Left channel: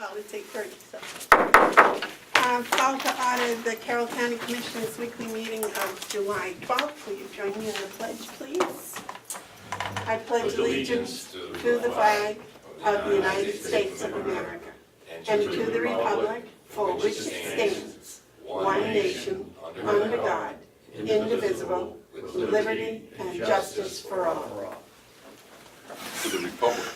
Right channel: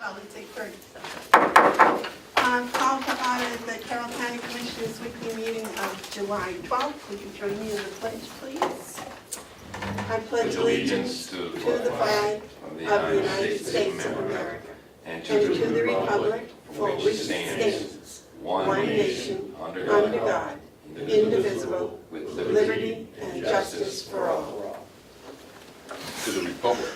Well, we take 30 seconds. Call to order the Carroll County Commissioners weekly meeting of July 12th. Will you join me in the pledge, please? I pledge allegiance to the flag of the United States of America and to the republic for which it stands, one nation, under God, indivisible, with liberty and justice for all. To the republic.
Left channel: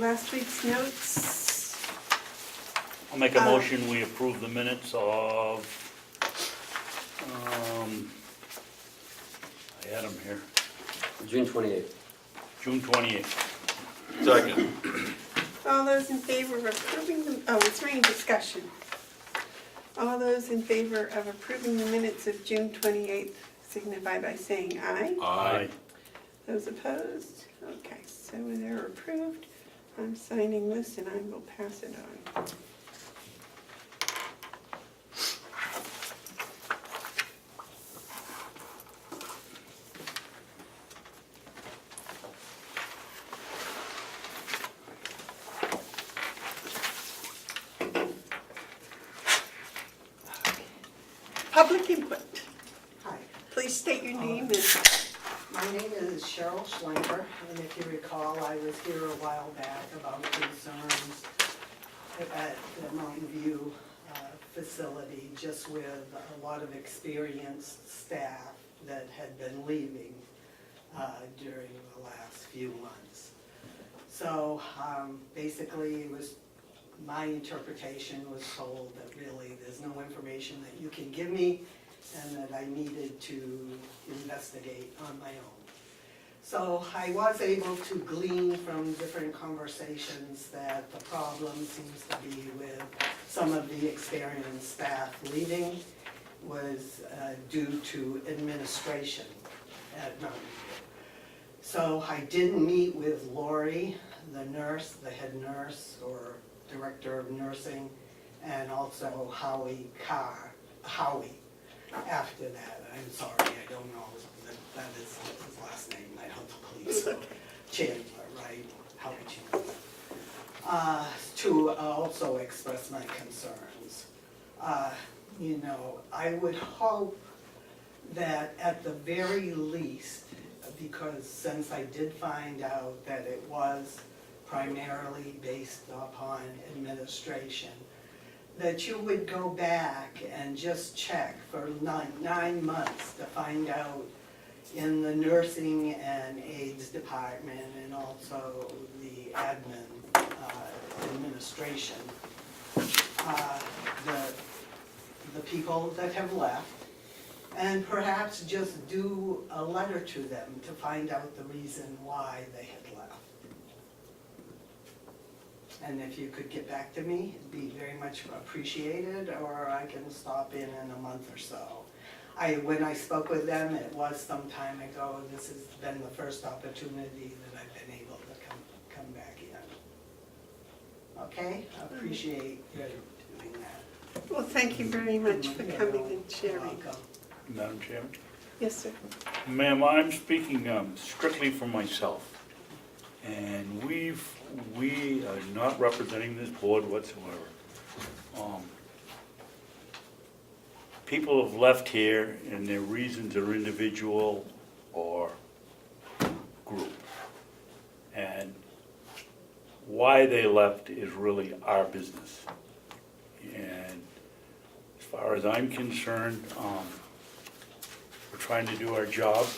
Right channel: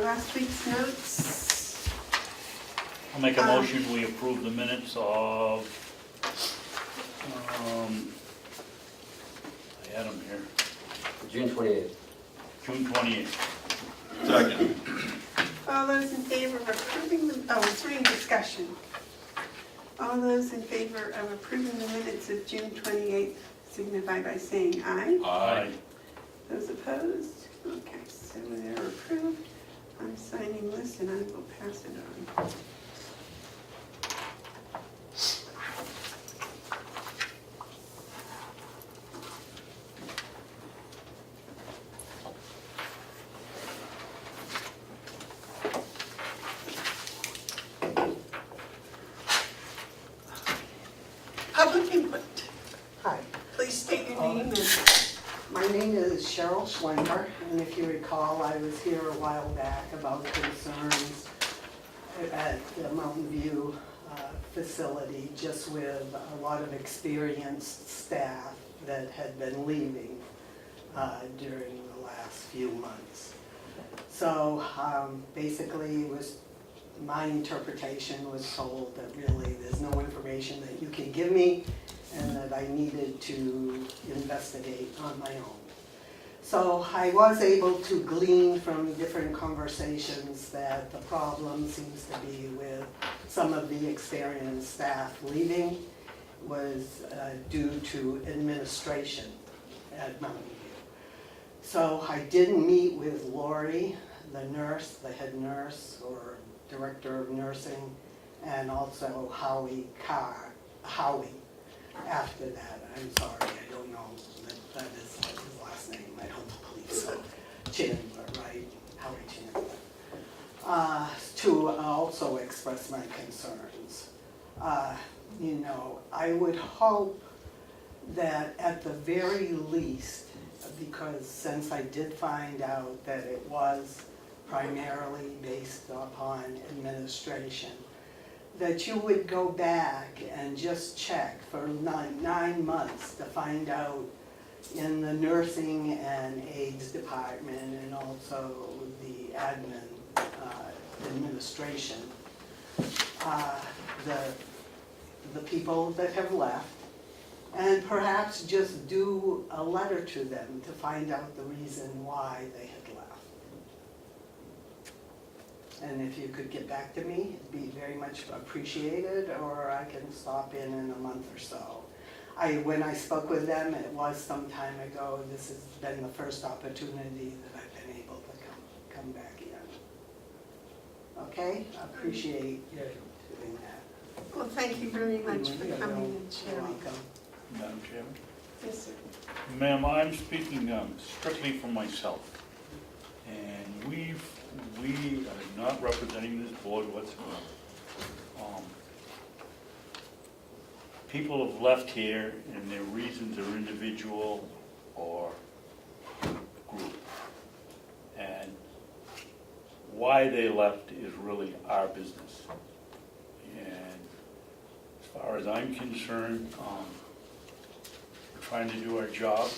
Last week's notes. I'll make a motion, we approve the minutes of, I had them here, June 28th. June 28th. Second. All those in favor of approving, it's reading discussion. All those in favor of approving the minutes of June 28th signify by saying aye. Aye. Those opposed? Okay, so they're approved. I'm signing this and I will pass it on. Public input. Hi, Please state your name and my name is Cheryl Schlemmer, and if you recall, I was here a while back about concerns at the Mountain View facility, just with a lot of experienced staff that had been leaving during the last few months. So basically, it was my interpretation was told that really there's no information that you can give me and that I needed to investigate on my own. So I was able to glean from different conversations that the problem seems to be with some of the experienced staff leaving was due to administration at Mountain View. So I did meet with Lori, the nurse, the head nurse or director of nursing, and also Howie after that. I'm sorry, I don't know that is his last name, I don't believe. Chandler, right? Howie Chandler. To also express my concerns. You know, I would hope that at the very least, because since I did find out that it was primarily based upon administration, that you would go back and just check for 9 months to find out in the nursing and aides department and also the admin administration, the people that have left, and perhaps just do a letter to them to find out the reason why they had left. And if you could get back to me, it'd be very much appreciated, or I can stop in a month or so. When I spoke with them, it was some time ago. This has been the first opportunity that I've been able to come back in. Okay? I appreciate your doing that. well, thank you very much for coming and sharing. Madam Chairman? Yes, sir. Ma'am, I'm speaking strictly for myself. And we are not representing this board whatsoever. People have left here and their reasons are individual or group. And why they left is really our business. And as far as I'm concerned, we're trying to do our job.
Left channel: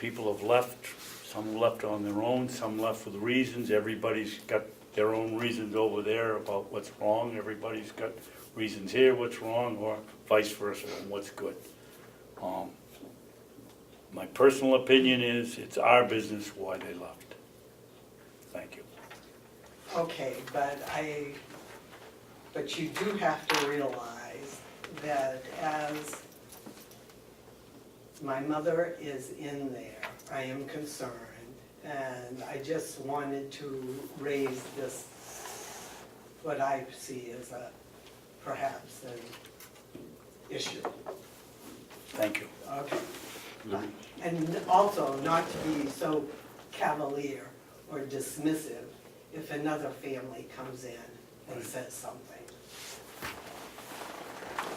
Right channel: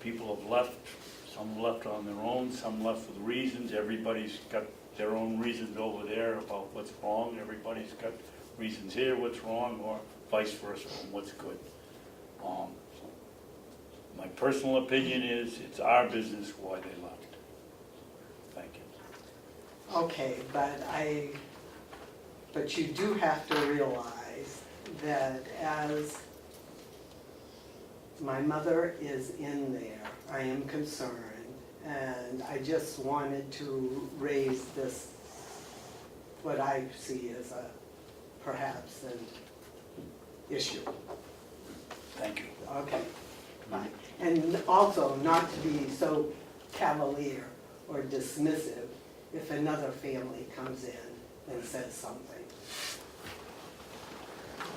People have left. Some left on their own, some left for the reasons. Everybody's got their own reasons over there about what's wrong. Everybody's got reasons here, what's wrong, or vice versa, what's good. My personal opinion is it's our business why they left. Thank you. Okay, but you do have to realize that as my mother is in there, I am concerned, and I just wanted to raise this, what I see as perhaps an issue. Thank you. Okay, fine. And also not to be so cavalier or dismissive if another family comes in and says something.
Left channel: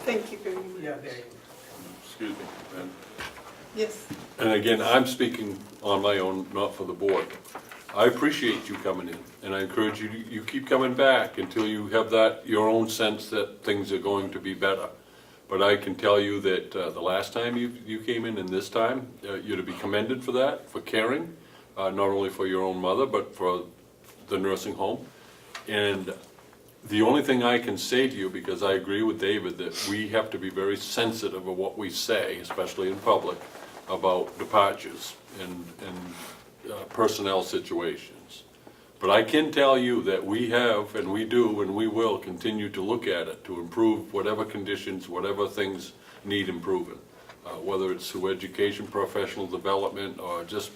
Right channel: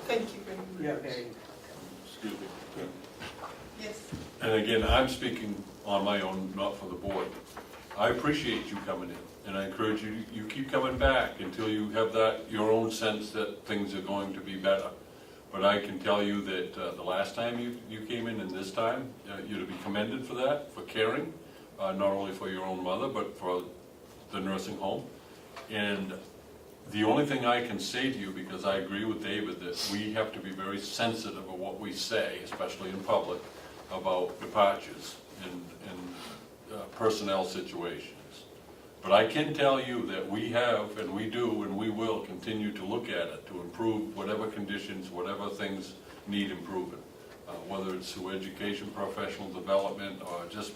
Thank you very much. You're very welcome. Excuse me. ma'am. Yes, And again, I'm speaking on my own, not for the board. I appreciate you coming in, and I encourage you, you keep coming back until you have that, your own sense that things are going to be better. But I can tell you that the last time you came in and this time, you're to be commended for that, for caring, not only for your own mother, but for the nursing home. And the only thing I can say to you, because I agree with David, that we have to be very sensitive of what we say, especially in public, about departures and personnel situations. But I can tell you that we have, and we do, and we will continue to look at it to improve whatever conditions, whatever things need improving. Whether it's through education, professional development, or just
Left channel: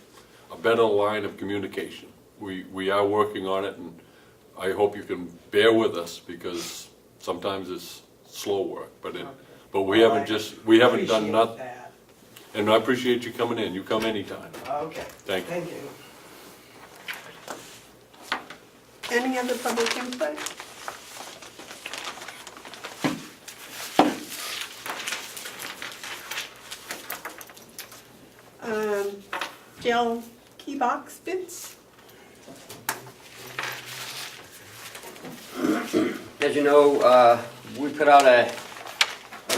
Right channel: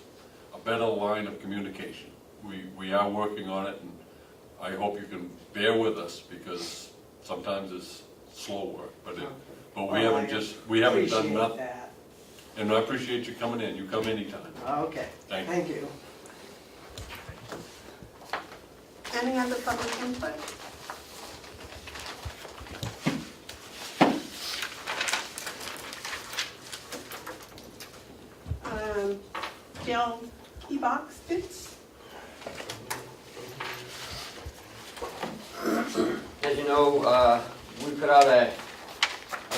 a better line of communication. We are working on it, and I hope you can bear with us, because sometimes it's slow work, but we Well, haven't done appreciate nothing. that. And I appreciate you coming in. You come anytime. Okay. Thank you. Thank you. any other public input? Jill, key box bids? As you know, we put out a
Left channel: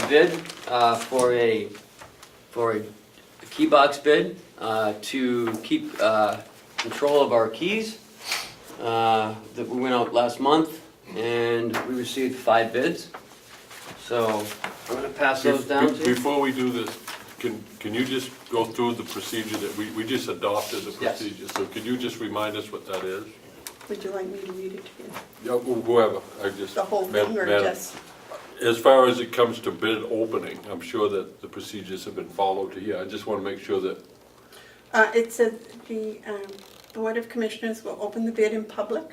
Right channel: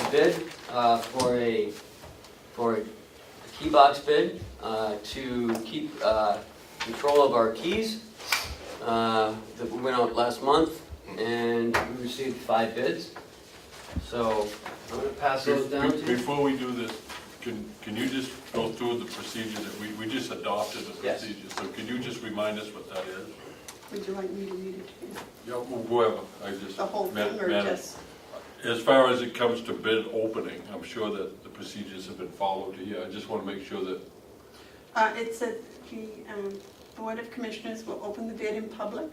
bid for a key box bid to keep control of our keys. That we went out last month, and we received 5 bids. So I'm gonna pass those down to you. Before we do this, can you just go through the procedure that we just adopted the Yes. procedure? So can you just remind us what that is? Would you like me to read it to you? Yeah, whoever, I just. The whole thing, or Madam, just? As far as it comes to bid opening, I'm sure that the procedures have been followed here. I just want to make sure that, It said the Board of Commissioners will open the bid in public,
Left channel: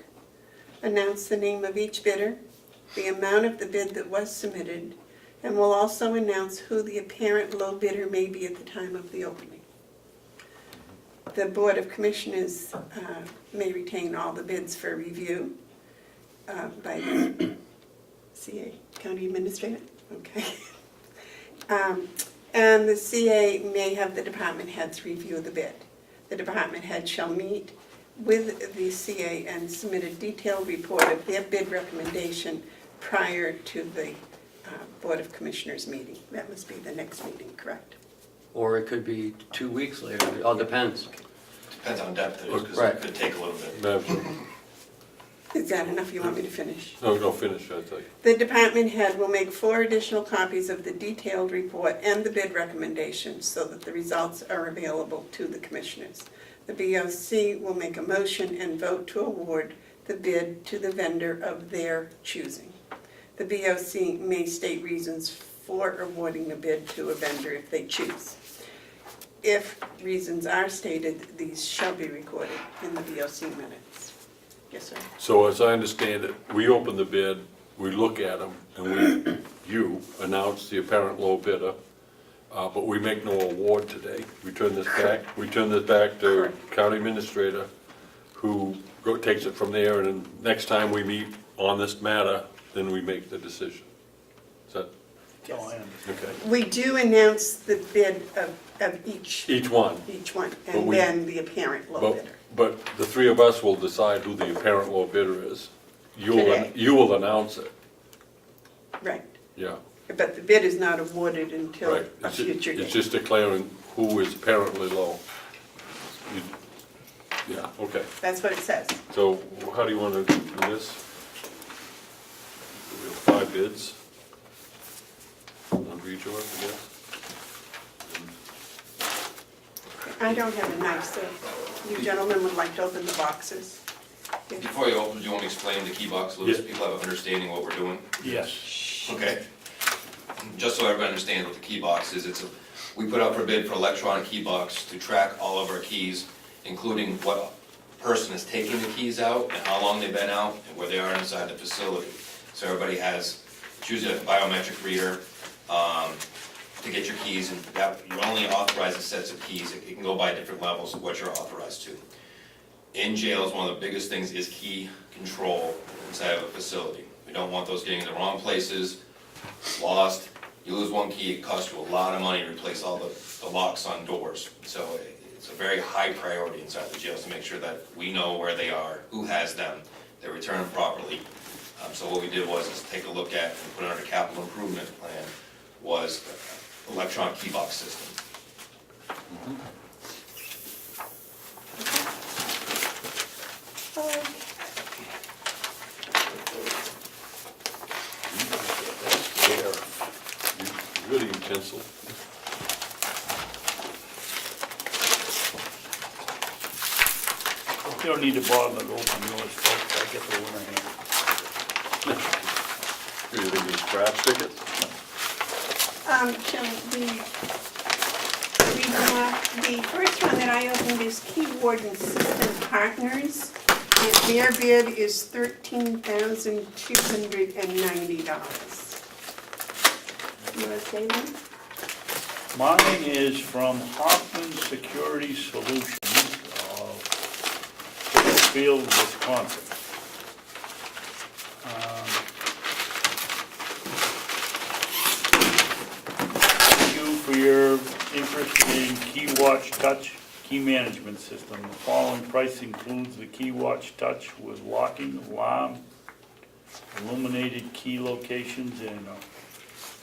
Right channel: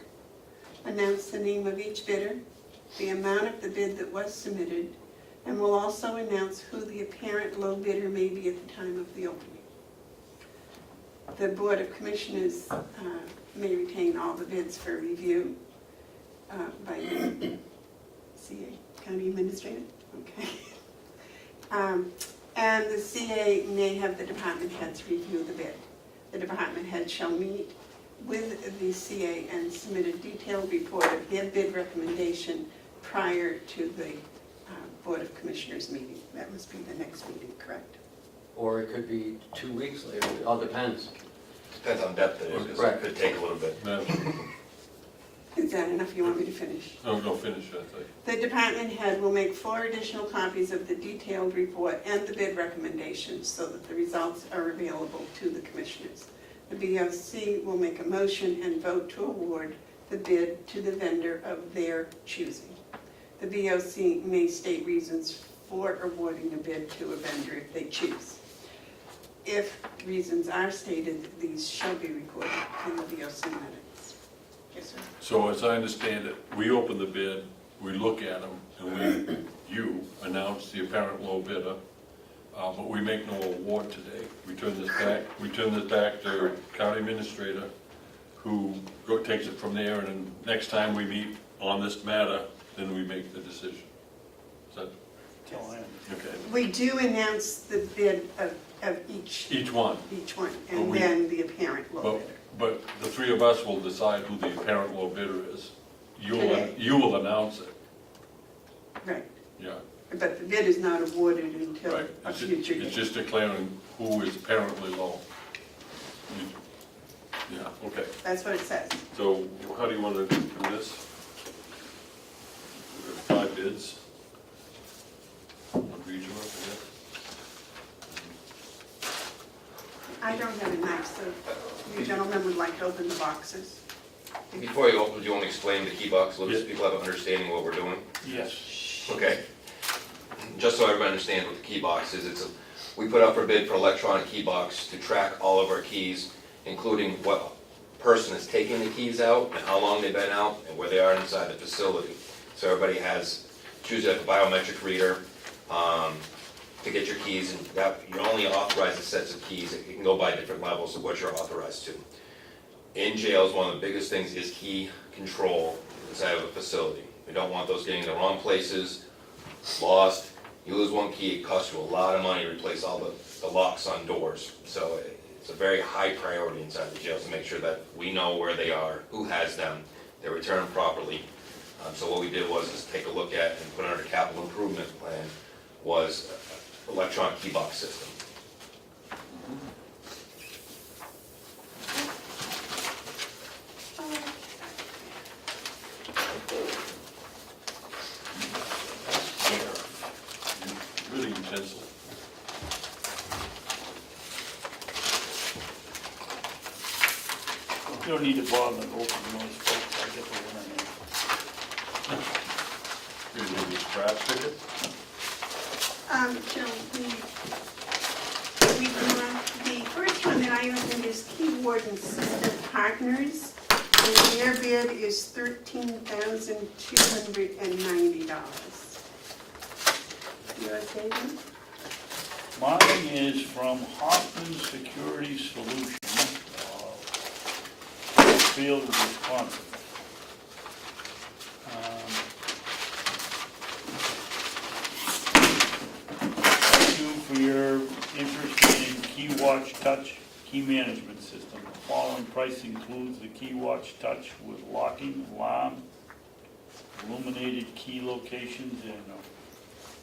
announce the name of each bidder, the amount of the bid that was submitted, and will also announce who the apparent low bidder may be at the time of the opening. The Board of Commissioners may retain all the bids for review by the CA, County Administrator, okay. And the CA may have the department heads review the bid. The department head shall meet with the CA and submit a detailed report of their bid recommendation prior to the Board of Commissioners meeting. That must be the next meeting, correct? Or it could be 2 weeks later, it all depends. Depends on depth it is, because Right. it could take a little bit. Madam, Is that enough? You want me to finish? no, finish, I think. The department head will make 4 additional copies of the detailed report and the bid recommendations so that the results are available to the commissioners. The BOC will make a motion and vote to award the bid to the vendor of their choosing. The BOC may state reasons for awarding the bid to a vendor if they choose. If reasons are stated, these shall be recorded in the BOC minutes. Yes, sir. So as I understand it, we open the bid, we look at them, and you announce the apparent low bidder, but we make no award today. We turn this back to County Administrator, who takes it from there, and then next time we meet on this matter, then we make the decision. Is that, So I understand. okay? We do announce the bid of each Each one, one, But and we- then the apparent low bidder. but the 3 of us will decide who the apparent low bidder is. Today. You will announce it, Right, yeah, but the bid is not awarded until right. a future It's date. just declaring who is apparently low. Yeah, okay. That's what it says. So how do you want to do this? We have 5 bids. On each one, I guess. I don't have a knife, so you gentlemen would like to open the boxes. Before you open, do you want to explain the key box a little, so Yeah. people have an understanding what we're doing? Yes. Okay. Just so everybody understands what the key box is, we put out for bid for electronic key box to track all of our keys, including what person is taking the keys out, and how long they've been out, and where they are inside the facility. So everybody has, it's usually like a biometric reader, to get your keys, and that, you're only authorized a sets of keys. It can go by different levels of what you're authorized to. In jails, one of the biggest things is key control inside of the facility. We don't want those getting in the wrong places, lost. You lose one key, it costs you a lot of money to replace all the locks on doors. So it's a very high priority inside the jails to make sure that we know where they are, who has them, they're returned properly. So what we did was take a look at and put on a capital improvement plan was electronic key box system. Good utensil. You don't need to bother to open yours, folks, I get the one here. Really big scratch tickets. The first one that I opened is Keyboard and System Partners. Their bid is $13,290. You want to say them? Mine is from Hoffman Security Solutions, Field, Wisconsin. Thank you for your interest in KeyWatch Touch Key Management System. The following price includes the KeyWatch Touch with locking, alarm, illuminated key locations, and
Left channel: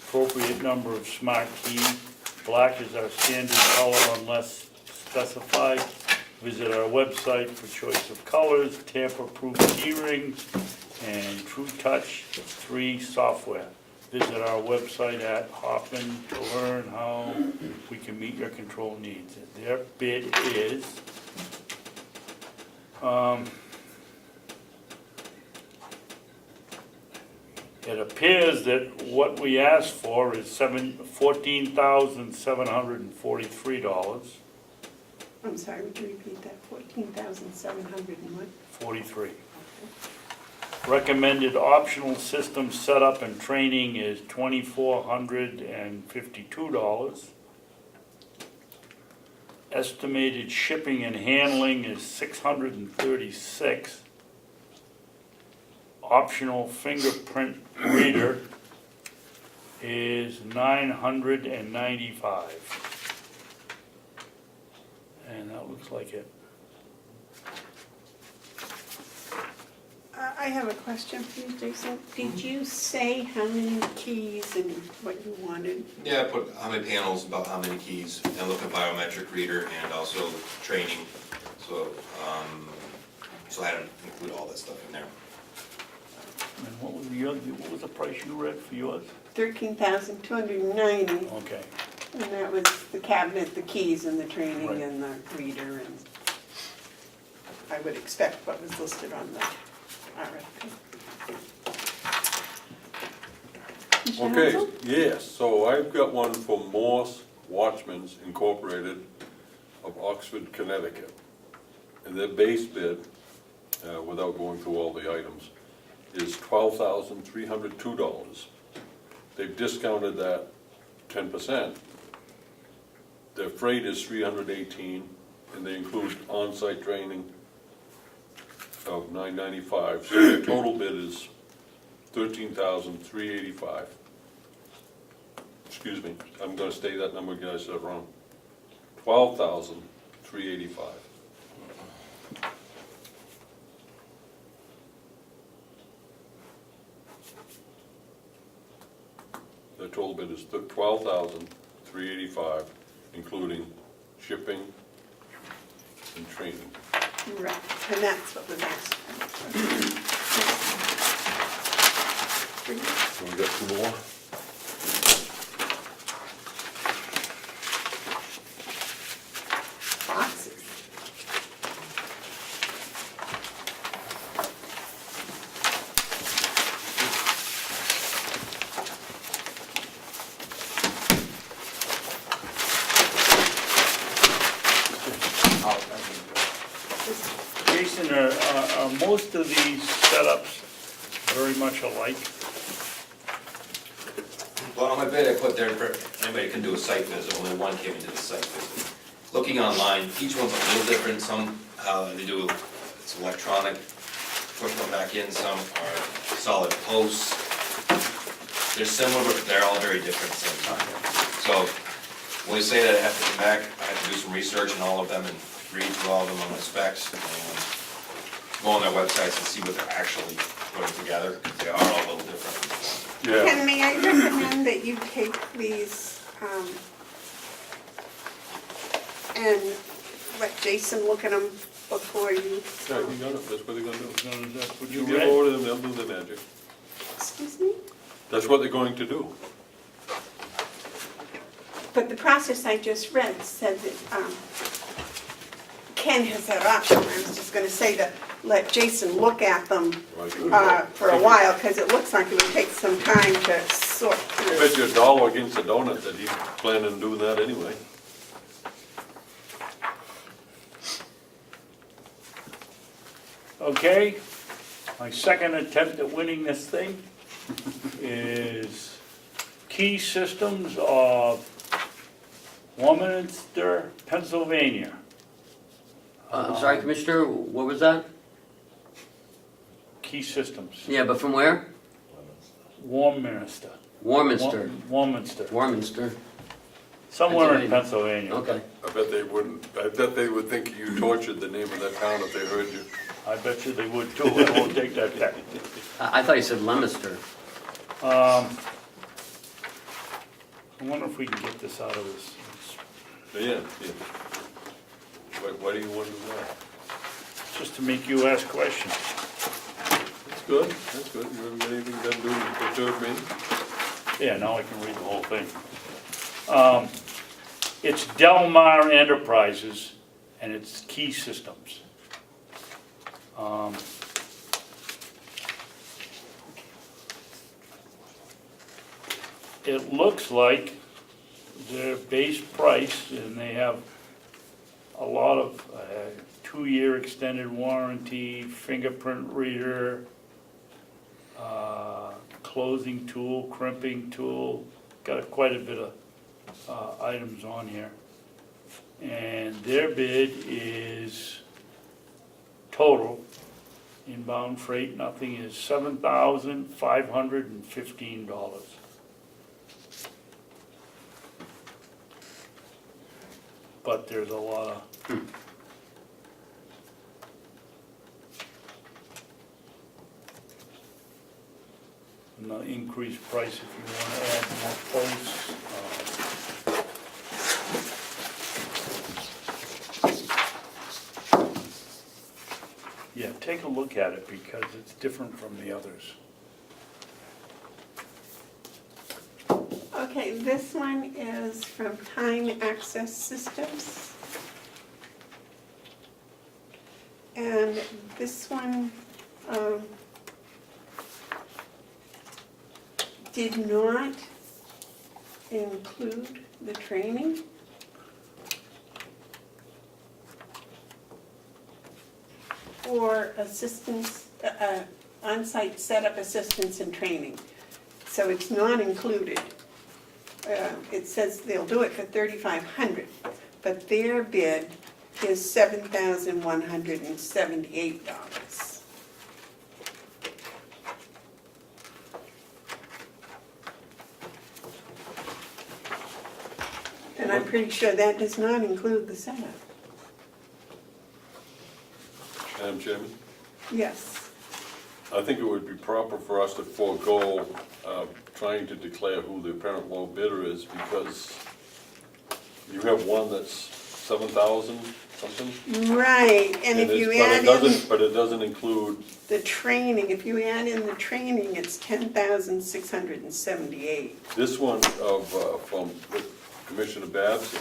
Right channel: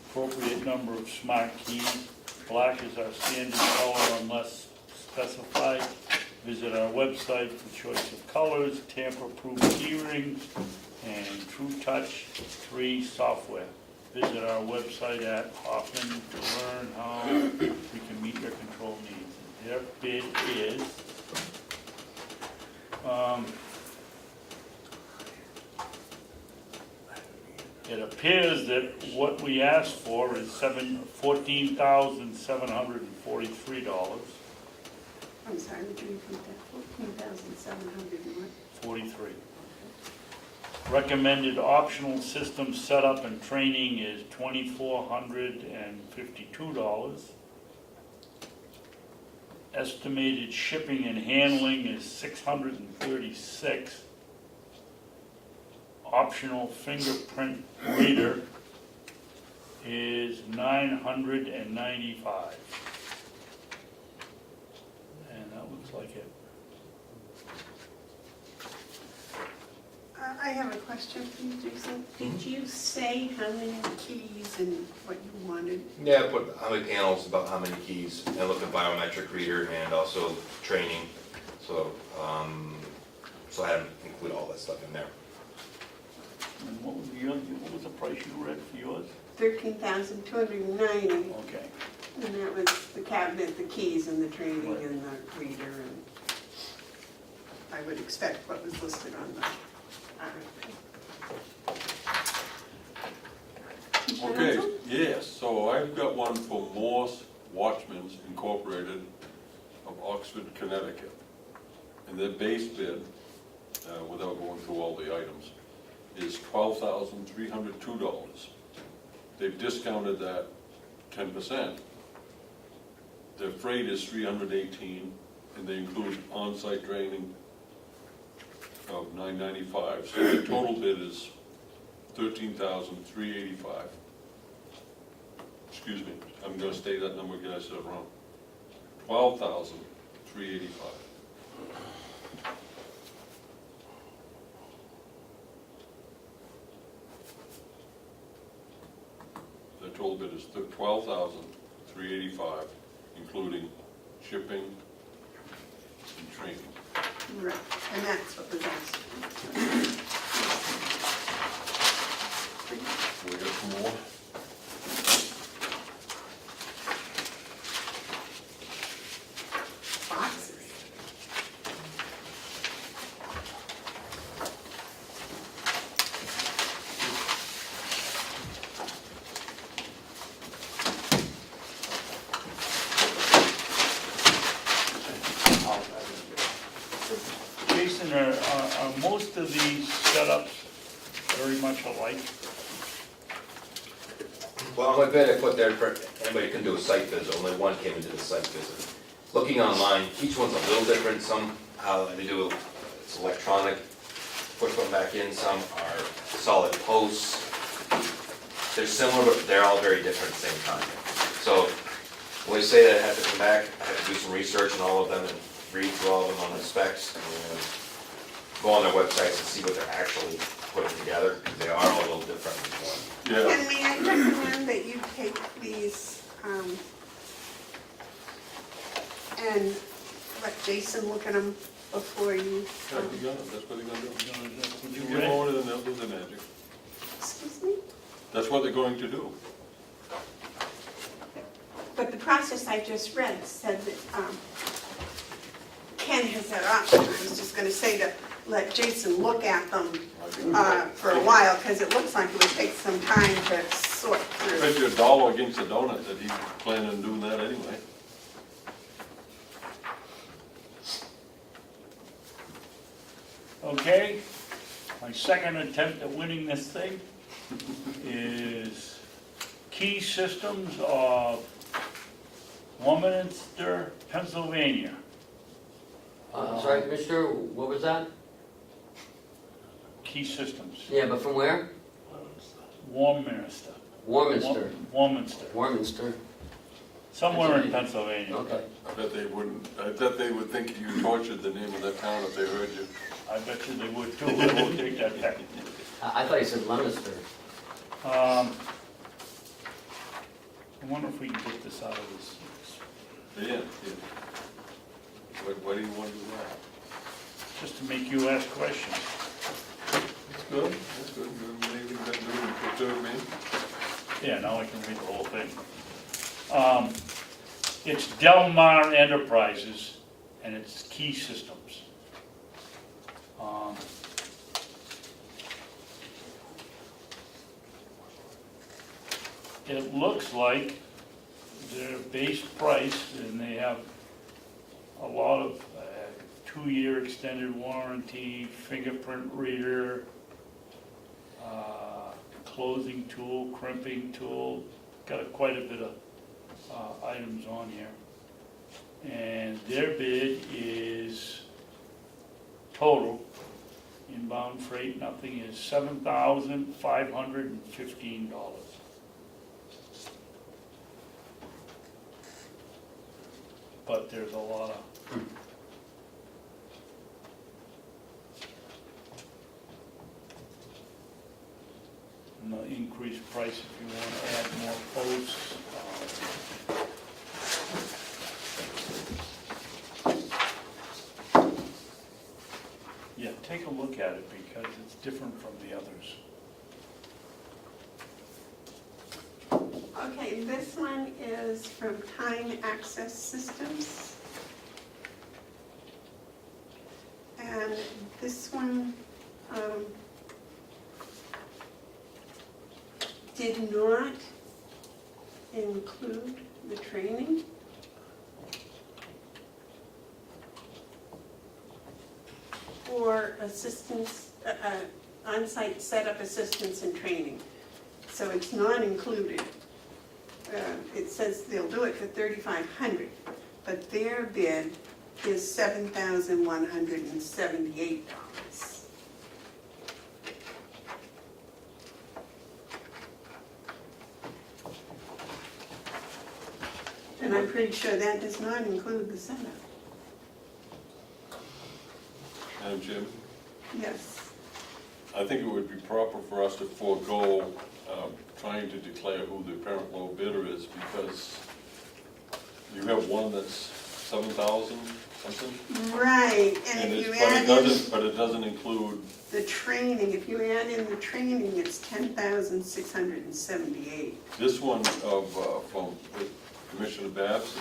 appropriate number of smart keys. Black is our standard color unless specified. Visit our website for choice of colors, tamper-proof key rings, and True Touch 3 software. Visit our website at Hoffman to learn how we can meet your control needs. And their bid is it appears that what we asked for is $14,743. I'm sorry, would you repeat that? 14,700 and what? 43. Recommended optional system setup and training is $2,452. Estimated shipping and handling is $636. Optional fingerprint reader is $995. And that looks like it. I have a question for you, Jason. Did you say how many keys and what you wanted? Yeah, I put how many panels, about how many keys, and look at biometric reader and also training. So, so I had to include all that stuff in there. And what was the price you read for yours? $13,290, Okay. and that was the cabinet, the keys, and the training, Right. and the reader, and I would expect what was listed on the RFP. Okay, yes, so I've got one for Morse Watchmen's Incorporated of Oxford, Connecticut. And their base bid, without going through all the items, is $12,302. They've discounted that 10%. Their freight is $318, and they include on-site training of $995. So the total bid is $13,385. Excuse me, I'm gonna say that number again, I said it wrong. $12,385. The total bid is $12,385, including shipping and training. Right, and that's what was asked. So we got two more? Boxes. Jason, are most of these setups very much alike? Well, my bid I put there for, anybody can do a site visit, only one came and did a site visit. Looking online, each one's a little different, some how they do, it's electronic, push them back in, some are solid posts. They're similar, but they're all very different at the same time. So, when they say that I have to come back, I have to do some research on all of them and read through all of them on the specs, and go on their websites and see what they're actually putting together, because they are all a little different. Yeah, Ken, may I recommend that you take these, and let Jason look at them before you, yeah, you got it, that's what they're gonna do. Would You you give read? order to them, do the magic. excuse me? That's what they're going to do. But the process I just read said that, Ken has that option. I was just gonna say to let Jason look at them, for a while, because it looks like it would take some time to sort I bet through. you a dollar against a donut that he's planning on doing that anyway. Okay, my second attempt at winning this thing is Key Systems of Warminster, Pennsylvania. I'm sorry, Commissioner, what was that? Key Systems, Yeah, but from where? Warminster. Warminster. Warminster, Warminster, somewhere in Pennsylvania. okay. I bet they wouldn't, I bet they would think you tortured the name of that town if they heard you. I bet you they would too, I won't take that back. I thought you said Leominster. I wonder if we can get this out of this. Yeah, yeah. Why do you want to do that? Just to make you ask questions. That's good, that's good. You have anything to do with the third meeting? Yeah, now I can read the whole thing. It's Delmar Enterprises, and it's Key Systems. It looks like their base price, and they have a lot of 2-year extended warranty, fingerprint reader, closing tool, crimping tool, got quite a bit of items on here. And their bid is total, inbound freight, nothing, is $7,515. But there's a lot of no increased price if you want to add more posts. Yeah, take a look at it because it's different from the others. Okay, this one is from Time Access Systems. And this one, did not include the training. Or assistance, on-site setup assistance and training. So it's not included. It says they'll do it for $3,500, but their bid is $7,178. And I'm pretty sure that does not include the setup. Madam Chairman, Yes. I think it would be proper for us to forego trying to declare who the apparent low bidder is, because you have one that's 7,000 something? Right, and if you add in But it doesn't include, the training, if you add in the training, it's $10,678. this one from Commissioner Babson,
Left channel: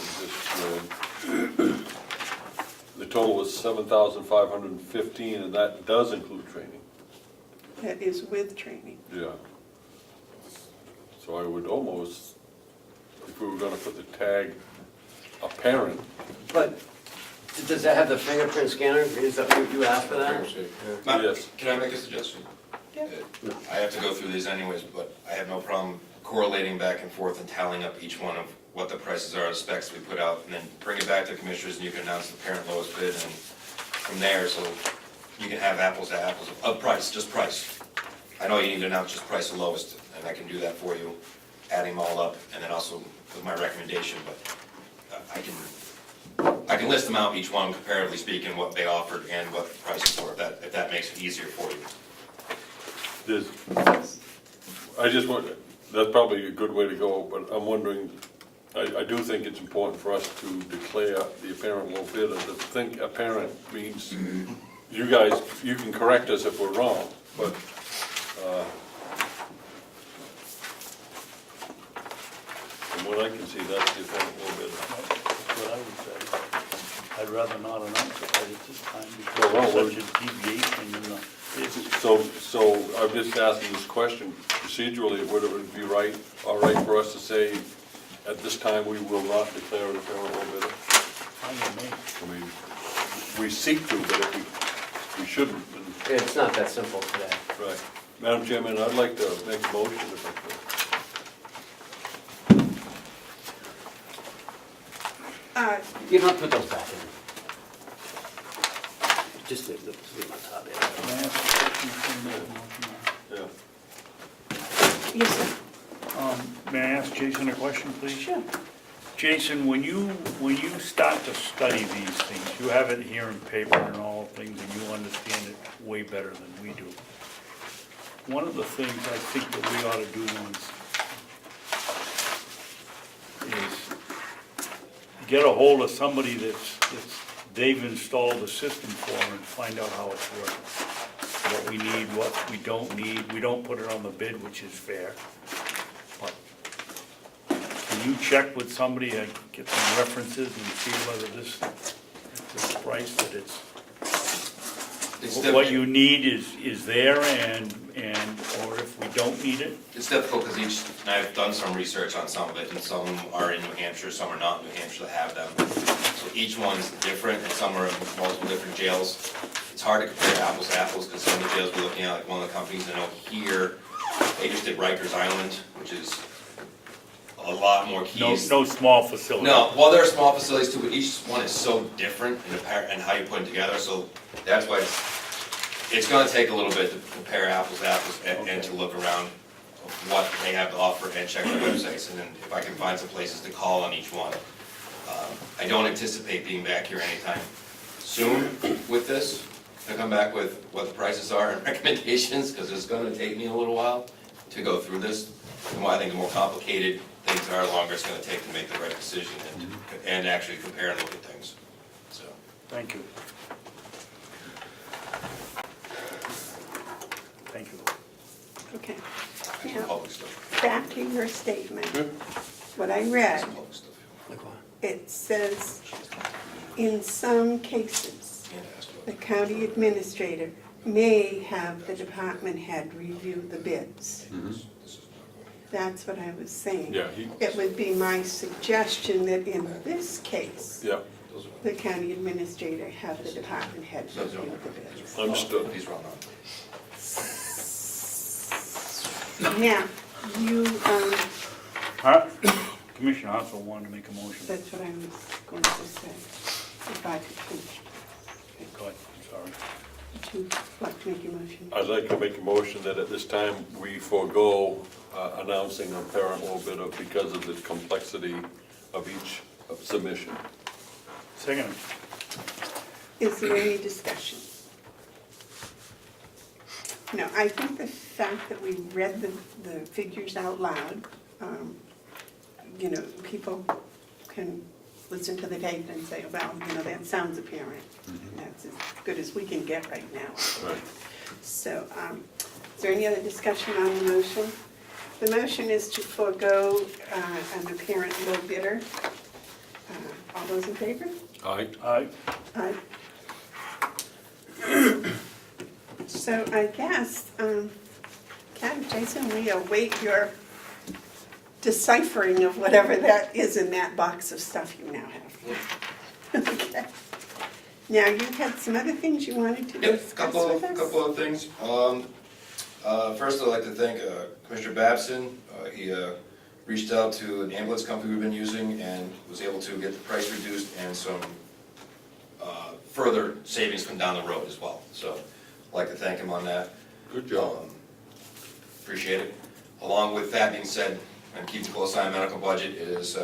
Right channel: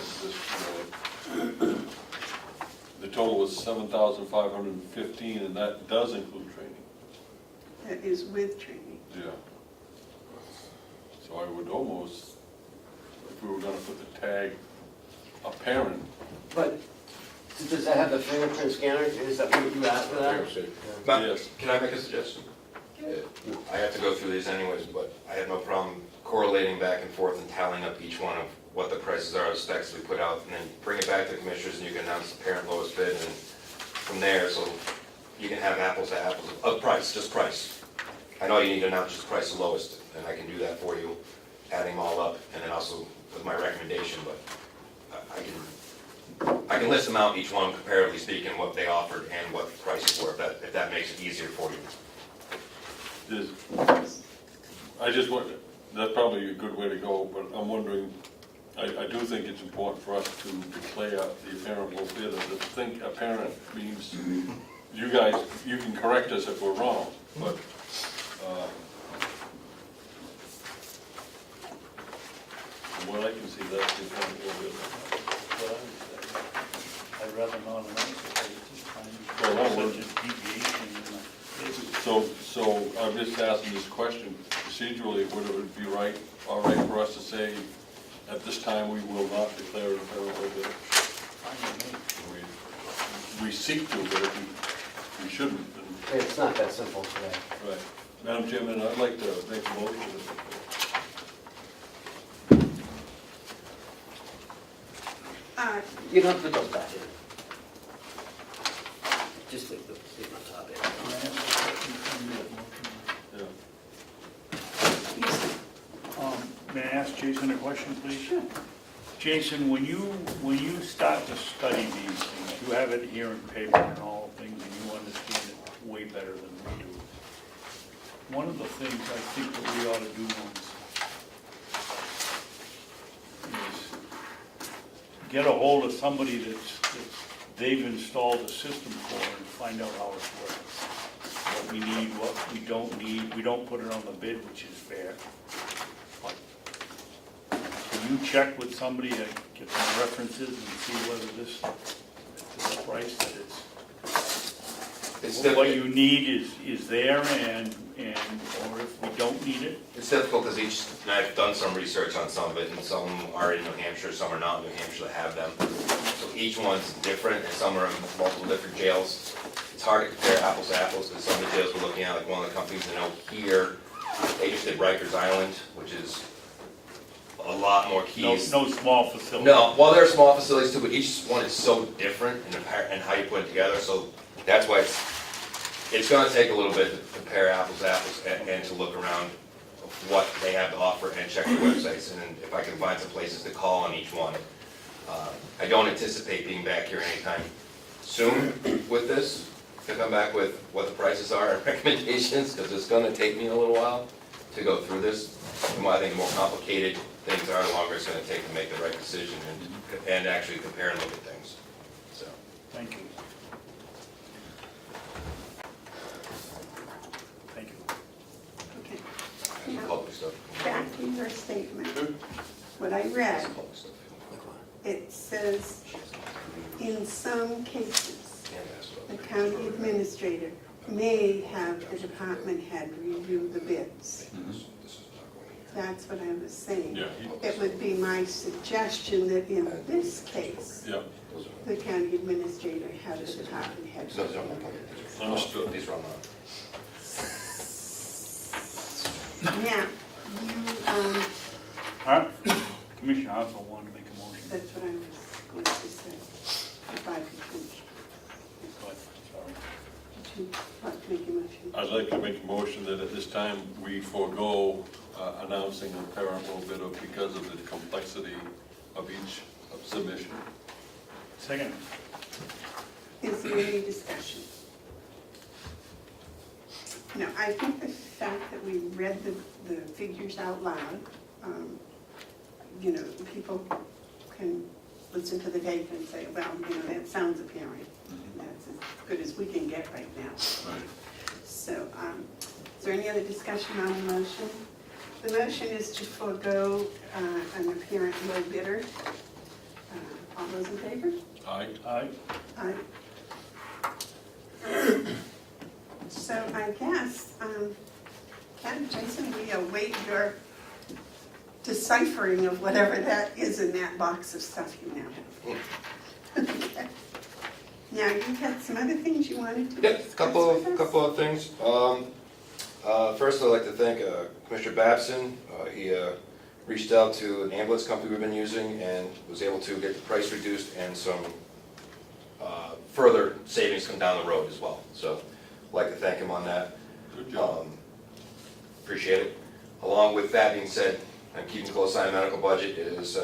the total was 7,515, and that does include training. That is with training. Yeah. So I would almost, if we were gonna put the tag apparent. But does that have the fingerprint scanner? Is that what you asked for that? Matt, Yes. can I make a suggestion? I have to go through these anyways, but I have no problem correlating back and forth and tallying up each one of what the prices are, the specs we put out, and then bring it back to the commissioners, and you can announce the parent lowest bid, and from there, so you can have apples to apples of price, just price. I know you need to announce just price the lowest, and I can do that for you, adding them all up, and then also with my recommendation, but I can list them out, each one comparatively speaking, what they offered and what the prices were, if that makes it easier for you. I just want, that's probably a good way to go, but I'm wondering, I do think it's important for us to declare the apparent low bid, and to think apparent means, you guys, you can correct us if we're wrong, but, from what I can see, that's the apparent low bid. What I would say. I'd rather not announce it at this time Well, because well, there's such a deviation in the bid. So I'm just asking this question, procedurally, would it be all right for us to say, at this time, we will not declare it apparent low bid? I don't know. I mean, we seek to, but if we shouldn't, then, Yeah, it's not that simple. right. Madam Chairman, I'd like to make a motion. You don't have to put those back in. Just leave them on top of Can I ask a question from the- Yeah. Yes, sir. May I ask Jason a question, please? Sure. Jason, when you start to study these things, you have it here in paper and all things, and you understand it way better than we do. One of the things I think that we ought to do is get a hold of somebody they've installed a system for and find out how it's working. What we need, what we don't need, we don't put it on the bid, which is fair. Can you check with somebody and get some references and see whether this price that It's what difficult, you need is there and, or if we don't need it? it's difficult because and I've done some research on some of it, and some are in New Hampshire, some are not in New Hampshire that have them. So each one's different, and some are in multiple different jails. It's hard to compare apples to apples, because some of the jails we're looking at, like one of the companies I know here, they just did Rikers Island, which is a lot more keys. No small facility? No, well, there are small facilities too, but each one is so different in how you put it together, so that's why it's gonna take a little bit to compare apples to apples and to look around what they have to offer and check their websites, and then if I can find some places to call on each one. I don't anticipate being back here anytime soon with this, to come back with what the prices are and recommendations, because it's gonna take me a little while to go through this. I think the more complicated things are, the longer it's gonna take to make the right decision and actually compare and look at things, so. Thank you. Thank you. Okay. Some Now, public stuff. back in your statement, what I read, Some public stuff. it says, in some cases, Can't ask the about county administrator may have the department head review the bids. this. This is not going That's what I was saying. Yeah, It would be my suggestion that in this case, yeah, the county administrator have the department head So, review the bids. understood. These are all not. Now, you, Commissioner Hounsell wanted to make a motion. that's what I was going to say, if I could finish. Go ahead, sorry. Would you like to make a motion? I'd like to make a motion that at this time, we forego announcing a parent low bidder because of the complexity of each submission. Second. Is there any discussion? No, I think the fact that we read the figures out loud, you know, people can listen to the tape and say, well, you know, that sounds apparent. That's as good as we can get right now. Right. So, is there any other discussion on the motion? The motion is to forego an apparent low bidder. All those in favor? Aye. Aye. Aye. So I guess, Ken, Jason, we await your deciphering of whatever that is in that box of stuff you now have. Okay. Now, you had some other things you wanted to Yep, discuss with us? couple of things. First, I'd like to thank Commissioner Babson. He reached out to an ambulance company we've been using and was able to get the price reduced and some further savings come down the road as well. So I'd like to thank him on that. Good job. Appreciate it. Along with that being said, and keep a close eye on the medical budget, is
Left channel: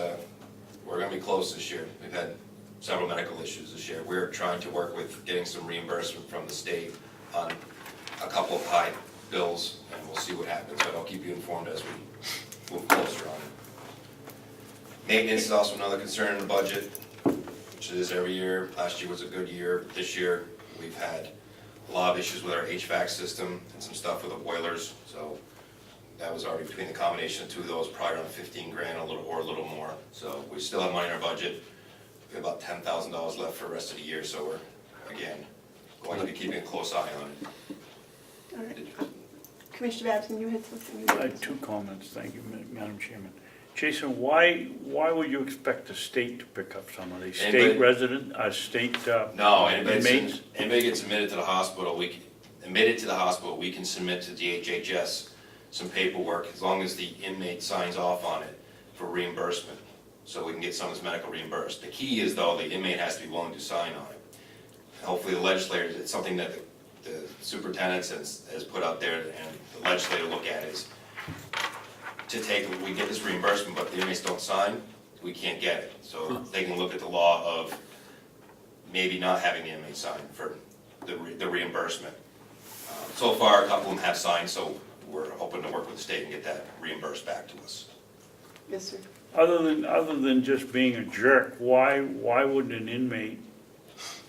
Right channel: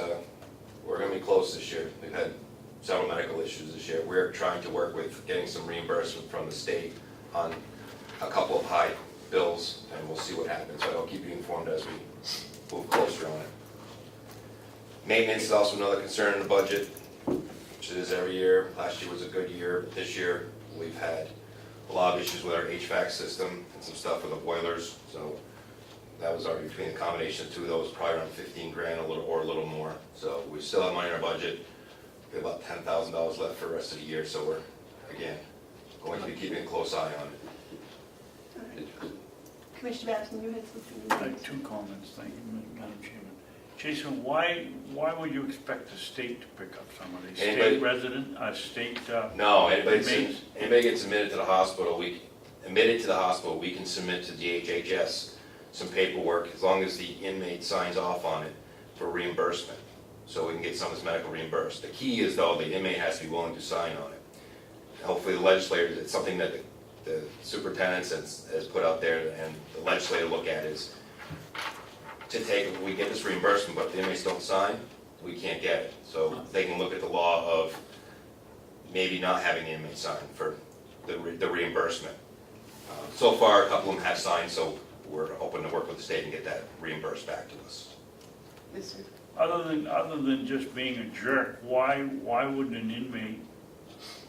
we're going to be close this year. We've had several medical issues this year. We're trying to work with getting some reimbursement from the state on a couple of high bills, and we'll see what happens, but I'll keep you informed as we move closer on it. Maintenance is also another concern in the budget, which it is every year. Last year was a good year. This year, we've had a lot of issues with our HVAC system and some stuff with the boilers, so that was already between the combination of two of those, probably around 15 grand, a little more. So we still have money in our budget. We have about $10,000 left for the rest of the year, so we're, again, going to be keeping a close eye on it. All right. Commissioner Babson, you had something? I have two comments, thank you, Madam Chairman. Jason, why would you expect the state to pick up some of these? State Anybody- resident, state No, anybody inmates? gets admitted to the hospital, we can submit to DHHS some paperwork, as long as the inmate signs off on it for reimbursement, so we can get some of this medical reimbursed. The key is, though, the inmate has to be willing to sign on it. And hopefully the legislators, it's something that the superintendent has put out there, and the legislator look at is to take, we get this reimbursement, but if the inmates don't sign, we can't get it. So they can look at the law of maybe not having the inmate sign for the reimbursement. So far, a couple of them have signed, so we're hoping to work with the state and get that reimbursed back to us. Yes, sir. Other than just being a jerk, why would an inmate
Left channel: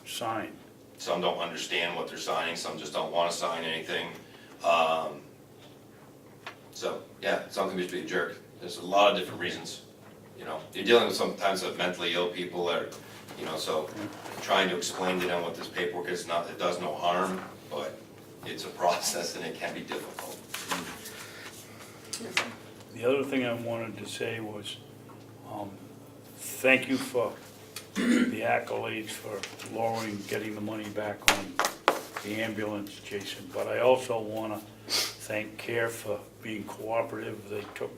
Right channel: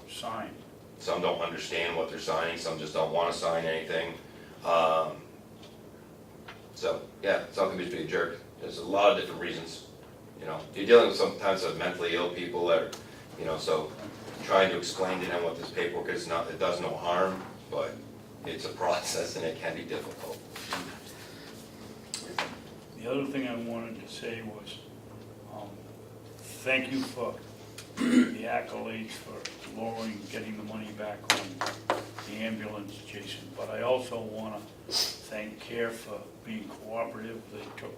sign? Some don't understand what they're signing, some just don't want to sign anything. So, yeah, some can just be a jerk. There's a lot of different reasons. You know, you're dealing with sometimes with mentally ill people that are, you know, so trying to explain to them what this paperwork is, not, it does no harm, but it's a process and it can be difficult. The other thing I wanted to say was, thank you for the accolades for lowering, getting the money back on the ambulance, Jason, but I also want to thank CARE for being cooperative. They took,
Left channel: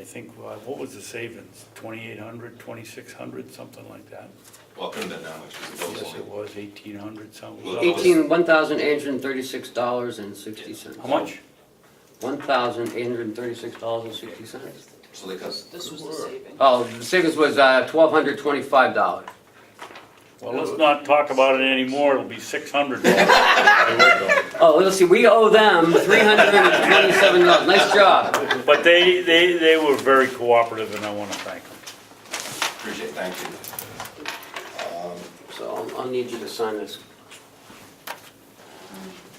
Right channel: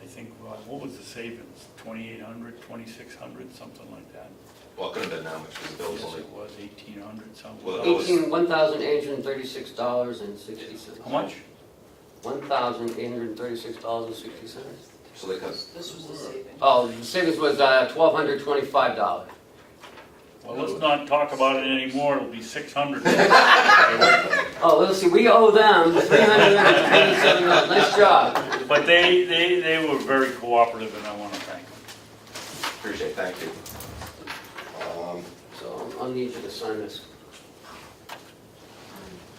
I think, what was the savings, 2,800, 2,600, something like that? Well, it couldn't have been that much, because the bills Yes, only. it was 1,800 something. Well, $1,836.60. How much? $1,836.60. So they could, This was the saving. Oh, the savings was $1,225. Well, let's not talk about it anymore, it'll be 600. Oh, let's see, we owe them $327. Nice job. But they were very cooperative, and I want to thank them. appreciate it, thank you. So I'll need you to sign this.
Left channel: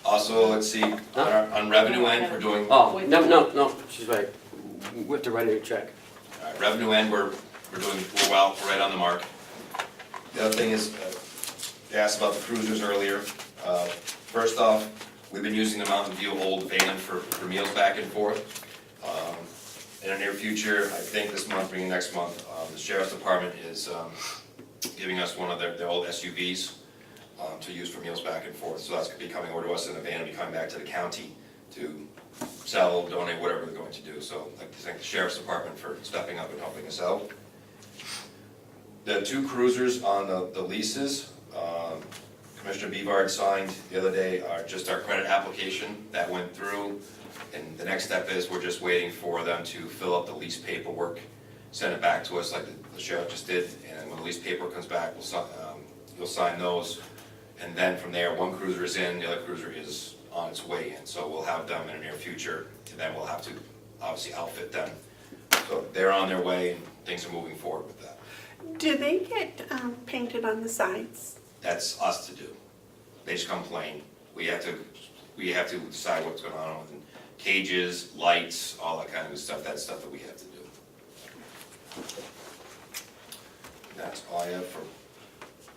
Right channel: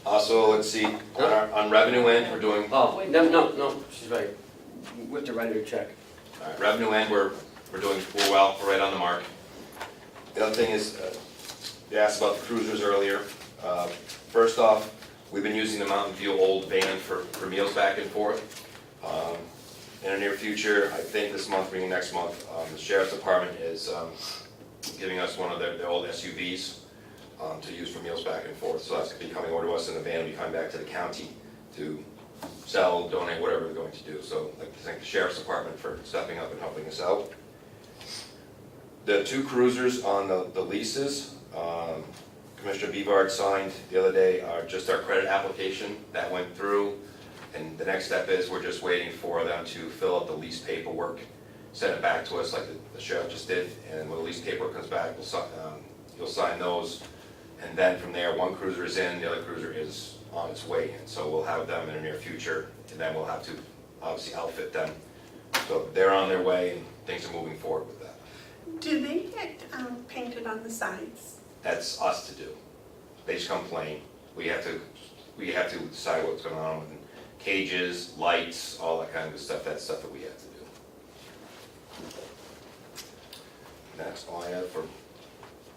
Also, let's see, on revenue end, we're doing, Oh, no, she's right. We have to write her a check. all right, revenue end, we're doing, we're well, we're right on the mark. The other thing is, they asked about the cruisers earlier. First off, we've been using the Mountain View Old van for meals back and forth. In the near future, I think this month, maybe next month, the sheriff's department is giving us one of their old SUVs to use for meals back and forth. So that's going to be coming over to us in the van and be coming back to the county to sell, donate, whatever they're going to do. So I'd like to thank the sheriff's department for stepping up and helping us out. The two cruisers on the leases, Commissioner Bevard signed the other day, are just our credit application. That went through, and the next step is we're just waiting for them to fill out the lease paperwork, send it back to us like the sheriff just did, and then when the lease paperwork comes back, you'll sign those, and then from there, one cruiser is in, the other cruiser is on its way in. So we'll have them in the near future, and then we'll have to obviously outfit them. So they're on their way, and things are moving forward with that. Do they get painted on the sides? That's us to do. They just come plain. We have to decide what's going on with cages, lights, all that kind of stuff. That's stuff that we have to do. That's all I have for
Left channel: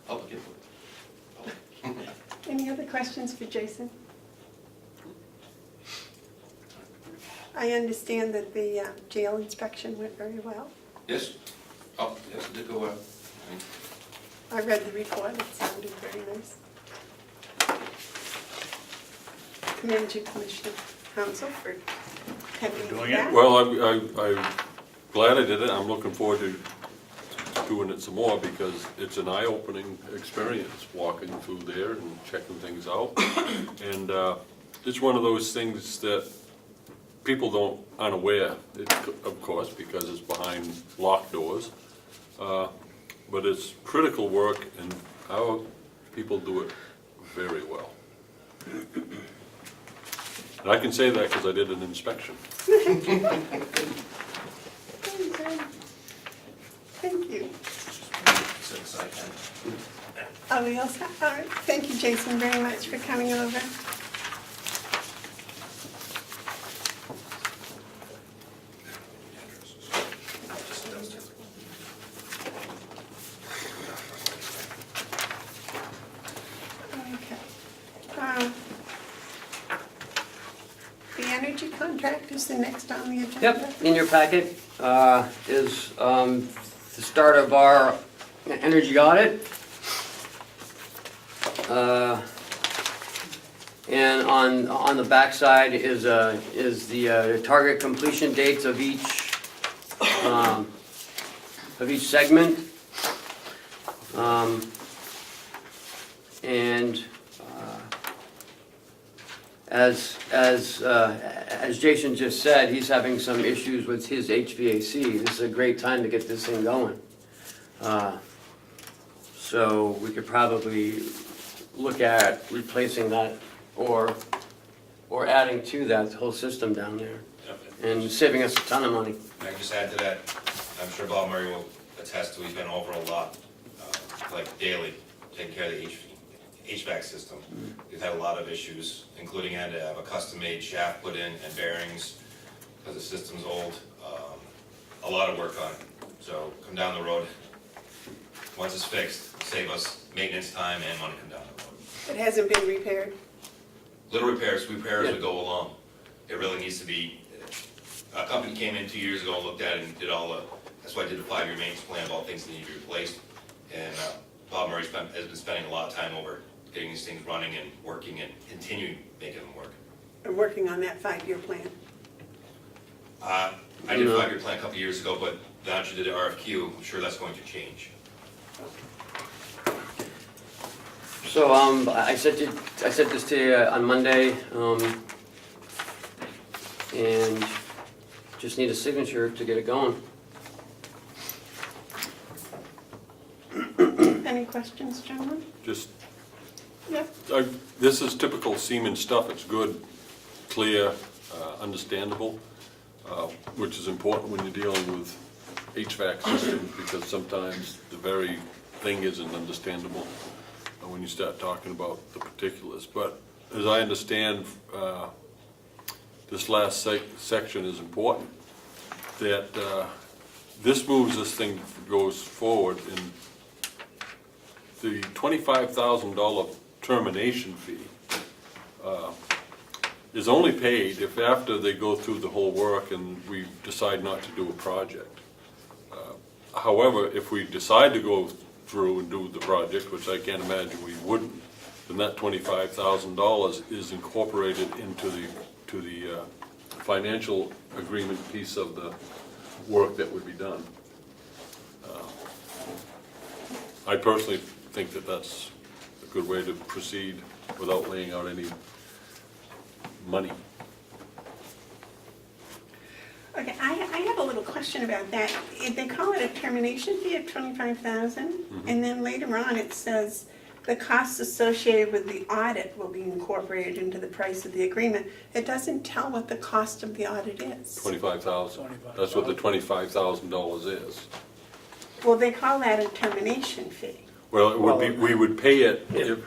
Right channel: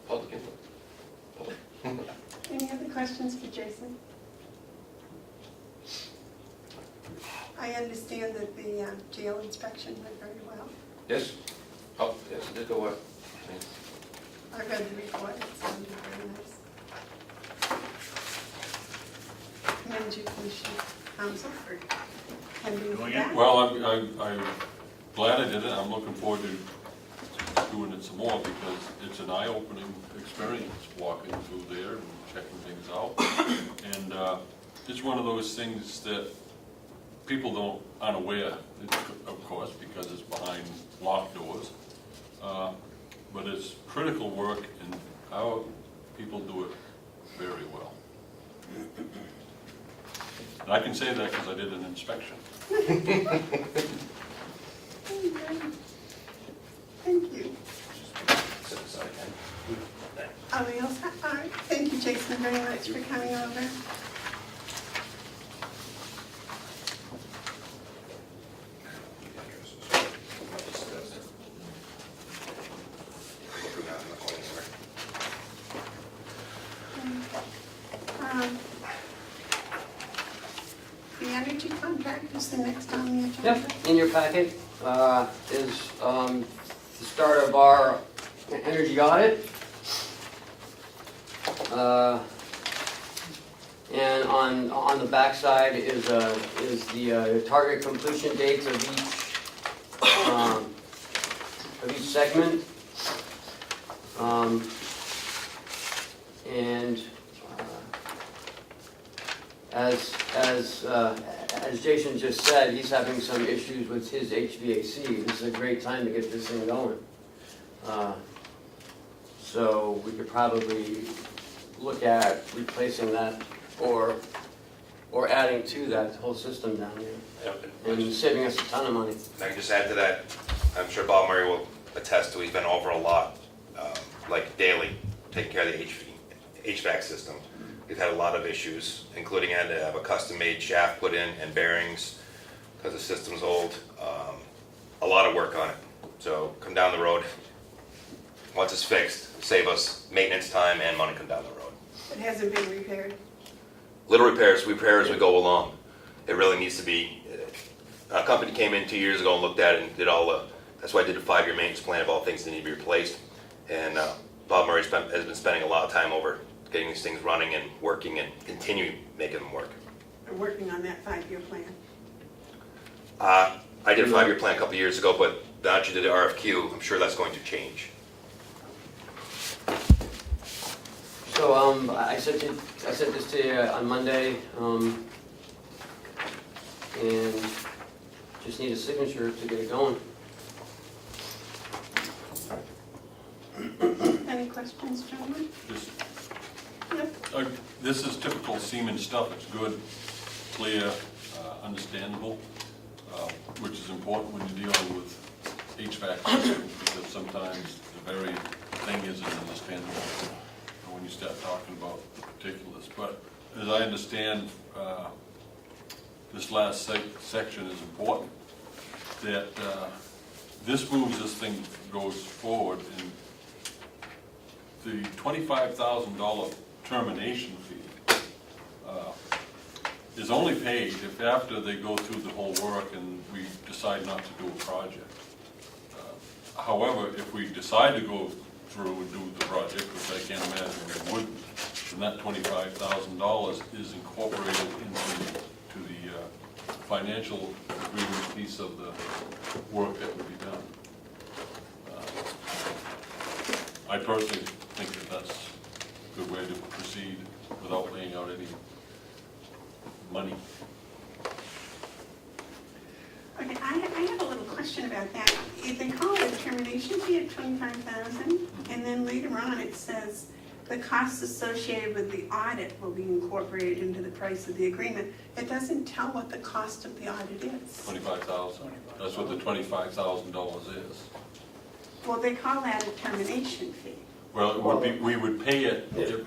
public input. Any other questions for Jason? I understand that the jail inspection went very well. Yes? Oh, yes, it did go well. I read the report, it sounded very nice. commend you, Commissioner Hounsell, for attending Doing that. it? Well, I'm glad I did it. I'm looking forward to doing it some more because it's an eye-opening experience, walking through there and checking things out. And it's one of those things that people aren't aware, of course, because it's behind locked doors. But it's critical work, and our people do it very well. And I can say that because I did an inspection. Thank you. Are we all set? All right. Thank you, Jason, very much for coming over. Okay. The energy contract is the next on the agenda. Yep, in your packet is the start of our energy audit. And on the backside is the target completion dates of each segment. And as Jason just said, he's having some issues with his HVAC. This is a great time to get this thing going. So we could probably look at replacing that or adding to that whole system down there and saving us a ton of money. I can just add to that, I'm sure Bob Murray will attest to, we've been over a lot, like daily, taking care of the HVAC system. We've had a lot of issues, including had to have a custom-made shaft put in and bearings, because the system's old. A lot of work on it. So come down the road, once it's fixed, save us maintenance time and money come down the road. It hasn't been repaired. Little repairs, we repair as we go along. It really needs to be, a company came in 2 years ago and looked at it and did all the, that's why I did a 5-year maintenance plan of all things that need to be replaced. And Bob Murray has been spending a lot of time over getting these things running and working and continuing making them work. I'm working on that 5-year plan. I did a 5-year plan a couple of years ago, but now that you did the RFQ, I'm sure that's going to change. So I sent this to you on Monday, and just need a signature to get it going. Any questions, gentlemen? Just, Yep. this is typical Siemens stuff. It's good, clear, understandable, which is important when you're dealing with HVAC systems because sometimes the very thing isn't understandable when you start talking about the particulars. But as I understand, this last section is important, that this moves this thing goes forward, and the $25,000 termination fee is only paid if after they go through the whole work and we decide not to do a project. However, if we decide to go through and do the project, which I can't imagine we wouldn't, then that $25,000 is incorporated into the financial agreement piece of the work that would be done. I personally think that that's a good way to proceed without laying out any money. Okay, I have a little question about that. They call it a termination fee of $25,000, and then later on it says the costs associated with the audit will be incorporated into the price of the agreement. It doesn't tell what the cost of the audit is. $25,000. That's what the $25,000 is. Well, they call that a termination fee. Well, it would be, we would pay it if, you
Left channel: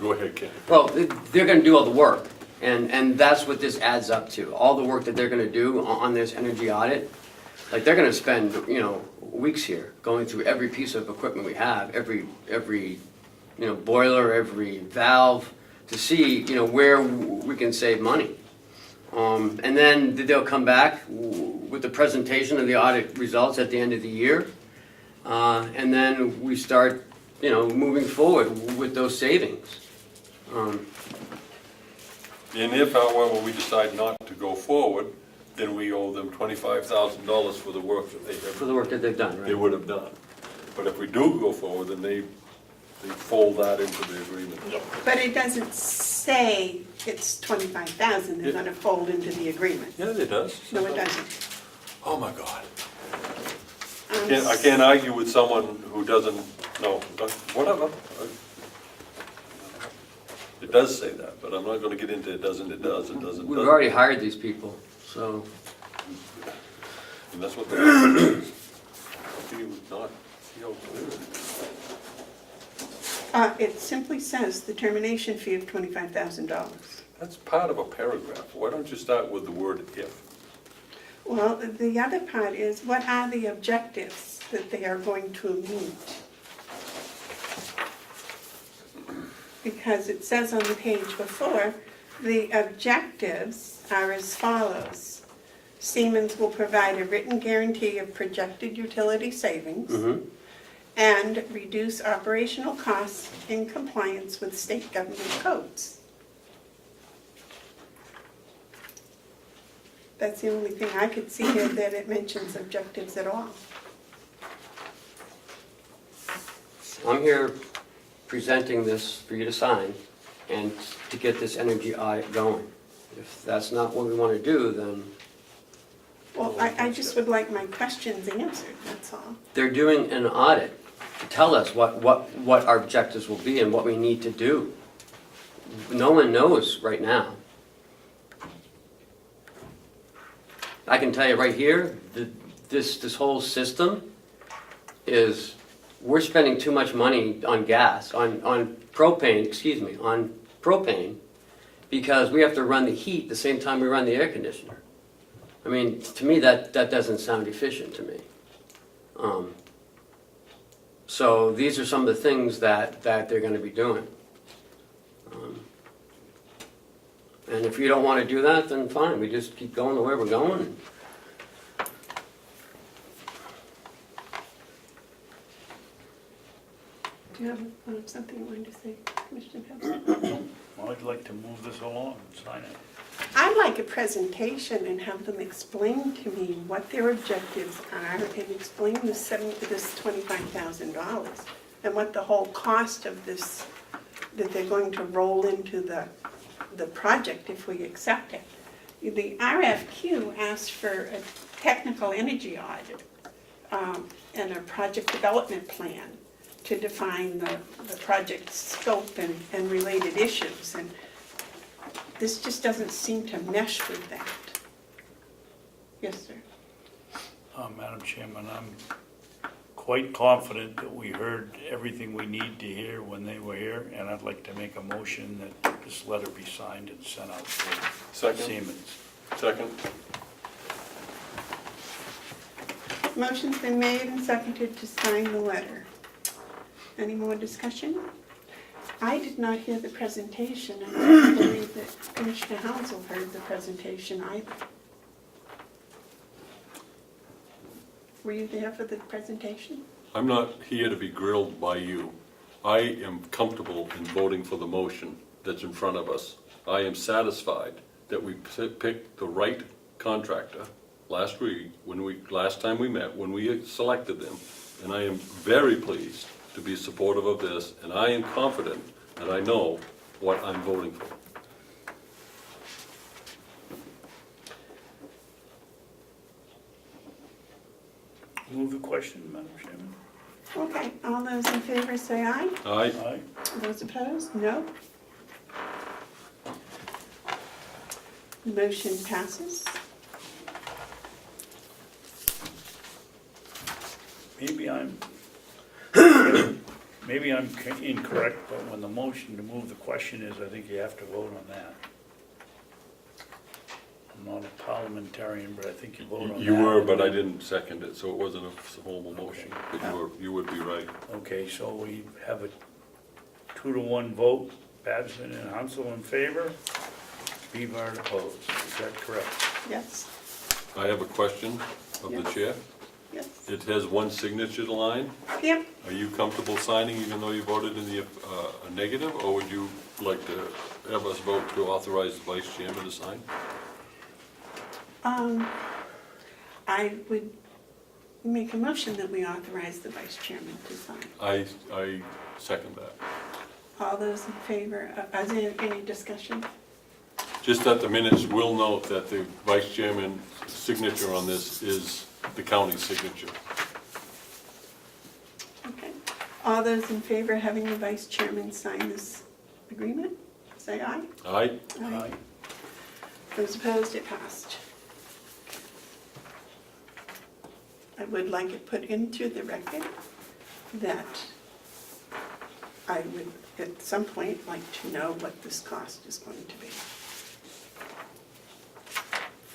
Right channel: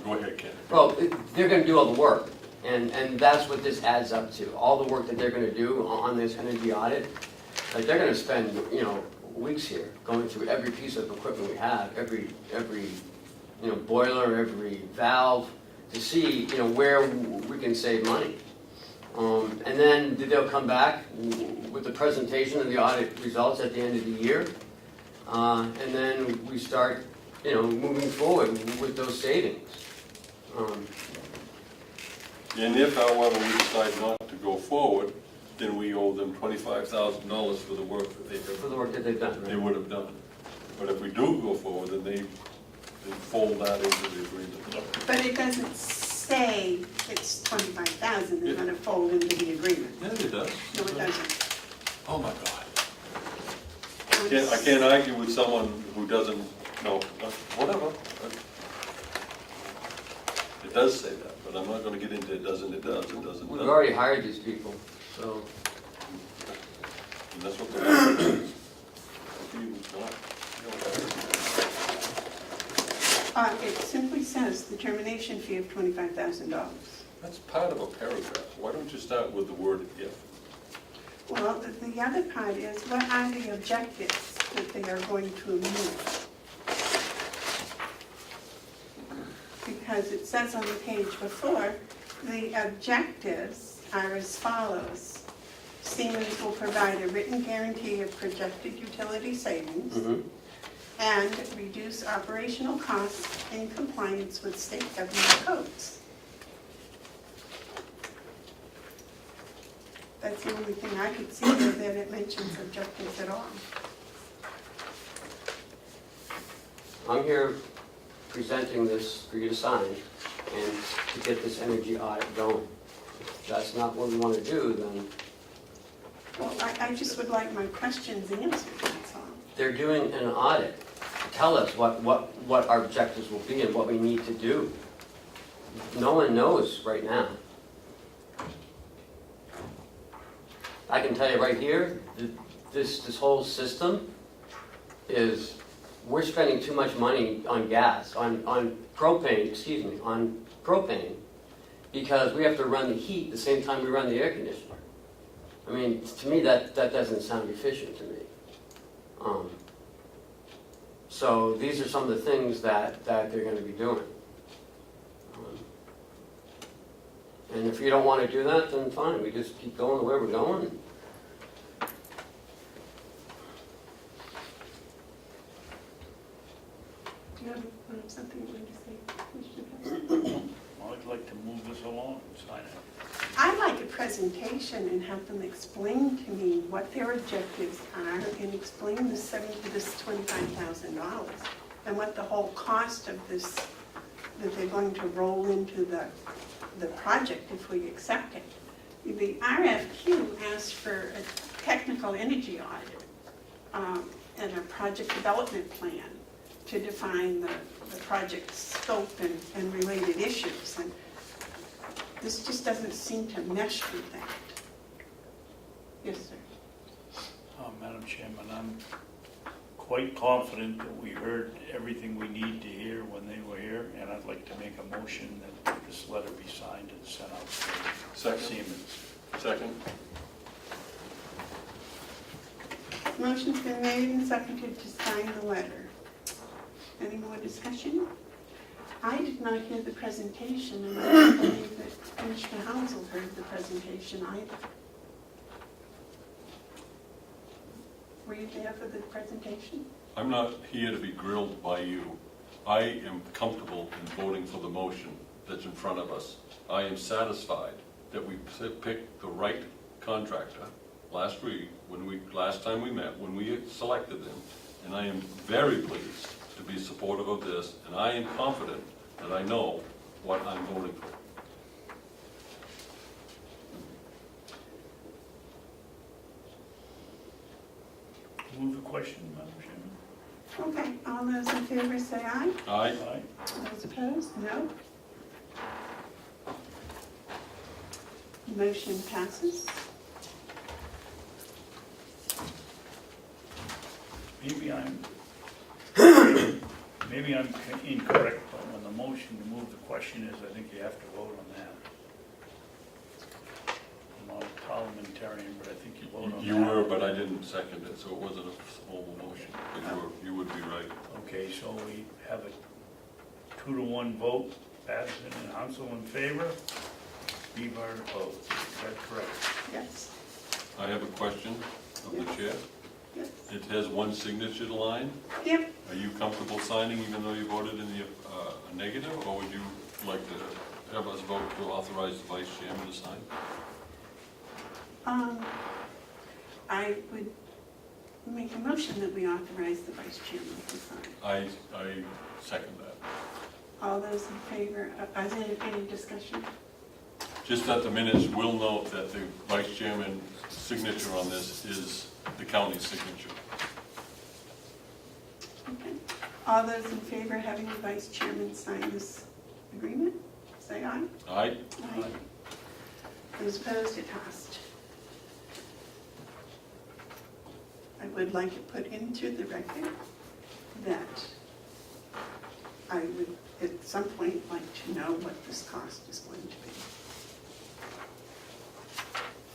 go ahead, Ken. Well, they're gonna do all the work, and that's what this adds up to. All the work that they're gonna do on this energy audit, like, they're gonna spend, weeks here, going through every piece of equipment we have, every boiler, every valve, to see, where we can save money. And then they'll come back with the presentation of the audit results at the end of the year. And then we start, moving forward with those savings. And if, however, we decide not to go forward, then we owe them $25,000 for the work that For the work that they've done, they right? would have done. But if we do go forward, then they fold that into the agreement. But it doesn't say it's 25,000, they're gonna fold into the agreement. Yeah, it does. No, it doesn't. Oh, my God. I can't argue with someone who doesn't know, but whatever. It does say that, but I'm not gonna get into it doesn't, it does, it doesn't. We've already hired these people, so. And that's what they're. I think it's not. Okay. It simply says the termination fee of $25,000. That's part of a paragraph. Why don't you start with the word if? Well, the other part is, what are the objectives that they are going to move? Because it says on the page before, the objectives are as follows. Siemens will provide a written guarantee of projected utility savings and reduce operational costs in compliance with state government codes. That's the only thing I could see here that it mentions objectives at all. I'm here presenting this for you to sign and to get this energy audit going. If that's not what we want to do, then Well, I just would like my questions answered, that's all. they're doing an audit to tell us what our objectives will be and what we need to do. No one knows right now. I can tell you right here, that this whole system is, we're spending too much money on gas, on propane, because we have to run the heat the same time we run the air conditioner. I mean, to me, that doesn't sound efficient to me. So these are some of the things that they're gonna be doing. And if you don't wanna do that, then fine, we just keep going the way we're going. Do you have something you wanted to say, Commissioner Babson? Well, I'd like to move this along and sign it. I'd like a presentation and have them explain to me what their objectives are and explain this $25,000 and what the whole cost of this, that they're going to roll into the project if we accept it. The RFQ asked for a technical energy audit and a project development plan to define the project scope and related issues. And this just doesn't seem to mesh with that. Yes, sir. Madam Chairman, I'm quite confident that we heard everything we need to hear when they were here, and I'd like to make a motion that this letter be signed and sent out to Second. Siemens. Second? Motion's been made and seconded to sign the letter. Any more discussion? I did not hear the presentation, and I don't believe that Commissioner Hounsell heard the presentation either. Were you there for the presentation? I'm not here to be grilled by you. I am comfortable in voting for the motion that's in front of us. I am satisfied that we picked the right contractor last time we met, when we selected them. And I am very pleased to be supportive of this, and I am confident that I know what I'm voting for. Move the question, Madam Chairman. Okay, all those in favor say aye. Aye? Aye. Those opposed, no. Motion passes. Maybe I'm incorrect, but when the motion to move the question is, I think you have to vote on that. I'm not a parliamentarian, but I think you vote on that. You were, but I didn't second it, so it wasn't a formal motion. But you would be right. Okay, so we have a 2-to-1 vote, Babson and Hounsell in favor, Bevard opposed. Is that correct? Yes, I have a question of the chair. yes. It has one signature line. Yep, Are you comfortable signing even though you voted in the negative, or would you like to have us vote to authorize the vice chairman to sign? I would make a motion that we authorize the vice chairman to sign. I second that. All those in favor, is there any discussion? Just that the minutes will note that the vice chairman's signature on this is the county's signature. Okay. All those in favor of having the vice chairman sign this agreement, say aye. Aye? Aye. Those opposed, it passed. I would like it put into the record that I would at some point like to know what this cost is going to be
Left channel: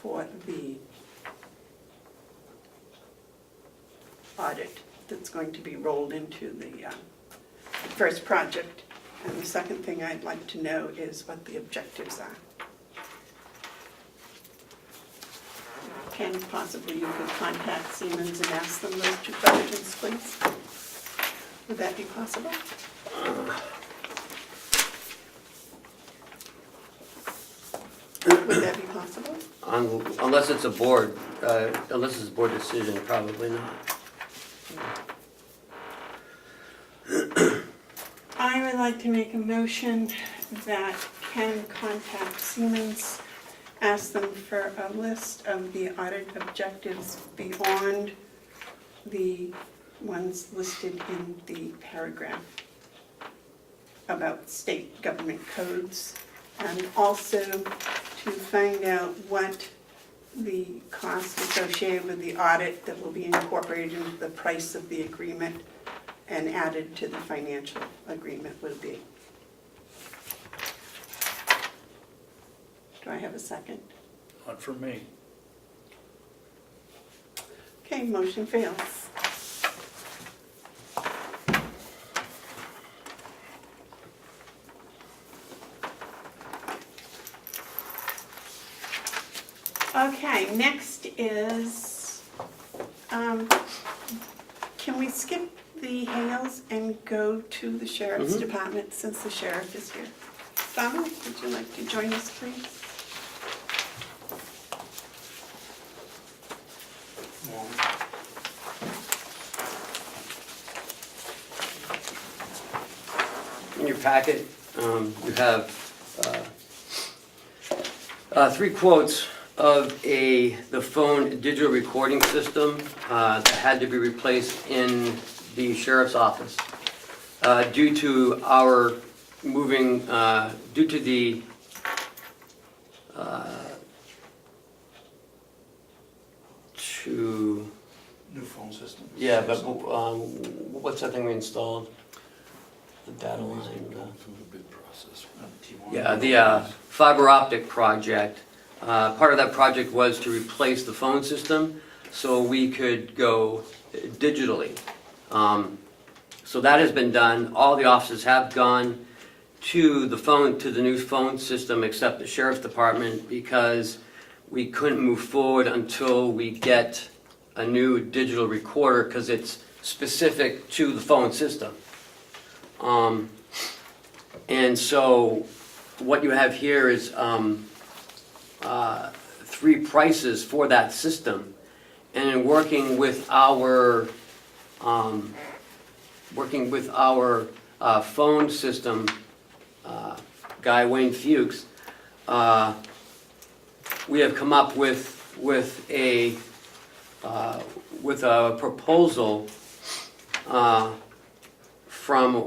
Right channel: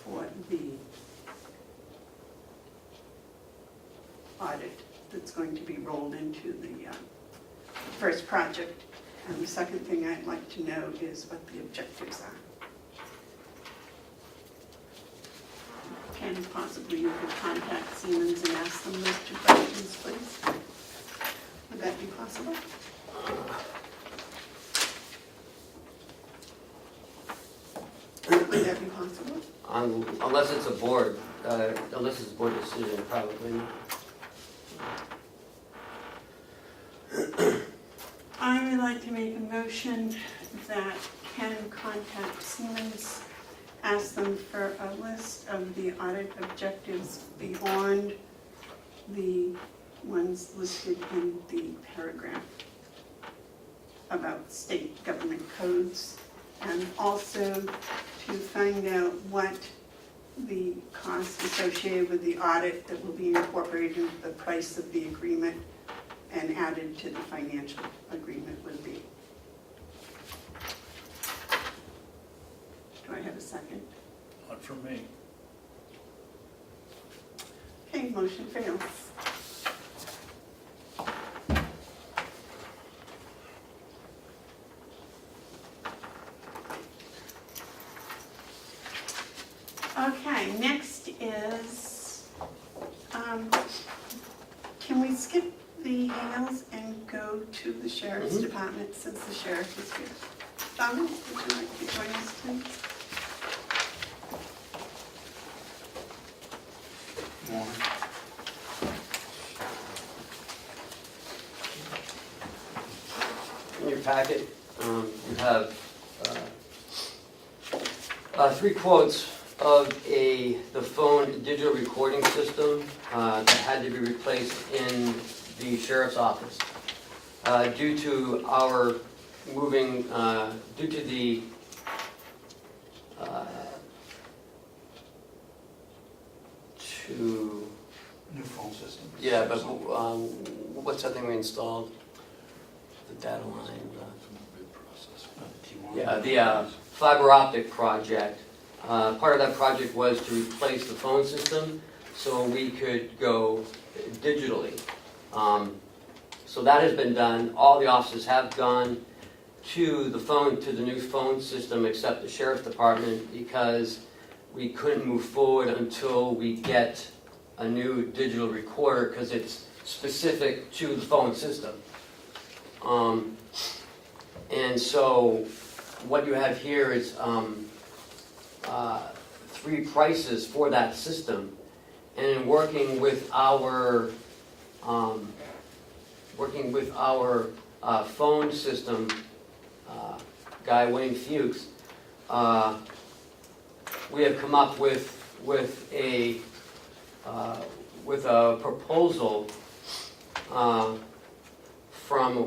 for the audit that's going to be rolled into the first project. And the second thing I'd like to know is what the objectives are. Can possibly you could contact Siemens and ask them those two questions, please? Would that be possible? Would that be possible? Unless it's a board, unless it's a board decision, probably not. I would like to make a motion that Ken contact Siemens, ask them for a list of the audit objectives beyond the ones listed in the paragraph about state government codes, and also to find out what the costs associated with the audit that will be incorporated into the price of the agreement and added to the financial agreement would be. Do I have a second? Not for me. Okay, motion fails. Okay, next is, can we skip the Hales and go to the Sheriff's Department since the sheriff is here? Donald, would you like to join us, please? In your packet, you have 3 quotes of the phone digital recording system that had to be replaced in the sheriff's office. Due to our moving, due to the New phone system. yeah, but what's that thing we installed? The data line. From the bid process. Yeah, the fiber optic project. Part of that project was to replace the phone system so we could go digitally. So that has been done. All the offices have gone to the new phone system except the sheriff's department because we couldn't move forward until we get a new digital recorder because it's specific to the phone system. And so what you have here is 3 prices for that system. And in working with our phone system guy, Wayne Fuchs, we have come up with a proposal from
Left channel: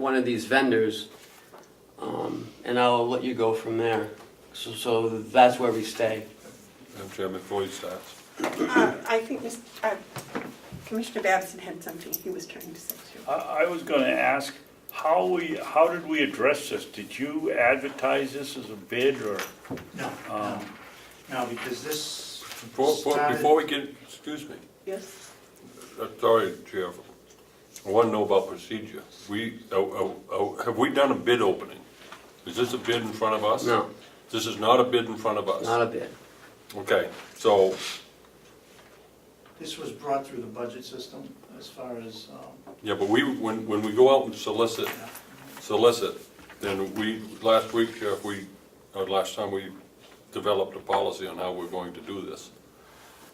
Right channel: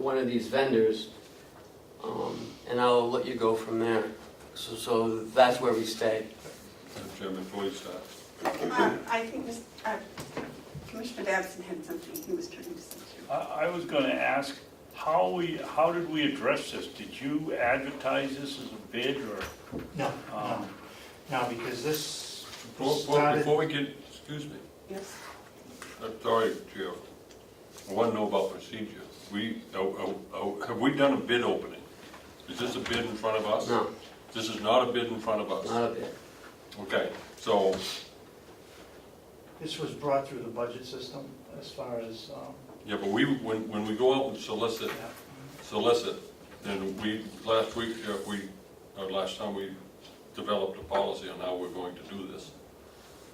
one of these vendors, and I'll let you go from there. So that's where we stay. Madam Chairman, before you start. I think Commissioner Babson had something he was trying to say too. I was gonna ask, how did we address this? Did you advertise this as a bid or? No, no, because this Before we get, excuse me, Yes? sorry, Chair, I want to know about procedure. Have we done a bid opening? Is this a bid in front of us? No, This is not a bid in front of us? not a bid. Okay, so, This was brought through the budget system as far as, yeah, but when we go out and solicit, And last week, Sheriff, last time we developed a policy on how we're going to do this.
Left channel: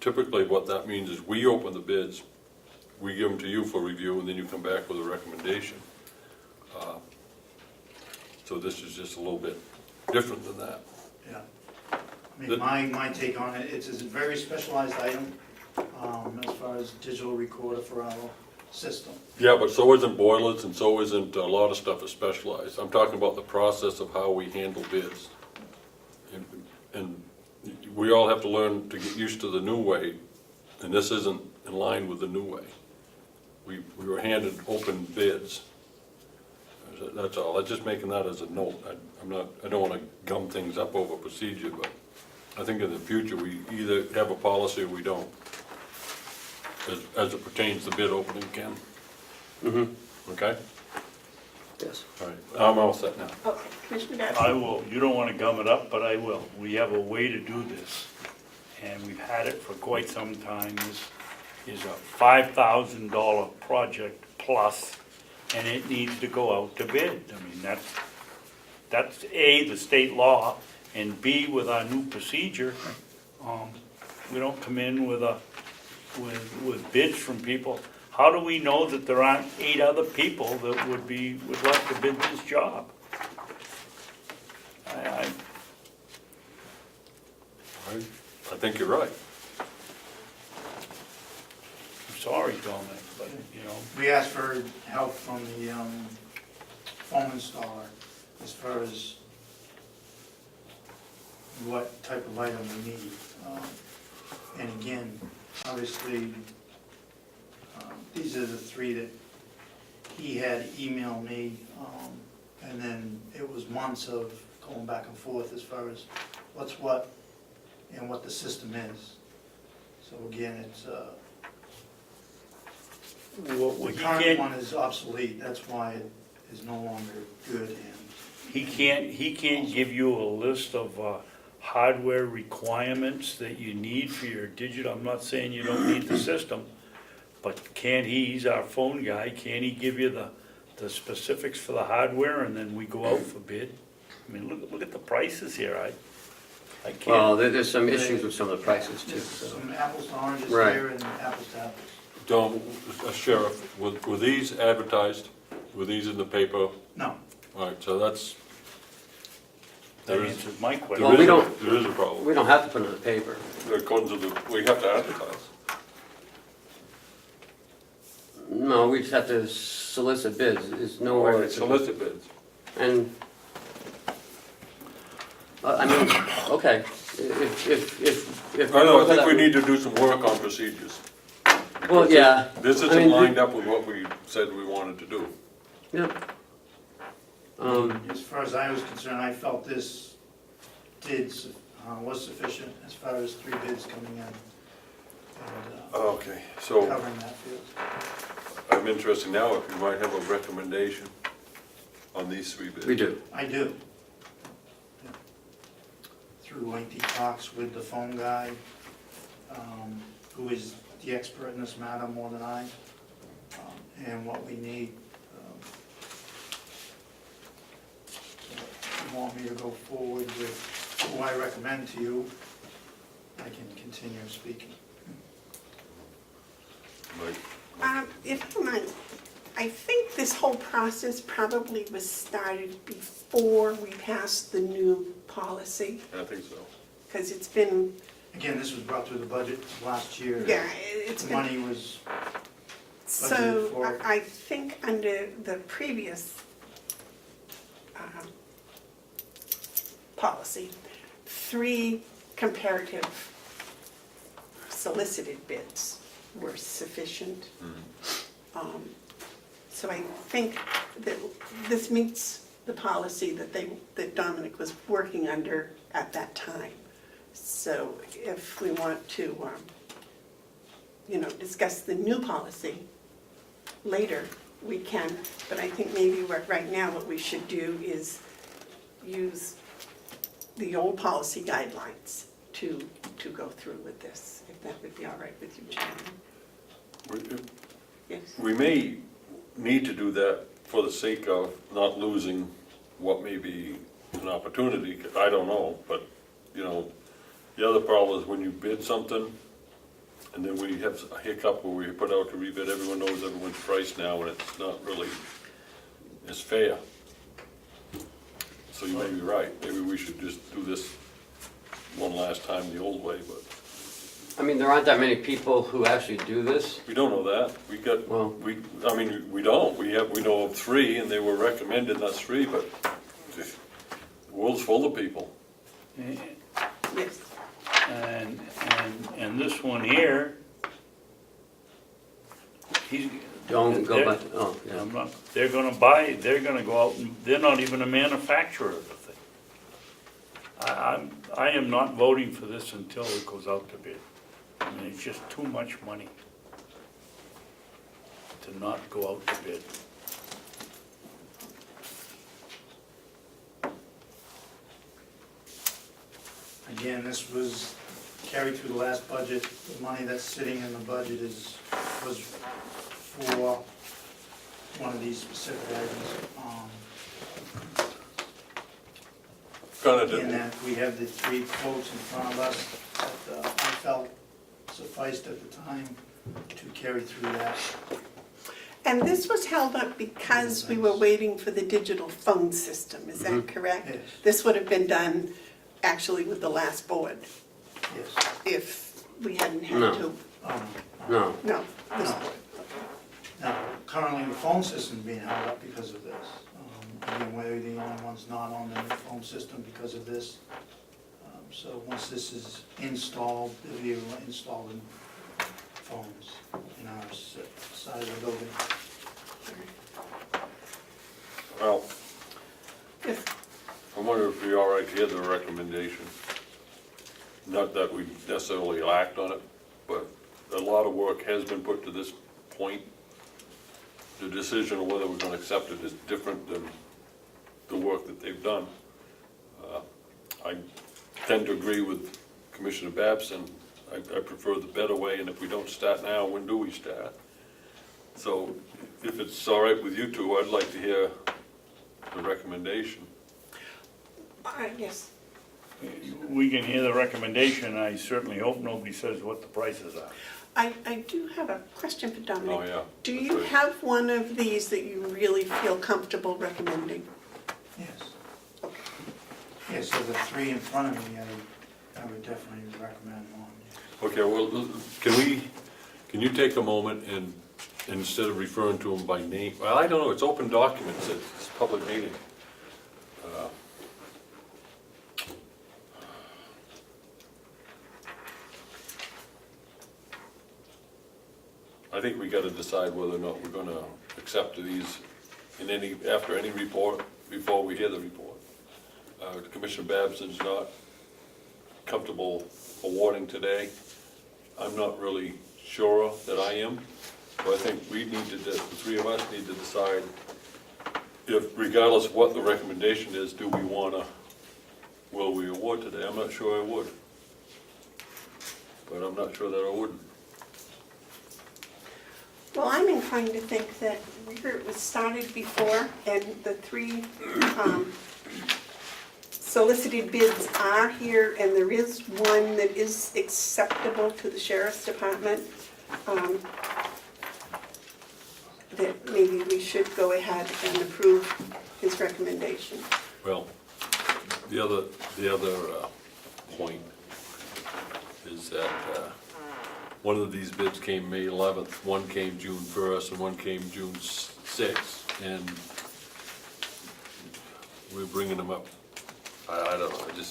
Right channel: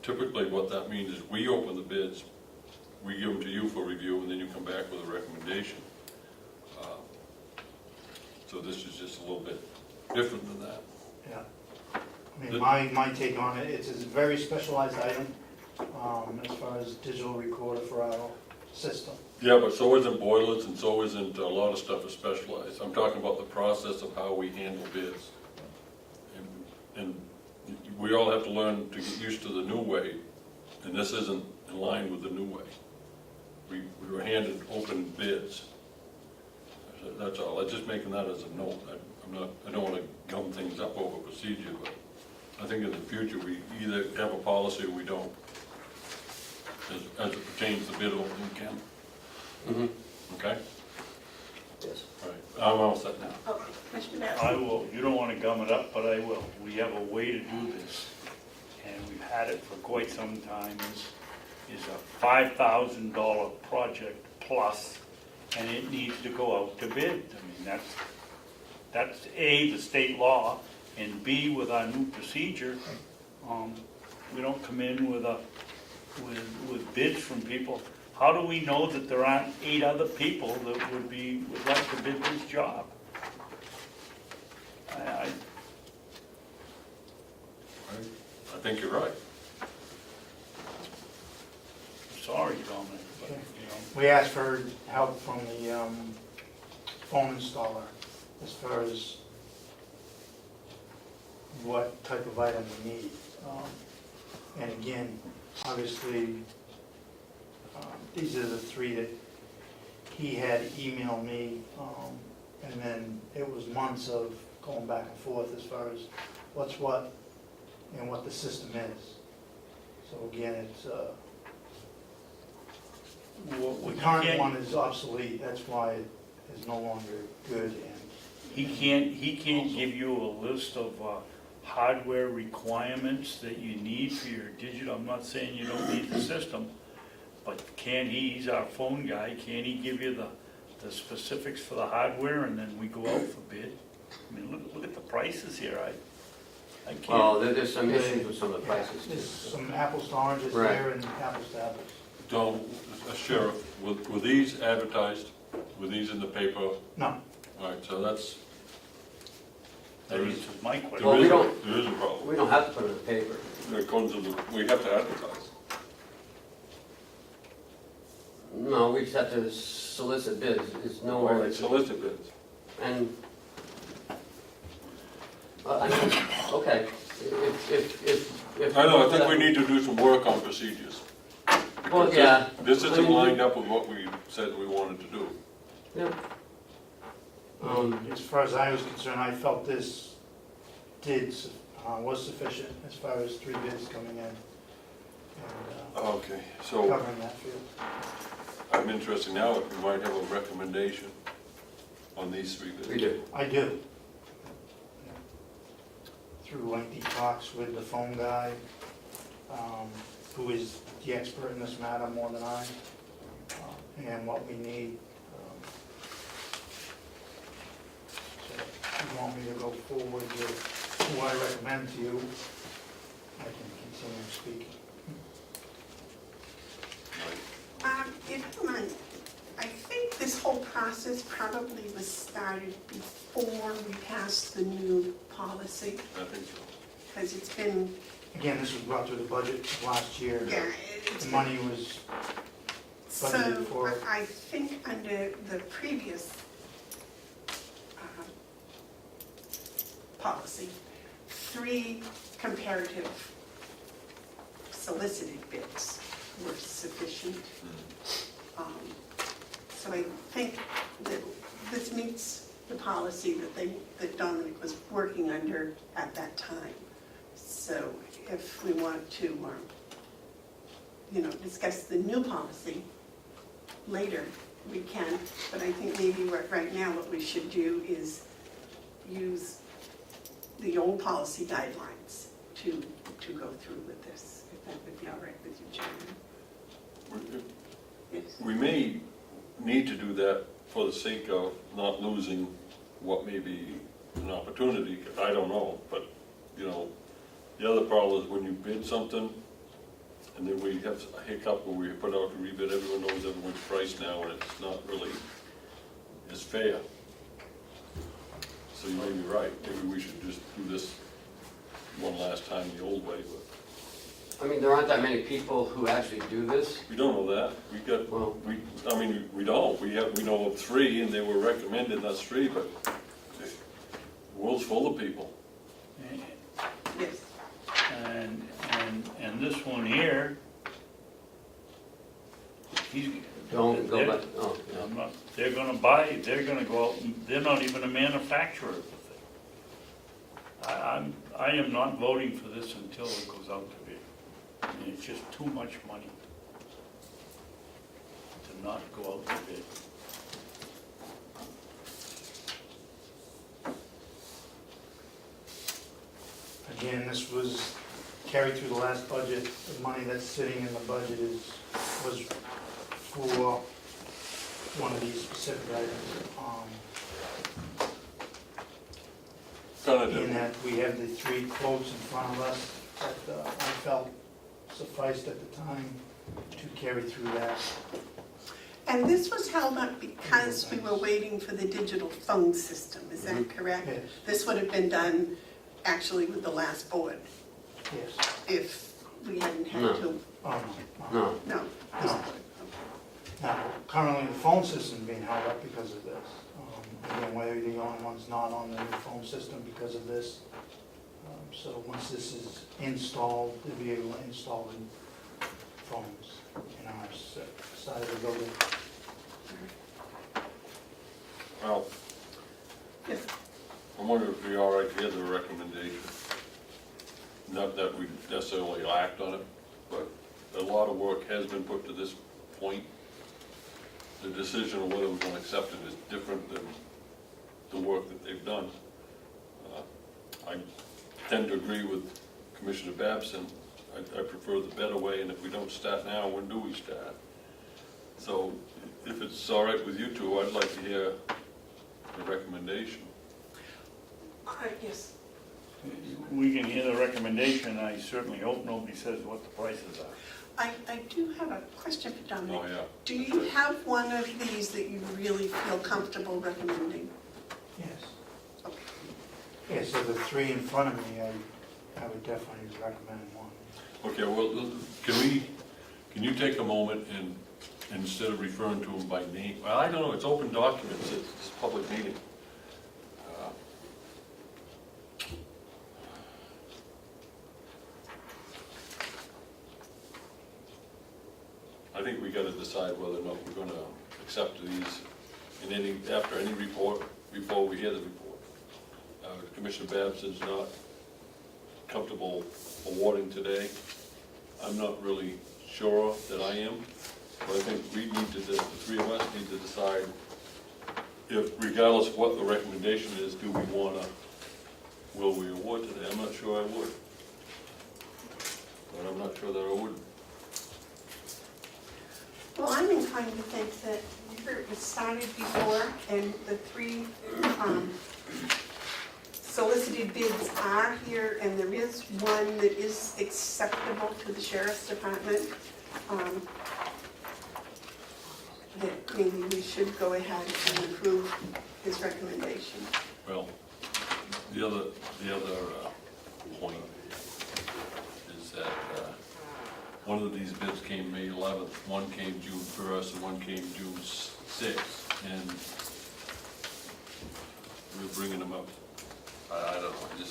Typically, what that means is we open the bids, we give them to you for review, and then you come back with a recommendation. So this is just a little bit different than that. Yeah. I mean, my take on it, it's a very specialized item, as far as digital recorder for our system. Yeah, but so isn't boilers, and so isn't, a lot of stuff is specialized. I'm talking about the process of how we handle bids. And we all have to learn to get used to the new way, and this isn't in line with the new way. We were handed open bids. That's all. I'm just making that as a note. I don't want to gum things up over procedure, but I think in the future, we either have a policy or we don't, as it pertains to bid opening, Ken. Mm-hmm. Okay? Yes. All right, I'm all set now. Oh, Commissioner Babson? I will, you don't wanna gum it up, but I will. We have a way to do this, and we've had it for quite some time. Is a $5,000 project plus, and it needs to go out to bid. I mean, that's A, the state law, and B, with our new procedure, we don't come in with bids from people. How do we know that there aren't 8 other people that would like to bid this job? I think you're right. Sorry, Dominic, but, you know. We asked for help from the phone installer as far as what type of item we need. And again, obviously, these are the 3 that he had emailed me, and then it was months of going back and forth as far as what's what and what the system is. So again, it's, the current one is obsolete, that's why it is no longer good, and He can't give you a list of hardware requirements that you need for your digital. I'm not saying you don't need the system, but he's our phone guy, can he give you the specifics for the hardware, and then we go out for bid? I mean, look at the prices here, I can't. Well, there's some issues with some of the prices too. just So. some apples to oranges Right. here and apples to apples. Don't, Sheriff, were these advertised? Were these in the paper? No, All right, so that's, That there is, answers my there question. Well, we is don't- there is a problem. We don't have to put it in the paper. It comes to we have to advertise. No, we just have to solicit bids. There's nowhere. Or solicit bids. And, I mean, okay, if. I know, I think we need to do some work on procedures. Well, yeah. This I isn't mean, lined up with what we said we wanted to do. Yeah. as far as I was concerned, I felt this was sufficient as far as 3 bids coming in and Okay, so covering that field. I'm interested now if you might have a recommendation on these 3 bids. We do. I do. Through lengthy talks with the phone guy, who is the expert in this matter more than I, and what we need. So if you want me to go forward with who I recommend to you, I can continue speaking. If you don't mind, I think this whole process probably was started before we passed the new policy, I think so. because it's been, Again, this was brought through the budget last year. yeah, it's The been. money was, So budgeted for- I think under the previous policy, 3 comparative solicited bids were sufficient. So I think that this meets the policy that Dominic was working under at that time. So if we want to, discuss the new policy later, we can, but I think maybe right now what we should do is use the old policy guidelines to go through with this, if that would be all right with you, Chairman. Yes. We may need to do that for the sake of not losing what may be an opportunity, I don't know, but, you know, the other problem is when you bid something, and then we have a hiccup where we put out to rebid, everyone knows everyone's price now, and it's not really as fair. So you may be right, maybe we should just do this one last time the old way, but I mean, there aren't that many people who actually do this. we don't know that. We got, Well- I mean, we don't, we know of 3, and they were recommended, us 3, but the world's full of people. Yes. And this one here, he's. Don't go they're- back, oh, yeah. I'm not, they're gonna go out, and they're not even a manufacturer of the thing. I am not voting for this until it goes out to bid. I mean, it's just too much money to not go out to bid. Again, this was carried through the last budget. The money that's sitting in the budget was for one of these specific items. Kinda In did. that we have the 3 quotes in front of us that I felt sufficed at the time to carry through that. And this was held up because we were waiting for the digital phone system, is that Mhm. correct? Yes, This would have been done actually with the last board, yes. if we hadn't had No. to. No, No, this No. Now, currently the phone system is being held up because of this. Again, we're the only ones not on the new phone system because of this. So once this is installed, they'll be able to install the phones in our side of the building. Well, Yes. I wonder if it'd be all right to get the recommendation. Not that we necessarily act on it, but a lot of work has been put to this point. The decision of whether we're gonna accept it is different than the work that they've done. I tend to agree with Commissioner Babson. I prefer the better way, and if we don't start now, when do we start? So if it's all right with you two, I'd like to hear the recommendation. Yes. We can hear the recommendation, and I certainly hope nobody says what the prices are. I do have a question for Dominic. Oh, yeah. Do that's you right. have one of these that you really feel comfortable recommending? Yes. Yes, so the 3 in front of me, I would definitely recommend one. Okay, well, can you take a moment and, instead of referring to them by name, well, I don't know, it's open documents, it's a public meeting. I think we gotta decide whether or not we're gonna accept these after any report, before we hear the report. Commissioner Babson's not comfortable awarding today. I'm not really sure that I am, but I think the 3 of us need to decide if, regardless of what the recommendation is, will we award today? I'm not sure I would. But I'm not sure that I wouldn't. Well, I'm inclined to think that it was started before, and the 3 solicited bids are here, and there is one that is acceptable to the sheriff's department. That maybe we should go ahead and approve his recommendation. Well, the other point is that one of these bids came May 11th, one came June 1st, and one came June 6th, and we're bringing them up. I don't know, it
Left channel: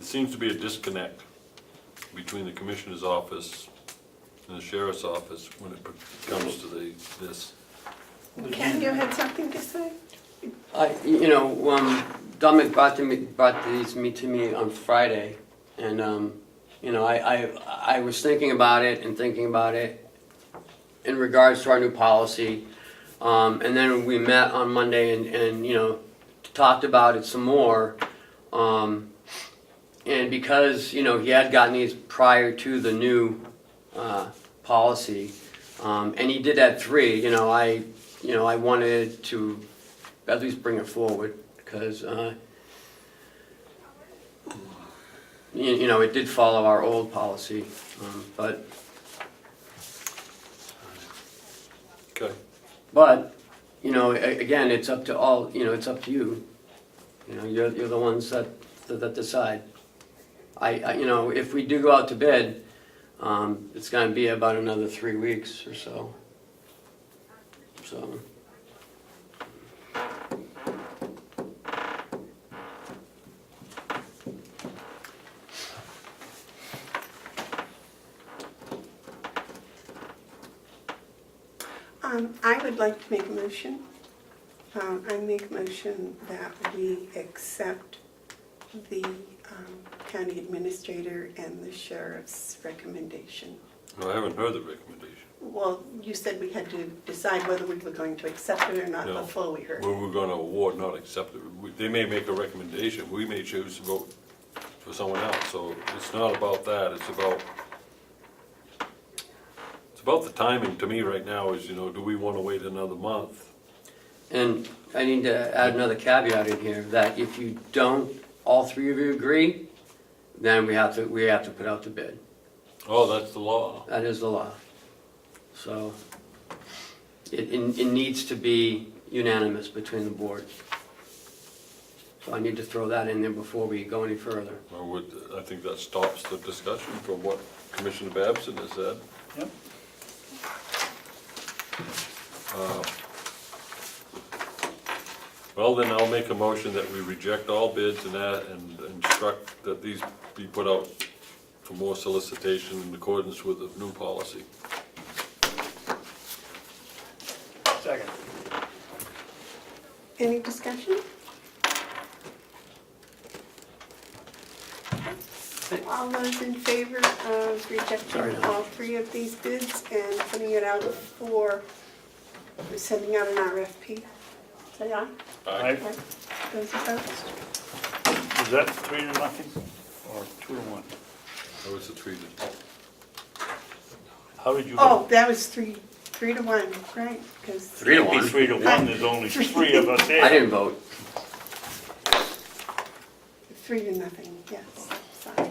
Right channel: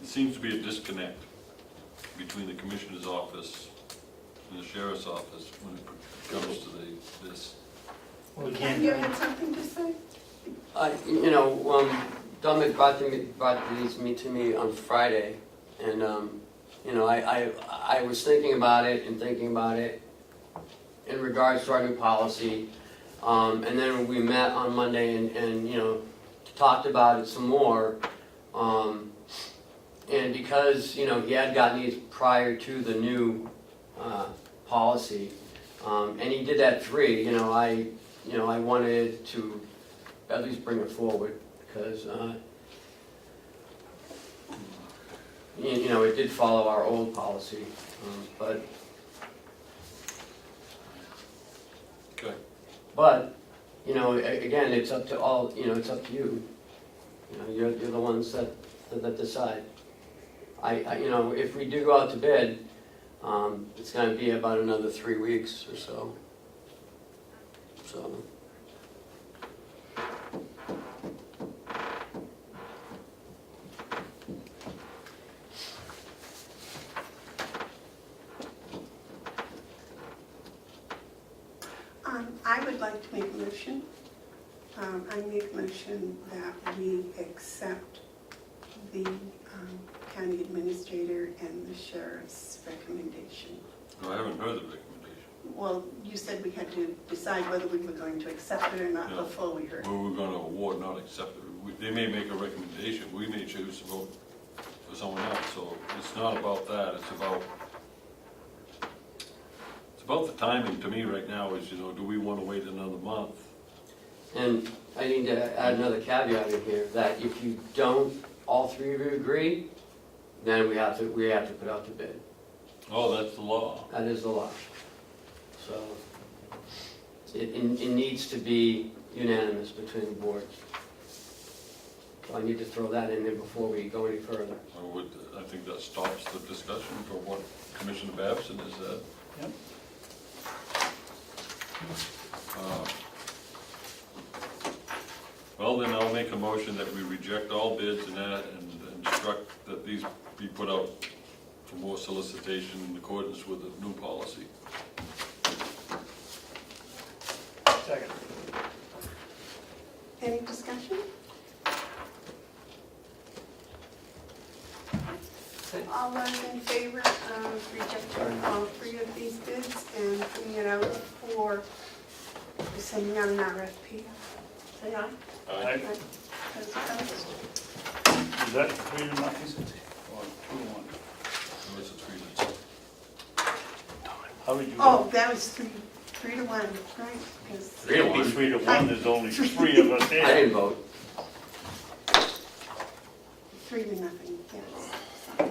seems to be a disconnect between the commissioner's office and the sheriff's office when it comes to this. Well, Ken, you had something to say? Dominic brought these to me on Friday, and I was thinking about it in regards to our new policy, and then we met on Monday and talked about it some more, and because he had gotten these prior to the new policy, and he did that 3, you know, I wanted to at least bring it forward, because, you know, it did follow our old policy, but Okay. But, you know, again, it's up to all, you know, it's up to you. You know, you're the ones that decide. You know, if we do go out to bid, it's gonna be about another 3 weeks or so. So, I would like to make a motion. I make a motion that we accept the county administrator and the sheriff's recommendation. No, I haven't heard the recommendation. Well, you said we had to decide whether we were going to accept it or not No. before we heard. Well, we're gonna award, not accept it. They may make a recommendation, we may choose to vote for someone else, so it's not about that, it's about the timing to me right now is, you know, do we wanna wait another month? and I need to add another caveat in here, that if you don't, all three of you agree, then we have to put out the bid. Oh, that's the law. That is the law. So, it needs to be unanimous between the boards. So I need to throw that in there before we go any further. I think that stops the discussion from what Commissioner Babson has said. Yep. Well, then I'll make a motion that we reject all bids and instruct that these be put out for more solicitation in accordance with the new policy. Second. Any discussion? All those in favor of rejecting all three of these bids and putting it out for sending out an RFP? Say aye. Aye. Those opposed? Is that 3-0 or 2-1? So it's a treated. How did you? Oh, that was three to one, right? 'Cause 3 to 1. 3-1, there's only 3 of us here. I didn't vote. 3-0, yes. Sorry.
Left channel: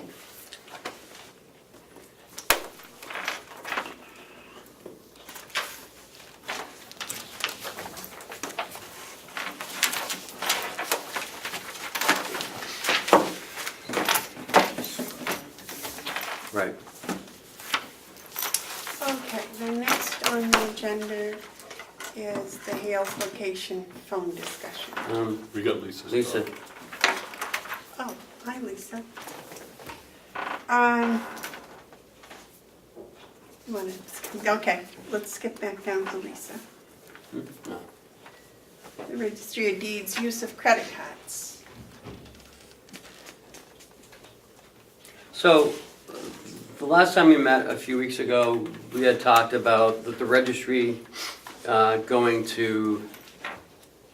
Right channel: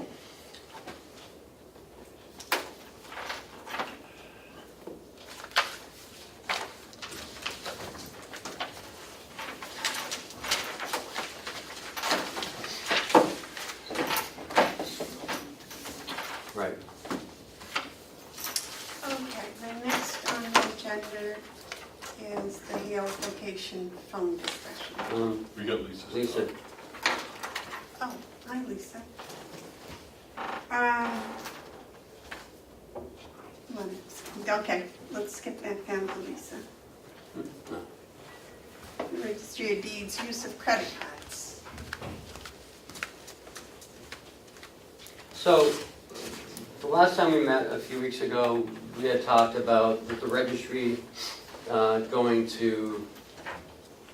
Right. Okay, the next on the agenda is the Hale location phone discussion. We got Lisa's. Lisa, Oh, hi, Lisa. Okay, let's skip back down to Lisa. The Registry of Deeds, use of credit cards. so, the last time we met a few weeks ago, we had talked about the registry going to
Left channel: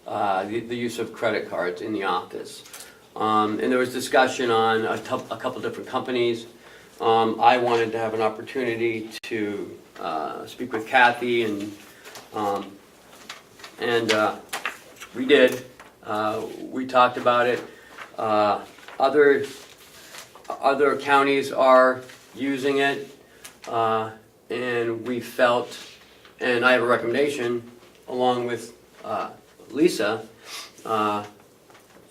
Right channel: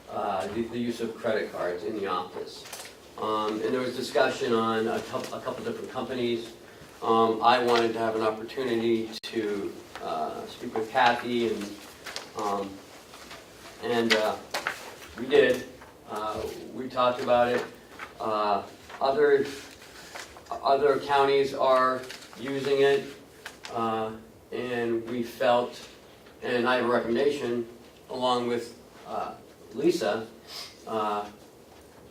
the use of credit cards in the office. And there was discussion on a couple different companies. I wanted to have an opportunity to speak with Kathy, and we did. We talked about it. Other counties are using it, and we felt, and I have a recommendation along with Lisa,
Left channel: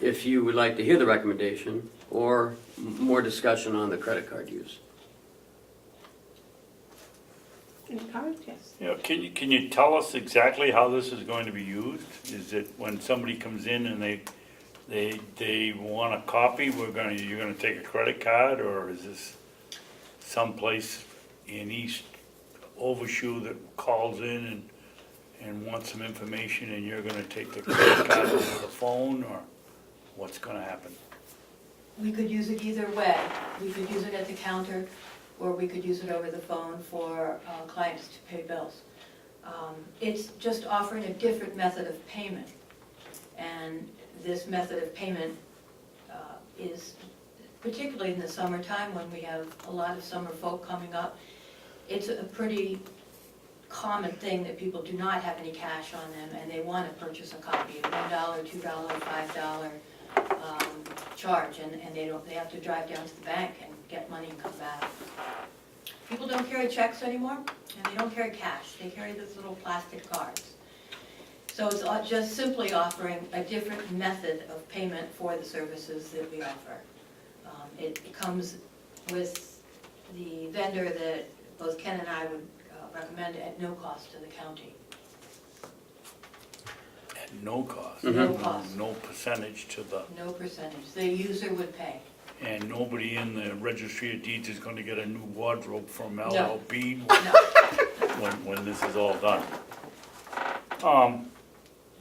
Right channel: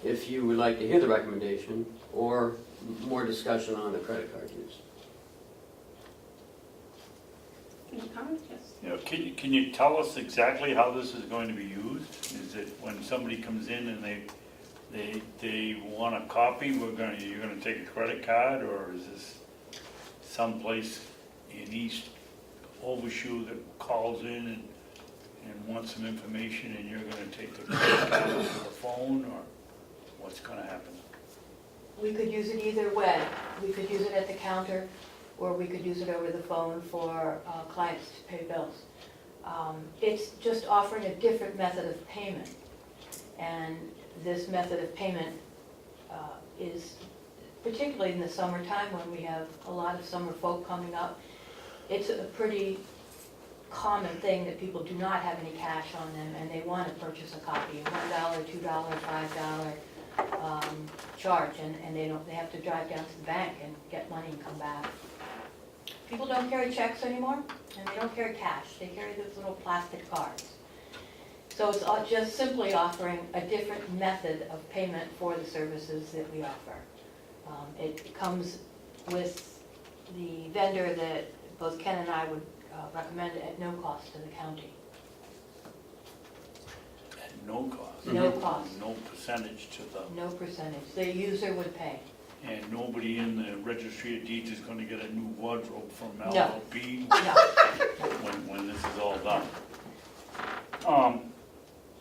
if you would like to hear the recommendation or more discussion on the credit card use. Any comments? Yes. Yeah, can you tell us exactly how this is going to be used? Is it when somebody comes in and they want a copy, you're gonna take a credit card, or is this someplace in East Overshoe that calls in and wants some information, and you're gonna take the credit card over the phone, or what's gonna happen? We could use it either way. We could use it at the counter, or we could use it over the phone for clients to pay bills. It's just offering a different method of payment. And this method of payment is, particularly in the summertime when we have a lot of summer folk coming up, it's a pretty common thing that people do not have any cash on them and they want to purchase a copy, $1, $2, $5 charge, and they have to drive down to the bank and get money and come back. People don't carry checks anymore, and they don't carry cash, they carry those little plastic cards. So it's just simply offering a different method of payment for the services that we offer. It comes with the vendor that both Ken and I would recommend at no cost to the county. At no cost. No cost, No percentage to the, no percentage, the user would pay. and nobody in the registry of deeds is gonna get a new wardrobe from No. LLB No, when this is all done.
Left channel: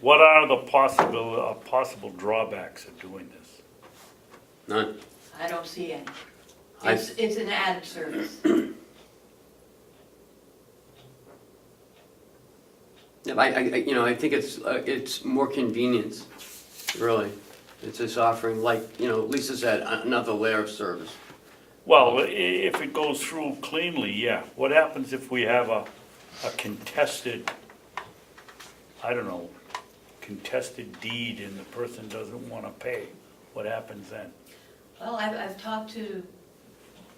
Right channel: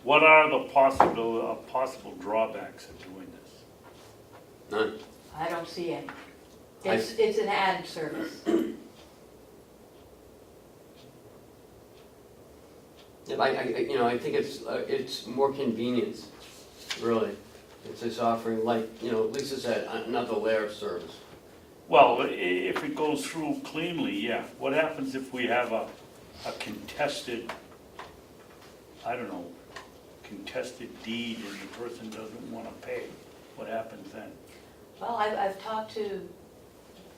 What are the possible drawbacks of doing this? None. I don't see any. I- It's an added service. Yeah, I think it's more convenience, really. It's just offering, like, Lisa said, another layer of service. Well, if it goes through cleanly, yeah. What happens if we have a contested, contested deed and the person doesn't wanna pay? What happens then? Well, I've talked to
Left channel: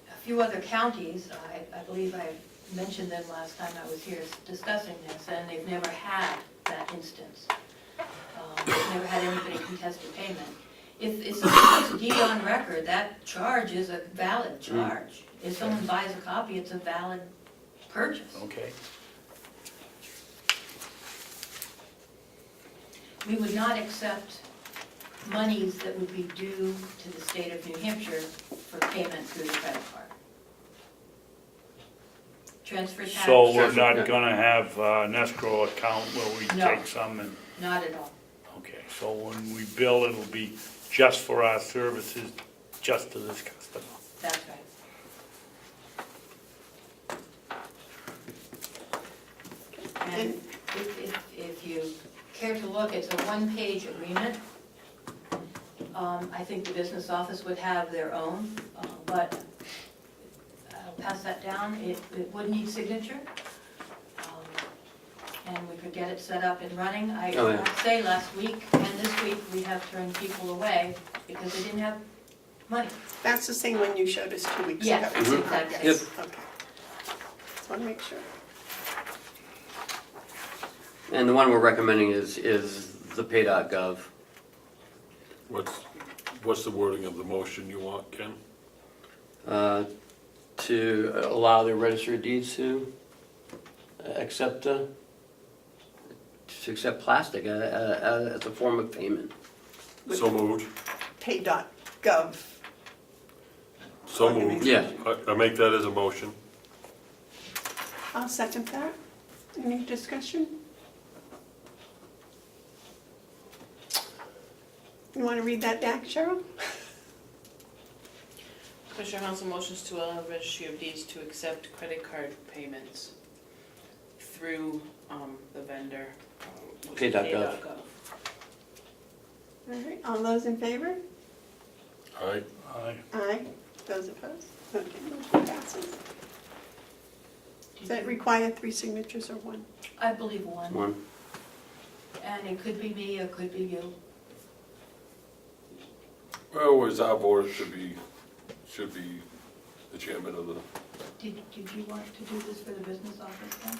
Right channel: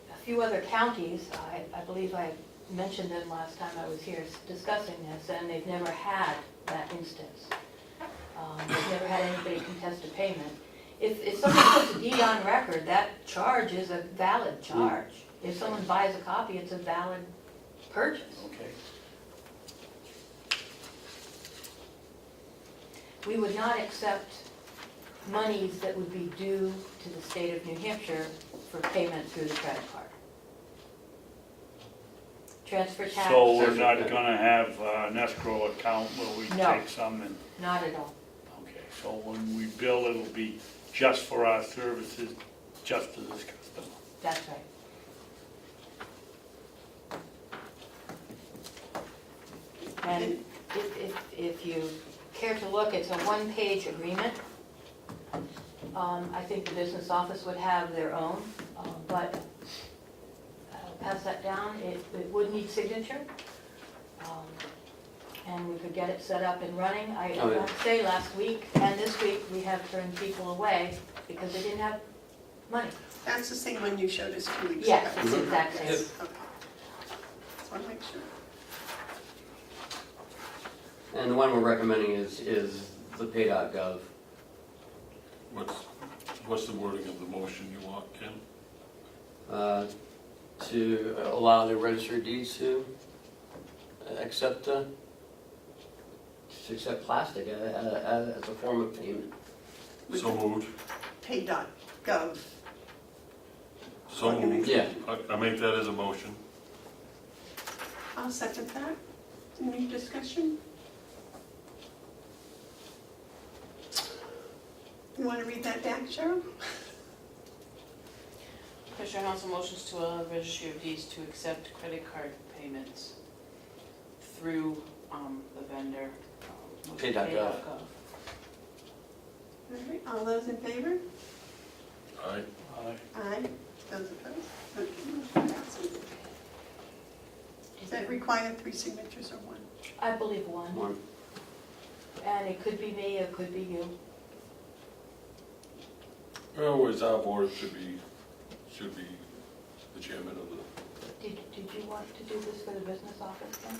a few other counties, I believe I mentioned them last time I was here discussing this, and they've never had that instance. They've never had anybody contest a payment. If someone puts a deed on record, that charge is a valid charge. If someone buys a copy, it's a valid purchase. Okay? We would not accept monies that would be due to the state of New Hampshire for payment through the credit card. Transfer tax, So we're not gonna have an escrow account where we No. take some and, not at all. okay, so when we bill, it'll be just for our services, just to this customer. That's right. And if you care to look, it's a one-page agreement. I think the business office would have their own, but I'll pass that down. It would need signature. And we could get it set up and running. I Oh, yeah. have to say, last week and this week, we have turned people away because they didn't have money. That's the same one you showed us 2 weeks ago. Yes, it's exactly. Yes, okay. Just want to make sure. And the one we're recommending is the pay.gov. What's the wording of the motion you want, Ken? To allow the registry of deeds to accept plastic as a form of payment. So moved. Pay.gov. So moved. Yeah. I make that as a motion. I'll second that. Any discussion? You want to read that back, Cheryl? Commissioner Hounsell motions to allow the Registry of Deeds to accept credit card payments through the vendor. Pay.gov. All right, all those in favor? Aye. Aye. Those opposed? Okay, motion passes. Does that require 3 signatures or 1? I believe one. One. And it could be me, it could be you. Well, as our board, it should be the chairman of the, Did you want to do this for the business office then?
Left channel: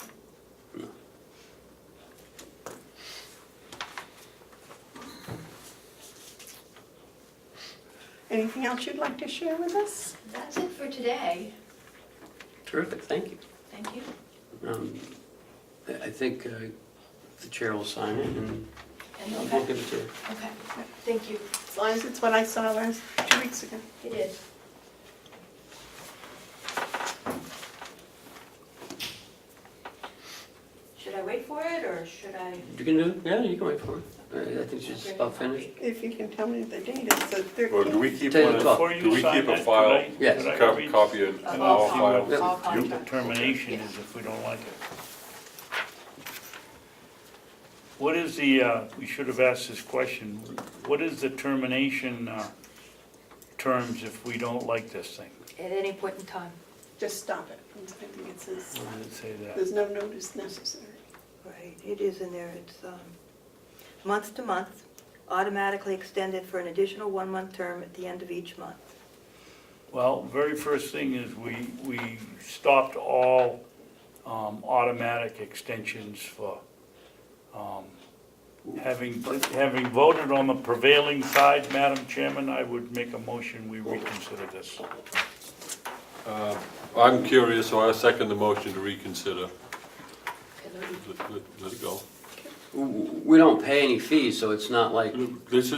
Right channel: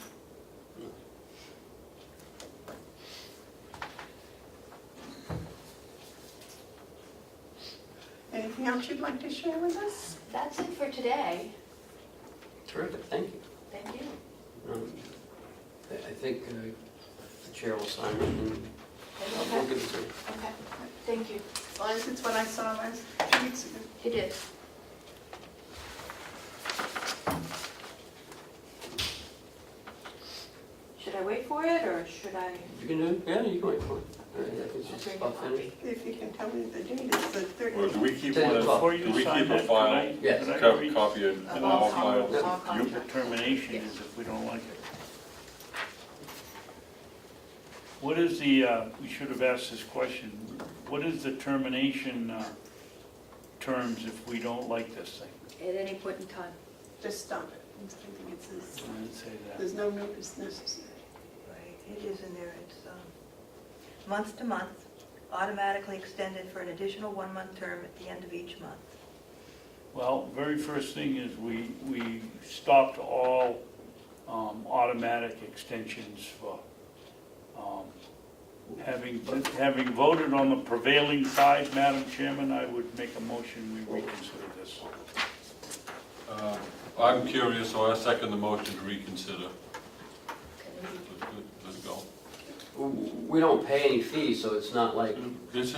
Anything else you'd like to share with us? That's it for today. Terrific, thank you. Thank you. I think the chair will sign it and we'll Okay, give it to you. okay, thank you. As long as it's what I saw 2 weeks ago. It is. Should I wait for it, or should I? You can do it? Yeah, you can wait for it. I think she's about finished. If you can tell me the date, it's the or do 13th. we keep 10 one, o'clock. Before do you we sign keep a that, file, Yes. could I read copy in Of all all files? all what contracts. termination is if we don't like it? What is the, we should have asked this question, what is the termination terms if we don't like this thing? At any point in time. Just stop it. I think it says, I didn't say that. there's no notice necessary. Right, it is in there, it's month to month, automatically extended for an additional 1-month term at the end of each month. Well, very first thing is we stopped all automatic extensions for, having voted on the prevailing side, Madam Chairman, I would make a motion we reconsider this. I'm curious, so I second the motion to reconsider. Let it go. We don't pay any fees, so it's not like, Let's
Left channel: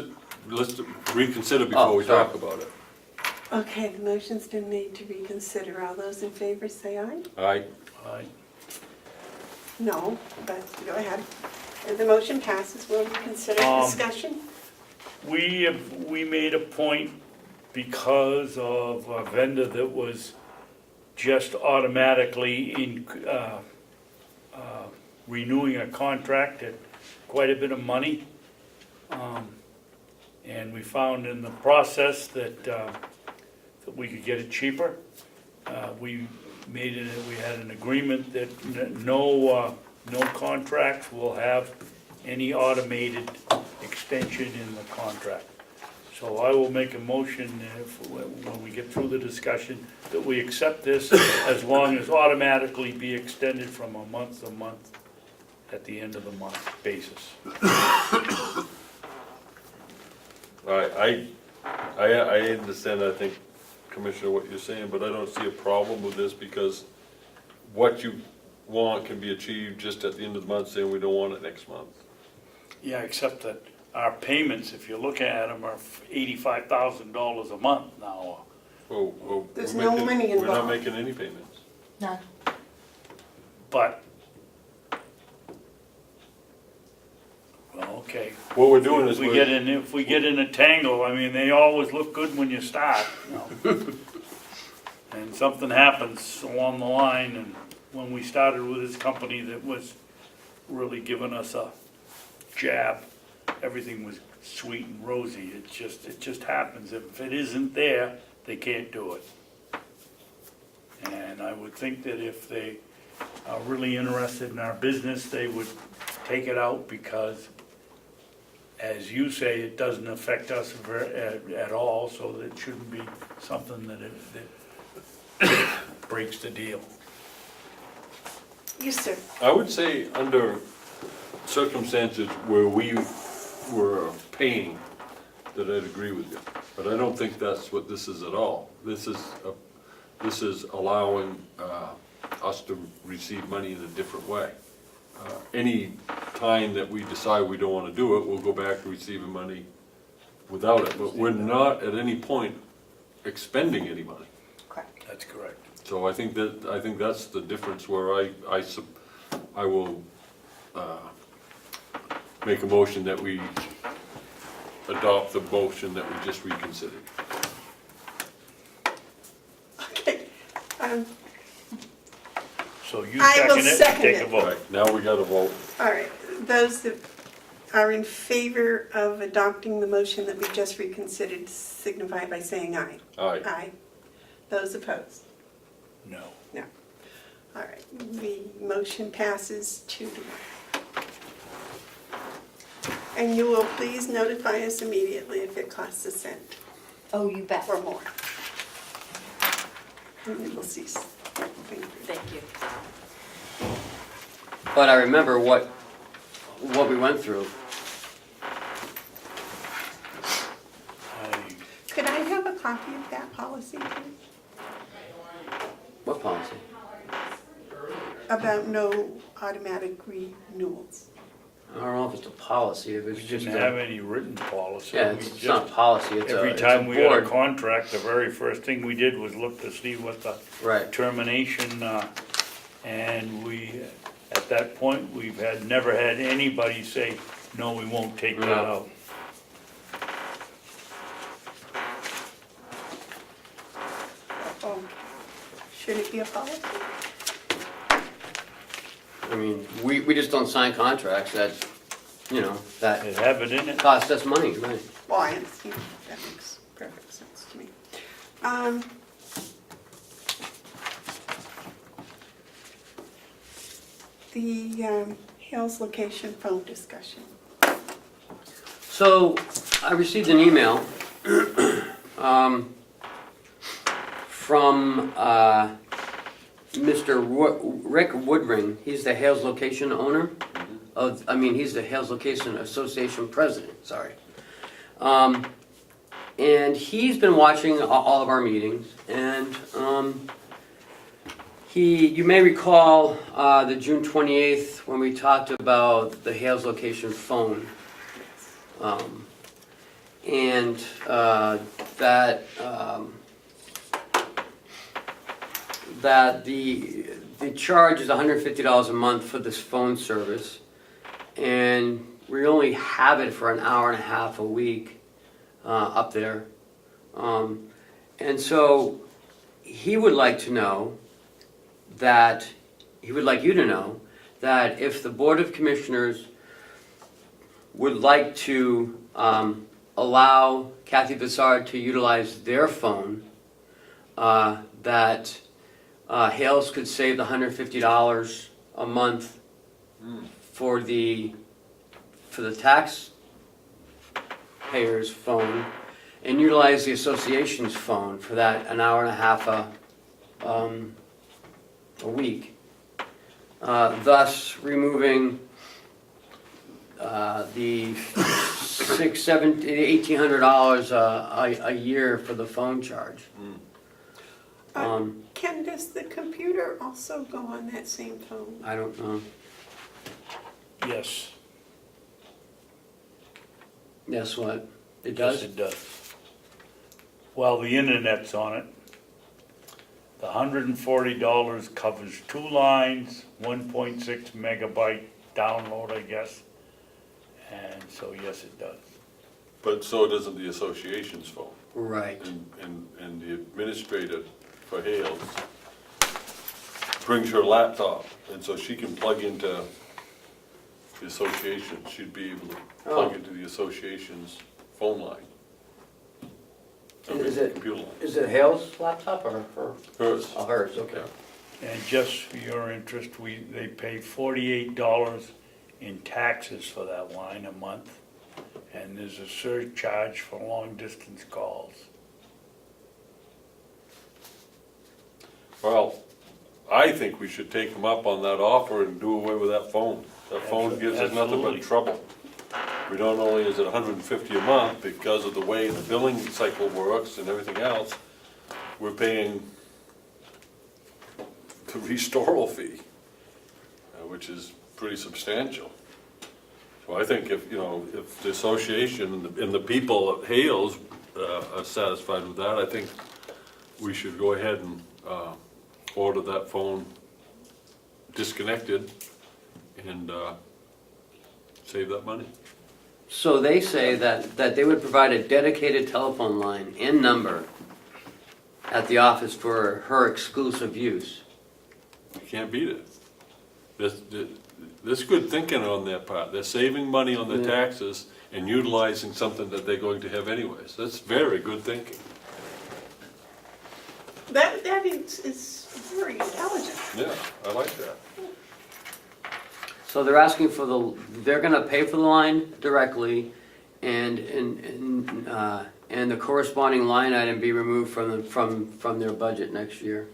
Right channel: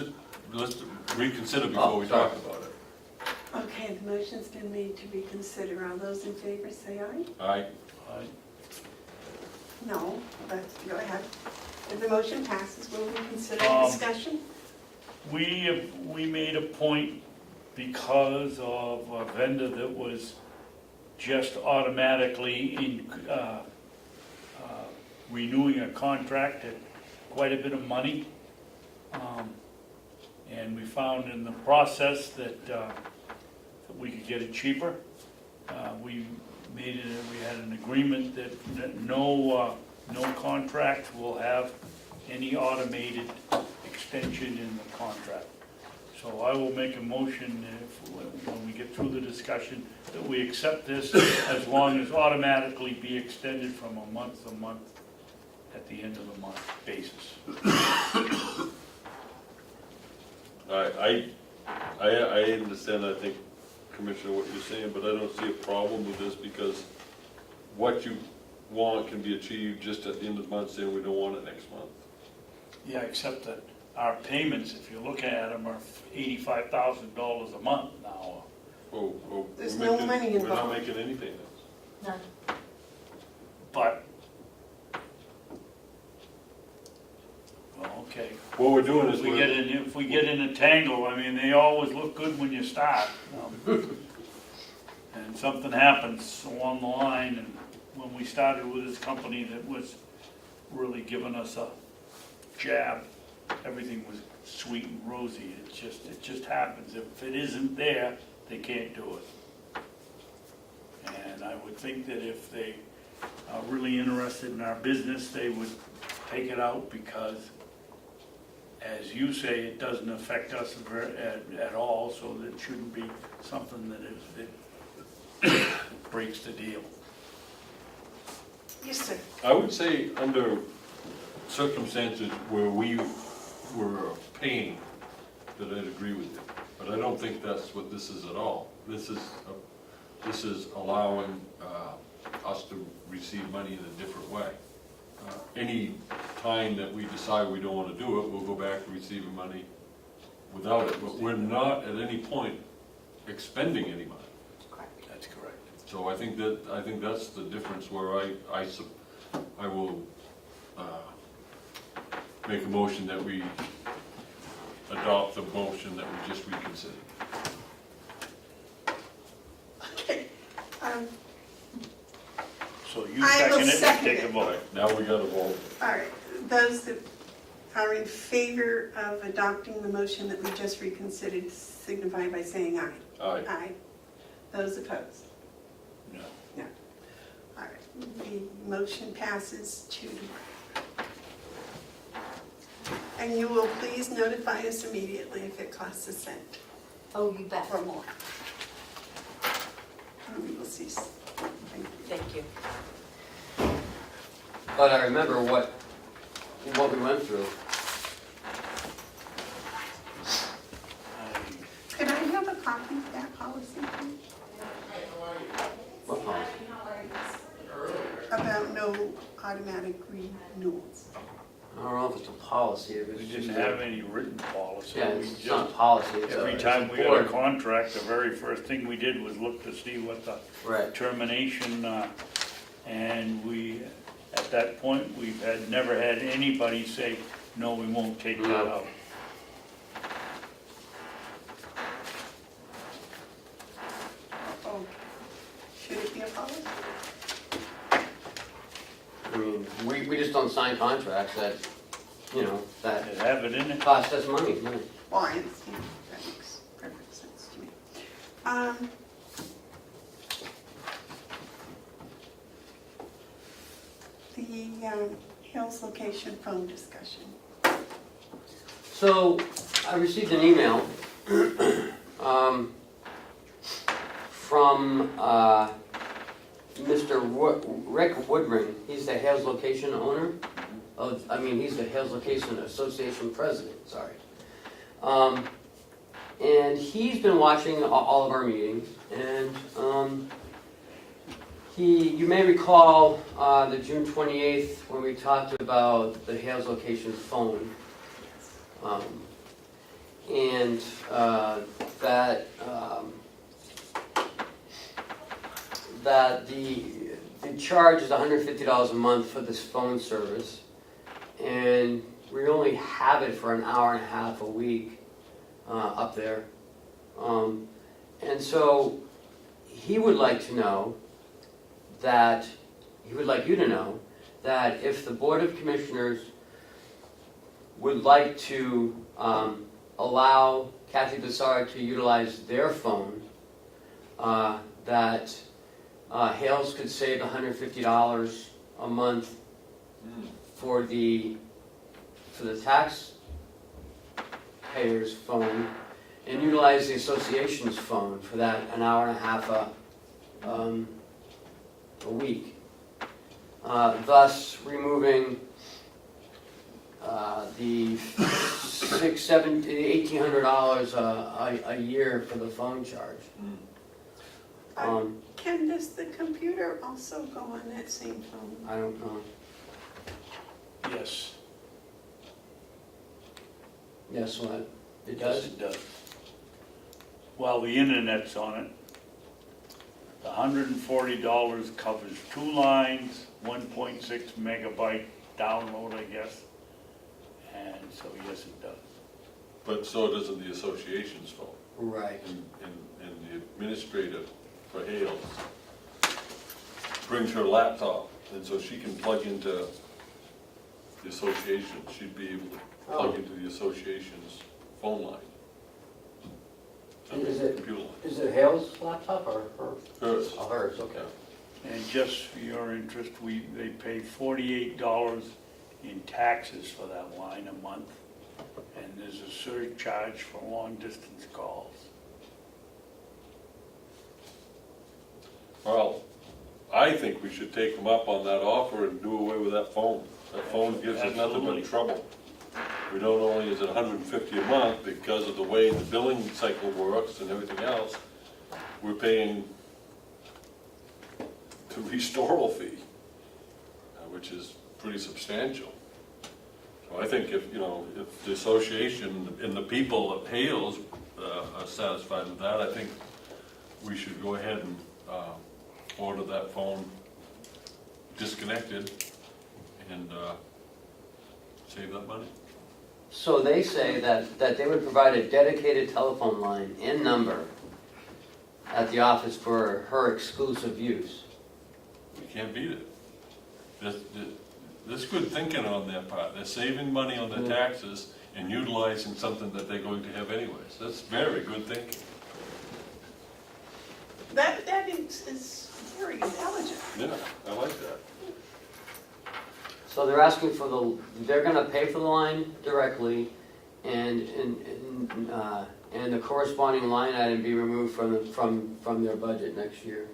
reconsider before we talk about it. Okay, the motion's been made to reconsider. All those in favor say aye? Aye. No, but go ahead. If the motion passes, we'll reconsider discussion. We made a point because of a vendor that was just automatically renewing a contract at quite a bit of money. And we found in the process that we could get it cheaper. We had an agreement that no contract will have any automated extension in the contract. So I will make a motion when we get through the discussion that we accept this as long as automatically be extended from a month to month at the end of the month basis. I understand, I think, Commissioner, what you're saying, but I don't see a problem with this because what you want can be achieved just at the end of the month, saying we don't want it next month. Yeah, except that our payments, if you're looking at them, are $85,000 a month now. Oh, There's no money We're not involved. making any payments. None. But, well, okay. What we're doing is If we get in a tangle, I mean, they always look good when you start, you know. And something happens along the line, and when we started with this company that was really giving us a jab, everything was sweet and rosy. It just happens. If it isn't there, they can't do it. And I would think that if they are really interested in our business, they would take it out because, as you say, it doesn't affect us at all, so that shouldn't be something that breaks the deal. Yes, sir. I would say under circumstances where we were paying, that I'd agree with you. But I don't think that's what this is at all. This is allowing us to receive money in a different way. Any time that we decide we don't want to do it, we'll go back to receiving money without it. But we're not at any point expending any money. Correct. That's correct. So I think that's the difference where I will make a motion that we adopt the motion that we just reconsidered. Okay. So you I will second it, second take a it. All vote. right, now we got to vote. All right, those that are in favor of adopting the motion that we just reconsidered signify by saying aye. Aye. Aye. Those opposed? No. All right, the motion passes 2-1. And you will please notify us immediately if it costs a cent Oh, you bet. or more. And we will cease. Thank you. but I remember what we went through. Could I have a copy of that policy, please? What policy? About no automatic renewals. I don't know if it's a policy, if We it's just didn't have any written policy. yeah, We it's just- not a policy, it's a Every it's time a we had a board. contract, the very first thing we did was look to see what the Right, termination, and at that point, never had anybody say, no, we won't take that No. out. Okay. Should it be a policy? I mean, we just don't sign contracts that, you know, that They have it in it. cost us money, right? Well, I understand, that makes perfect sense to me. the Hales location phone discussion. So, I received an email from Mr. Rick Woodring. He's the Hales Location owner he's the Hales Location Association president, sorry. And he's been watching all of our meetings, and you may recall the June 28th when we talked about the Hales Location phone. That the charge is $150 a month for this phone service, and we only have it for an hour and a half a week up there. And so he would like to know that, he would like you to know that if the Board of Commissioners would like to allow Kathy Bevard to utilize their phone, that Hales could save the $150 a month for the taxpayer's phone, and utilize the association's phone for that an hour and a half a week, thus removing the $1,800 a year for the phone charge. Ken, does the computer also go on that same phone? I don't know. Yes. Yes, what? It Yes, does? it does. Well, the internet's on it. The $140 covers 2 lines, 1.6 megabyte download, I guess. And so, yes, it does. But so doesn't the association's phone. Right. And the administrator for Hales brings her laptop, and so she can plug into the association. She'd be able to plug into the association's phone line. I mean, Is it- computer line. Is it Hale's laptop or her? Hers. Oh, hers, okay. And just for your interest, they pay $48 in taxes for that line a month. And there's a surcharge for long distance calls. Well, I think we should take them up on that offer and do away with that phone. That phone gives us nothing but Absolutely. trouble. We don't only is it $150 a month because of the way the billing cycle works and everything else, we're paying the restoral fee, which is pretty substantial. So I think if the association and the people at Hales are satisfied with that, I think we should go ahead and order that phone disconnected and save that money. So they say that they would provide a dedicated telephone line and number at the office for her exclusive use. You can't beat it. There's good thinking on their part. They're saving money on the taxes and utilizing something that they're going to have anyways. That's very good thinking. That is very intelligent. Yeah, I like that. So they're asking for they're gonna pay for the line directly, and the corresponding line item be removed from their budget next year.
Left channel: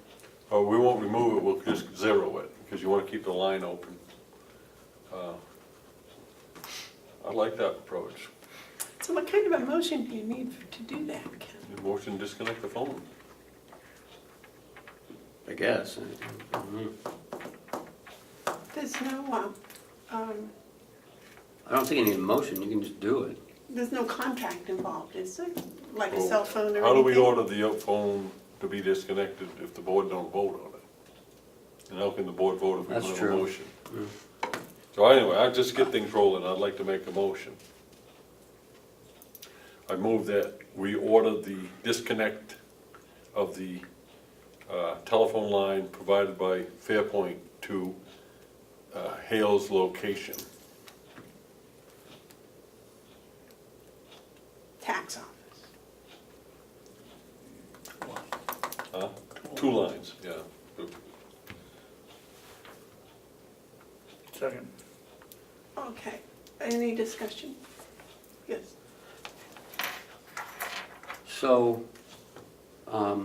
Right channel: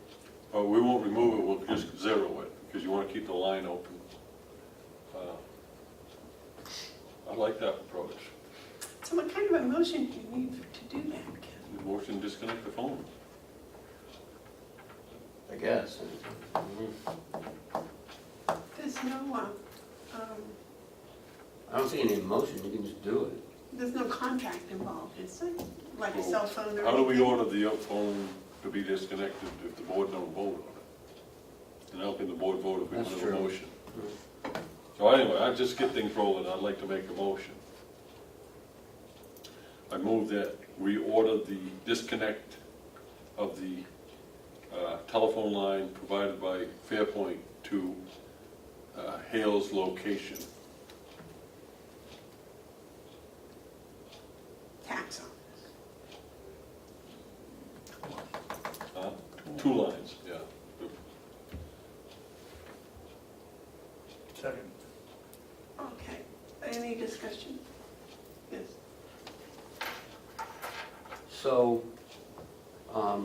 Oh, we won't remove it, we'll just zero it, because you want to keep the line open. I like that approach. So what kind of a motion do you need to do that, Ken? The motion to disconnect the phone. I guess. There's no, I don't think you need a motion, you can just do it. there's no contract involved, is there? Like a cell phone or anything? How do we order the phone to be disconnected if the board don't vote on it? And how can the board vote if we That's don't have a true. motion? So anyway, I just get things rolling, I'd like to make a motion. I move that we order the disconnect of the telephone line provided by Fairpoint to Hales location. Tax office. 2 lines, yeah. Second. Okay, any discussion? Yes. So, I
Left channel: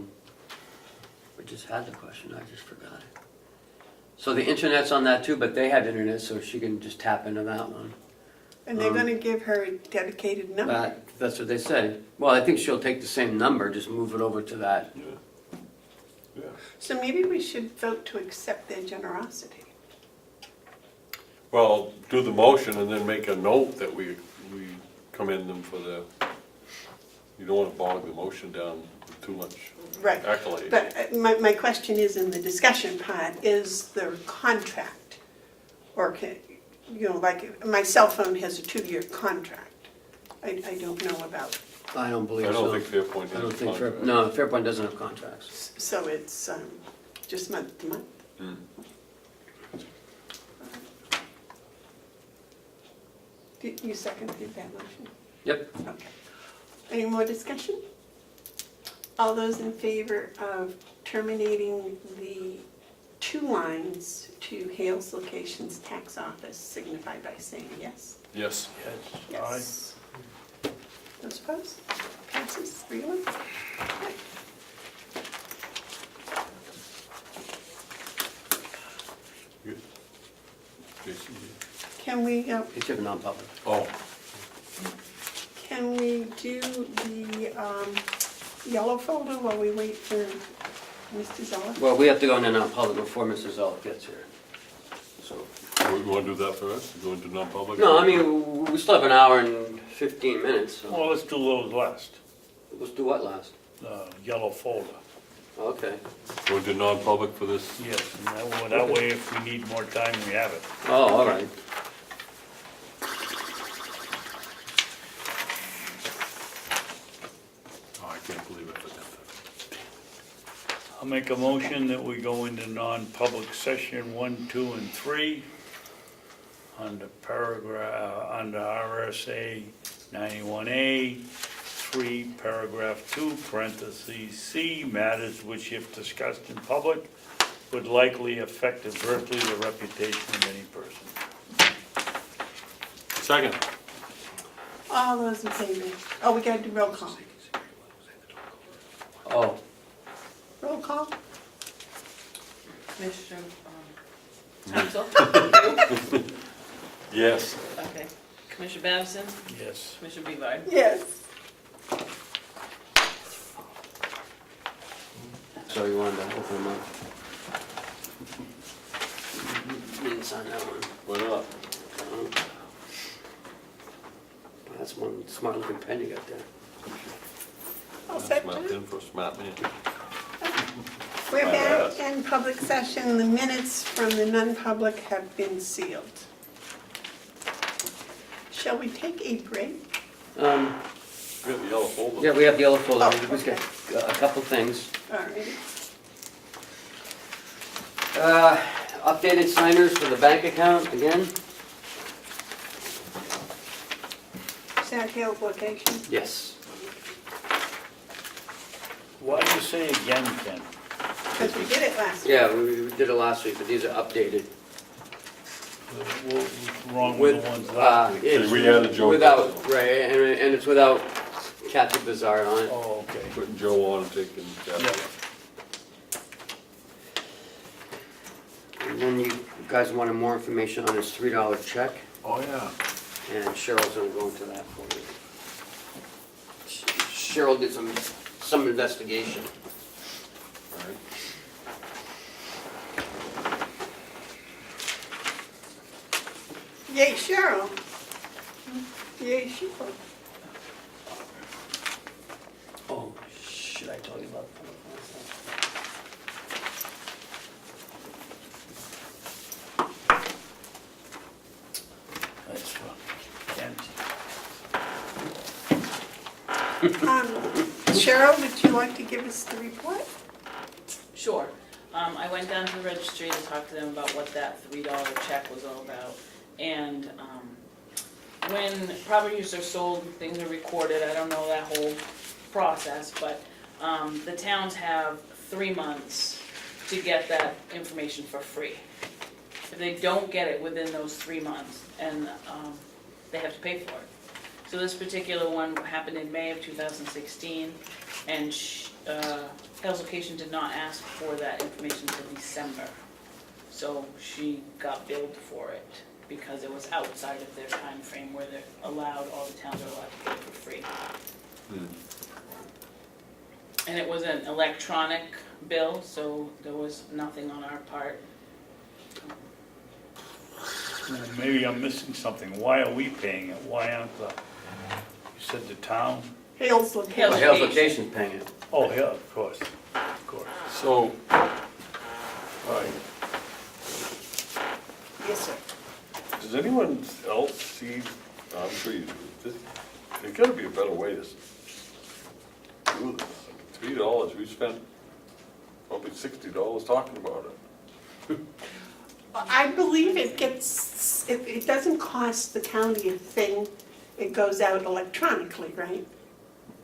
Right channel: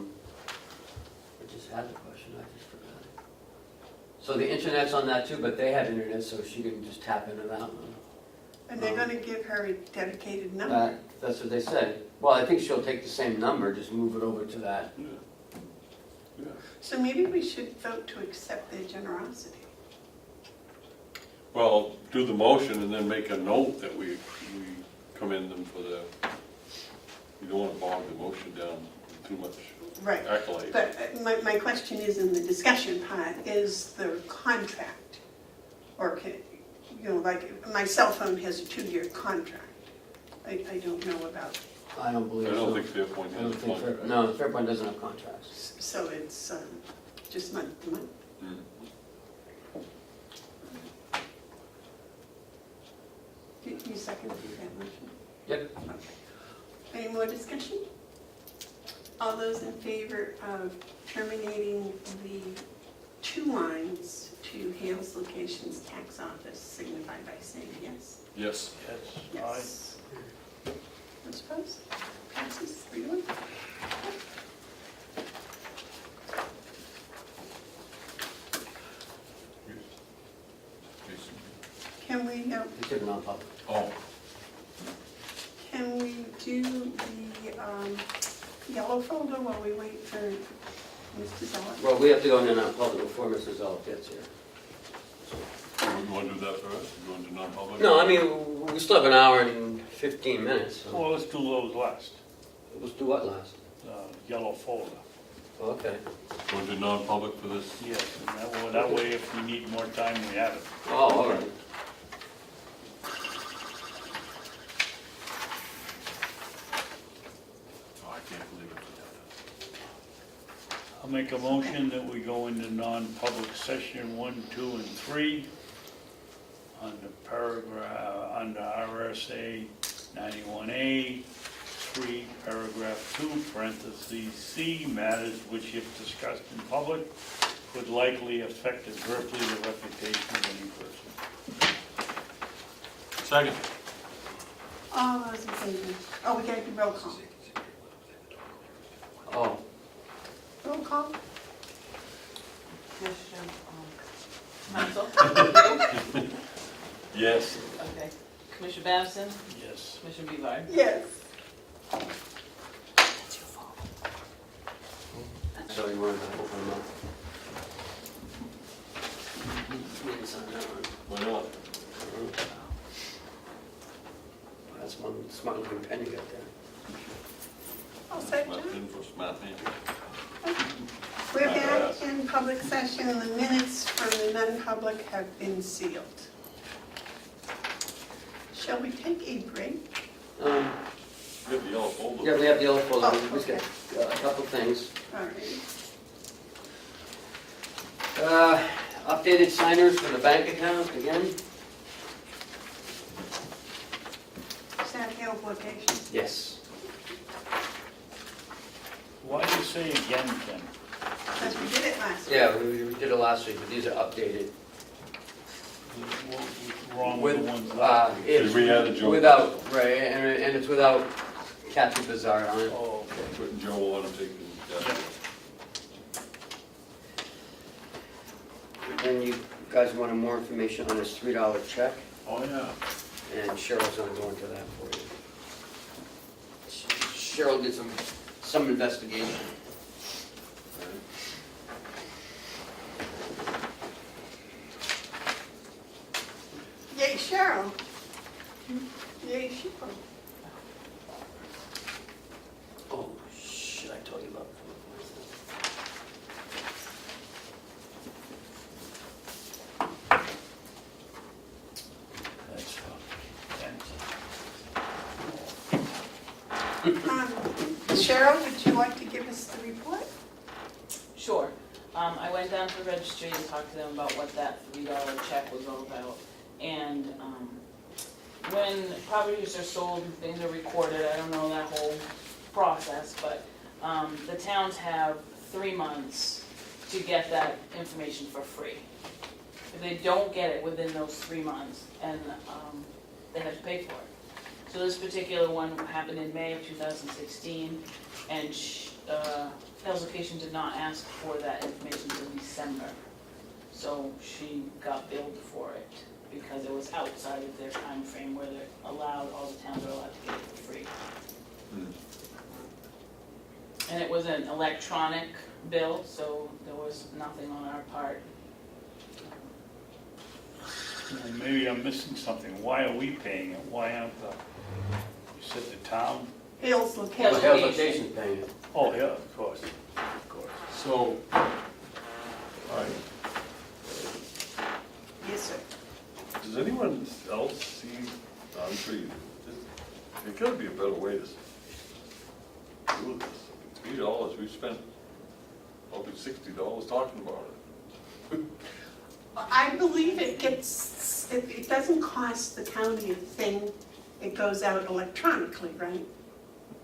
just had the question, I just forgot it. So the internet's on that too, but they have internet, so she can just tap into that one. And they're gonna give her a dedicated number. That's what they said. Well, I think she'll take the same number, just move it over to that. Yeah. So maybe we should vote to accept their generosity. Well, do the motion and then make a note that we commend them for the, you don't want to bog the motion down with too much Right. accolade. But my question is, in the discussion part, is there a contract? Or can, you know, like, my cell phone has a 2-year contract. I don't know about, I don't believe I so. don't think Fairpoint I don't has a think contract. No, Fairpoint doesn't have contracts. so it's just month to month? Mm. You seconded that motion? Yep. Okay. Any more discussion? All those in favor of terminating the 2 lines to Hales Locations Tax Office signify by saying yes. Yes. Yes. Aye. Yes. Those opposed? Passes 3-1. Jason. Can we, It's a non-public. Oh, can we do the yellow folder while we wait for Mr. Zeller? Well, we have to go into non-public before Mrs. Zoll gets here. So. we want to do that first? Go into non-public? No, I mean, we still have an hour and 15 minutes, so. Well, let's do those last. Let's do what last? Yellow folder. Okay. Go into non-public for this? Yes, and that way if we need more time, we have it. Oh, all right. Oh, I can't believe it. I'll make a motion that we go into non-public session 1, 2, and 3 under under RSA 91A, 3, paragraph 2, parentheses C, matters which if discussed in public would likely affect adversely the reputation of any person. Second. All those in favor? Oh, we gotta do roll call. Oh, Roll call? Commissioner Hounsell? Yes. Okay. Commissioner Babson? Yes. Commissioner Bevard? Yes. so you wanted to open them up? You didn't sign that one. Why not? That's one smart looking pen you got there. I'll second Smart it. in for a smart man. We're back in public session. The minutes from the non-public have been sealed. Shall we take a break? We have a yellow folder. Yeah, we have yellow folder. Oh, We've got a couple things. All right. Updated signers for the bank account again? Is that Hales Location? Yes. Why do you say again, Ken? Because we did it last week. Yeah, we did it last week, but these are updated. What's wrong with the ones last week? It's we had a joke. without, right, and it's without Kathy Bevard on it. Oh, okay. Putting Joe on and taking that. Yeah. And then you guys wanted more information on his $3 check, Oh, yeah. and Cheryl's gonna go into that for you. Cheryl did some investigation. Yay, Cheryl. Yay, Cheryl. Oh, should I tell you about that? That's Ken. Cheryl, would you like to give us the report? Sure. I went down to the registry to talk to them about what that $3 check was all about. And when properties are sold and things are recorded, I don't know that whole process, but the towns have 3 months to get that information for free. If they don't get it within those 3 months, and they have to pay for it. So this particular one happened in May of 2016, and Carroll's Location did not ask for that information until December. So she got billed for it because it was outside of their time frame where they're allowed, all the towns are allowed to pay for free. And it was an electronic bill, so there was nothing on our part. Well, maybe I'm missing something. Why are we paying it? Why aren't the, you said the town? Hales Well, Location. Hales Location's paying it. Oh, yeah, of course, of course. So, alright, Yes, sir. does anyone else see, I'm sure you do, there's gotta be a better way to do this. $3, we spent probably $60 talking about it. I believe it gets, it doesn't cost the county a thing. It goes out electronically, right?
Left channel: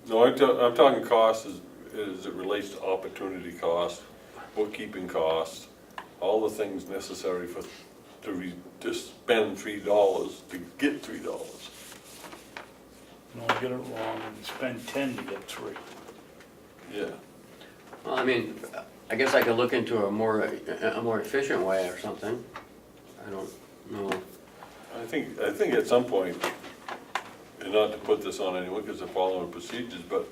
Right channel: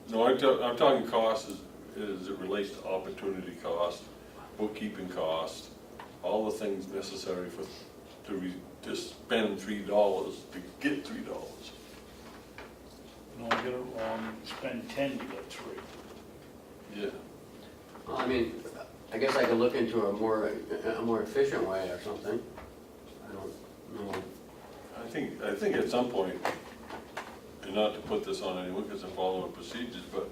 No, I'm talking costs as it relates to opportunity cost, bookkeeping costs, all the things necessary to spend $3 to get $3. No, I get it wrong. Spend 10 to get 3. Yeah. Well, I mean, I guess I could look into a more efficient way or something. I don't know. I think at some point, and not to put this on anyone because they're following procedures, but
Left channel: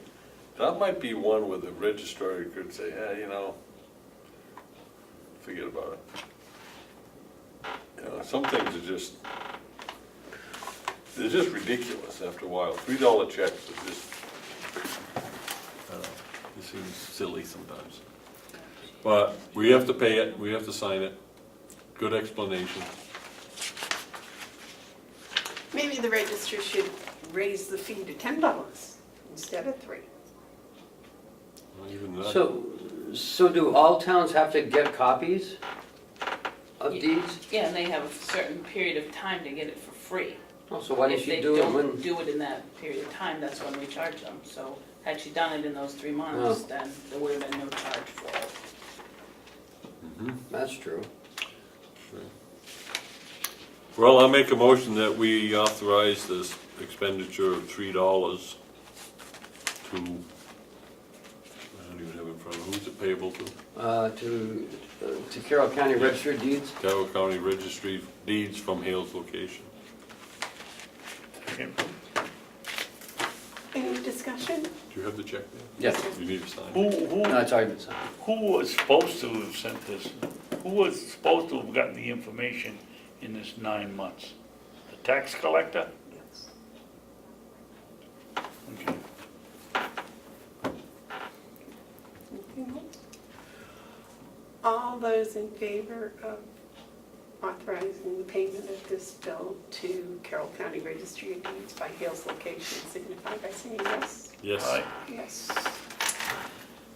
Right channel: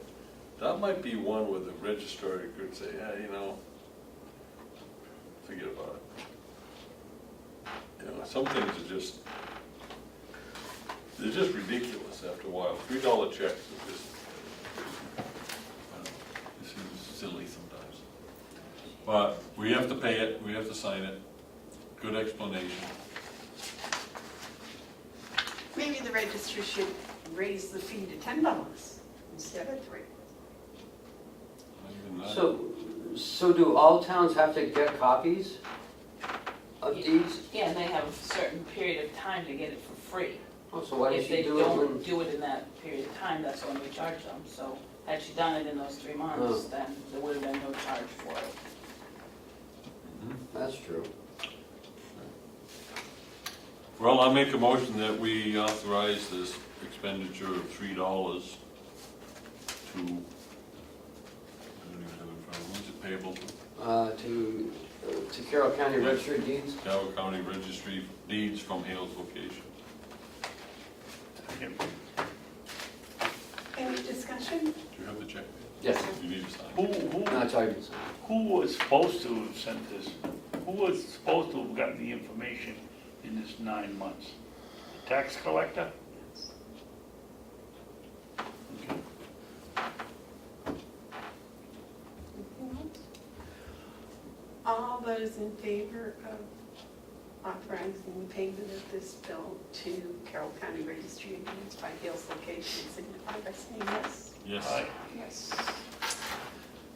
that might be one where the registrar could say, yeah, you know, forget about it. You know, some things are just, they're just ridiculous after a while. $3 checks are just, I don't know, it seems silly sometimes. But we have to pay it, we have to sign it. Good explanation. Maybe the register should raise the fee to $10 instead of $3. Even that. So do all towns have to get copies of deeds? Yeah, and they have a certain period of time to get it for free. Oh, so why did If she they do it when? don't do it in that period of time, that's when we charge them. So had she done it in those 3 months, then there would have been no charge for it. That's true. Well, I make a motion that we authorize this expenditure of $3 to, I don't even have it in front of me, who's it payable to? To Carroll County Register of Deeds? Carroll County Registry Deeds from Hales Location. Any discussion? Do you have the check? Yes. You need to sign. No, it's already been signed. Who was supposed to have sent this? Who was supposed to have gotten the information in this 9 months? The tax collector? Okay. All those in favor of authorizing the payment of this bill to Carroll County Registry of Deeds by Hales Location signify by saying yes. Yes. Aye. Yes.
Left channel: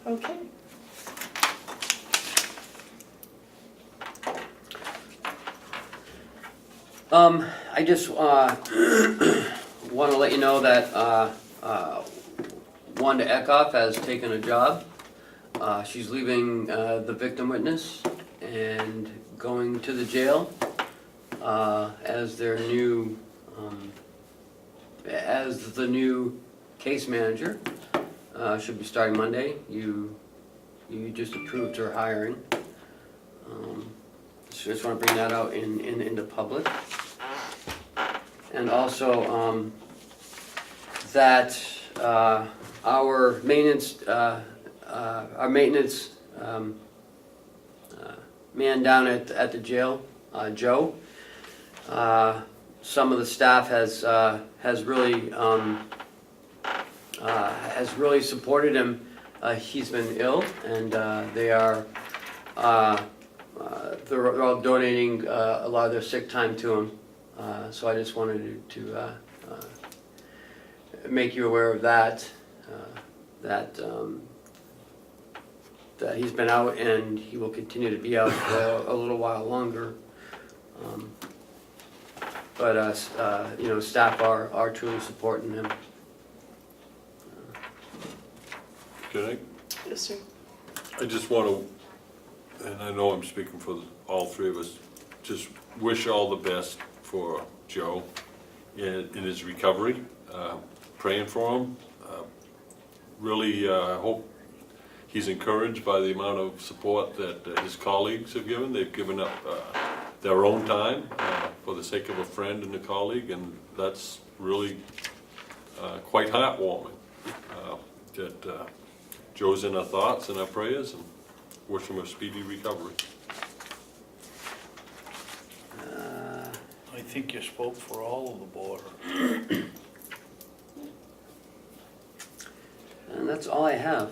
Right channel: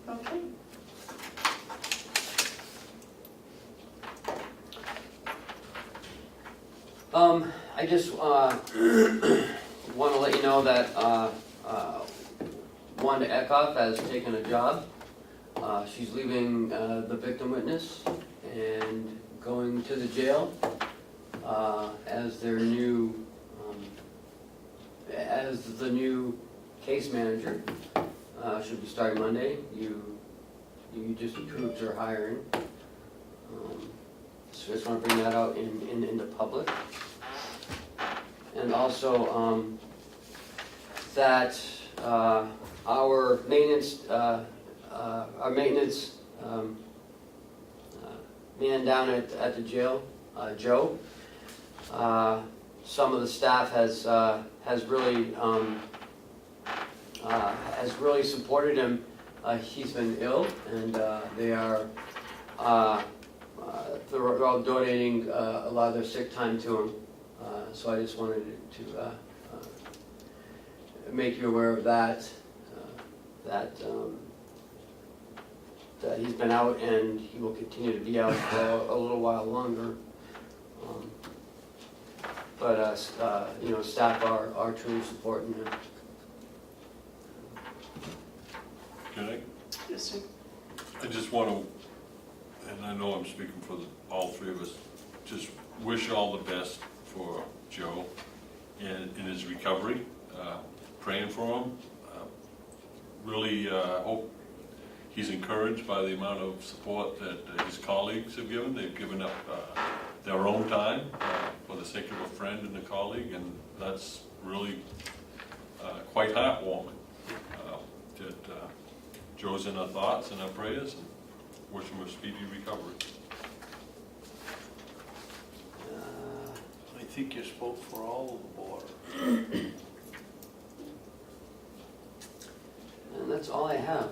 Okay. I just want to let you know that Wanda Eckhoff has taken a job. She's leaving the victim witness and going to the jail as their new, as the new case manager. Should be starting Monday. You just approved her hiring. So just want to bring that out into public. And also that our maintenance man down at the jail, Joe, some of the staff has really supported him. He's been ill, and they're all donating a lot of their sick time to him. So I just wanted to make you aware of that. That he's been out and he will continue to be out for a little while longer. But staff are truly supporting him. Can I? Yes, sir. I just want to, and I know I'm speaking for all three of us, just wish all the best for Joe in his recovery. Praying for him. Really hope he's encouraged by the amount of support that his colleagues have given. They've given up their own time for the sake of a friend and a colleague, and that's really quite heartwarming. That Joe's in our thoughts and our prayers, and wish him a speedy recovery. I think you spoke for all of the board. And that's all I have.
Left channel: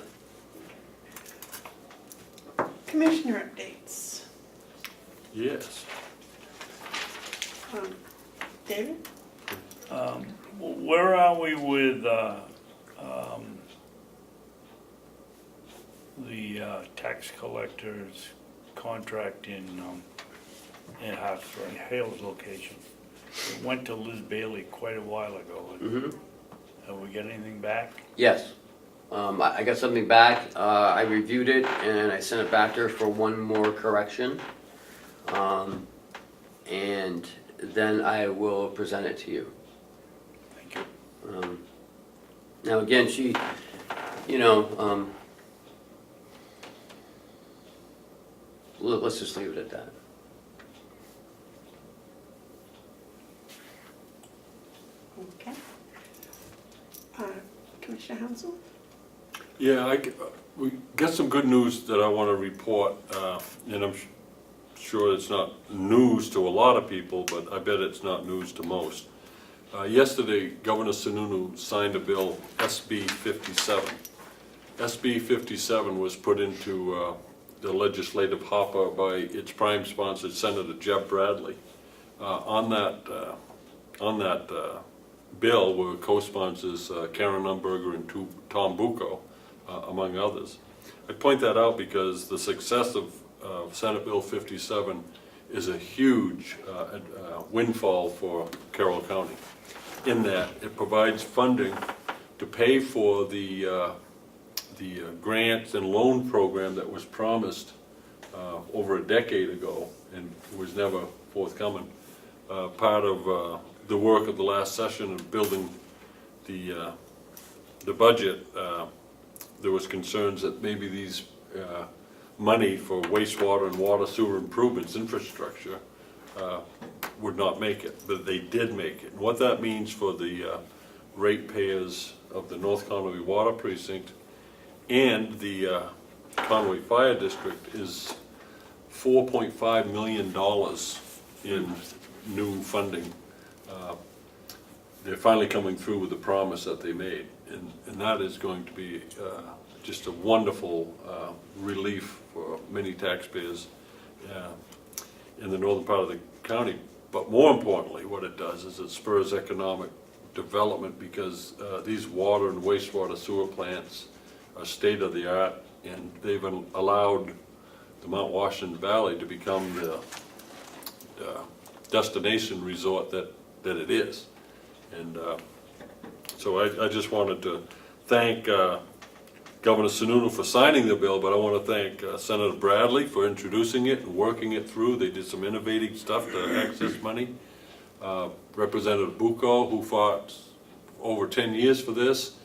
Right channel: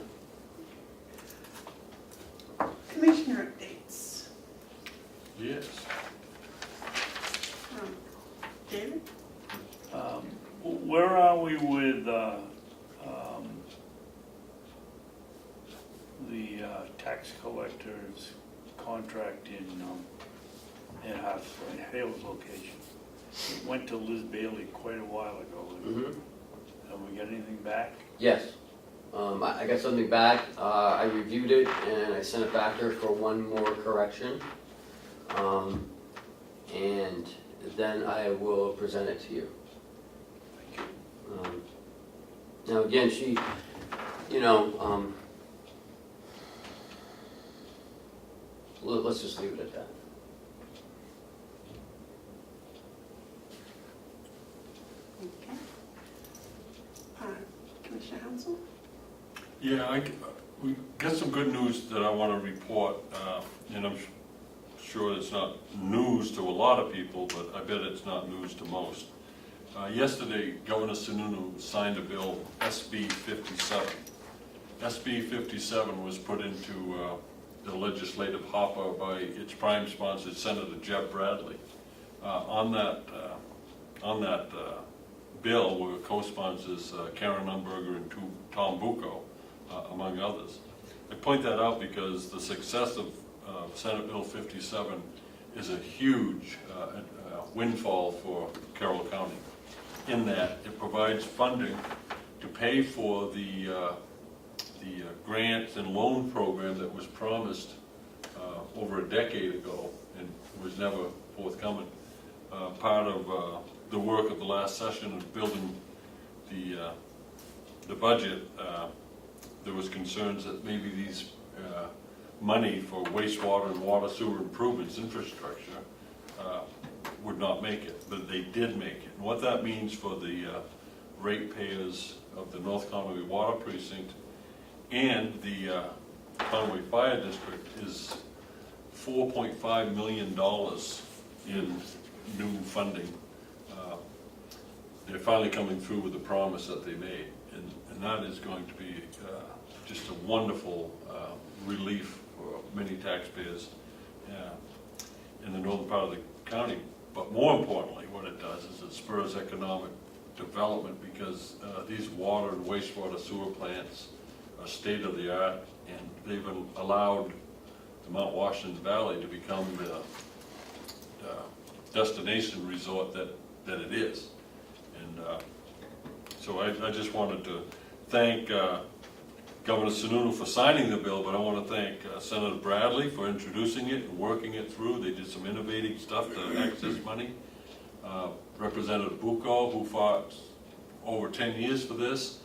Commissioner updates. Yes. David? Where are we with the tax collector's contract in Hale's location? It went to Liz Bailey quite a while ago. Mm-hmm. Have we got anything back? Yes. I got something back. I reviewed it and I sent it back to her for one more correction. And then I will present it to you. Thank you. Now again, she, let's just leave it at that. Okay. Commissioner Hounsell? Yeah, we got some good news that I want to report, and I'm sure it's not news to a lot of people, but I bet it's not news to most. Yesterday, Governor Sununu signed a bill, SB 57. SB 57 was put into the legislative hopper by its prime sponsor, Senator Jeff Bradley. On that bill were co-sponsors Karen Umberger and Tom Bucco, among others. I point that out because the success of Senate Bill 57 is a huge windfall for Carroll County, in that it provides funding to pay for the grants and loan program that was promised over a decade ago and was never forthcoming. Part of the work of the last session of building the budget, there was concerns that maybe these money for wastewater and water sewer improvements, infrastructure, would not make it, but they did make it. And what that means for the ratepayers of the North Conway Water Precinct and the Conway Fire District is $4.5 million in new funding. They're finally coming through with the promise that they made, and that is going to be just a wonderful relief for many taxpayers in the northern part of the county. But more importantly, what it does is it spurs economic development, because these water and wastewater sewer plants are state of the art, and they've allowed the Mount Washington Valley to become the destination resort that it is. And so I just wanted to thank Governor Sununu for signing the bill, but I want to thank Senator Bradley for introducing it and working it through. They did some innovative stuff to access money. Representative Bucco, who fought over 10 years for this,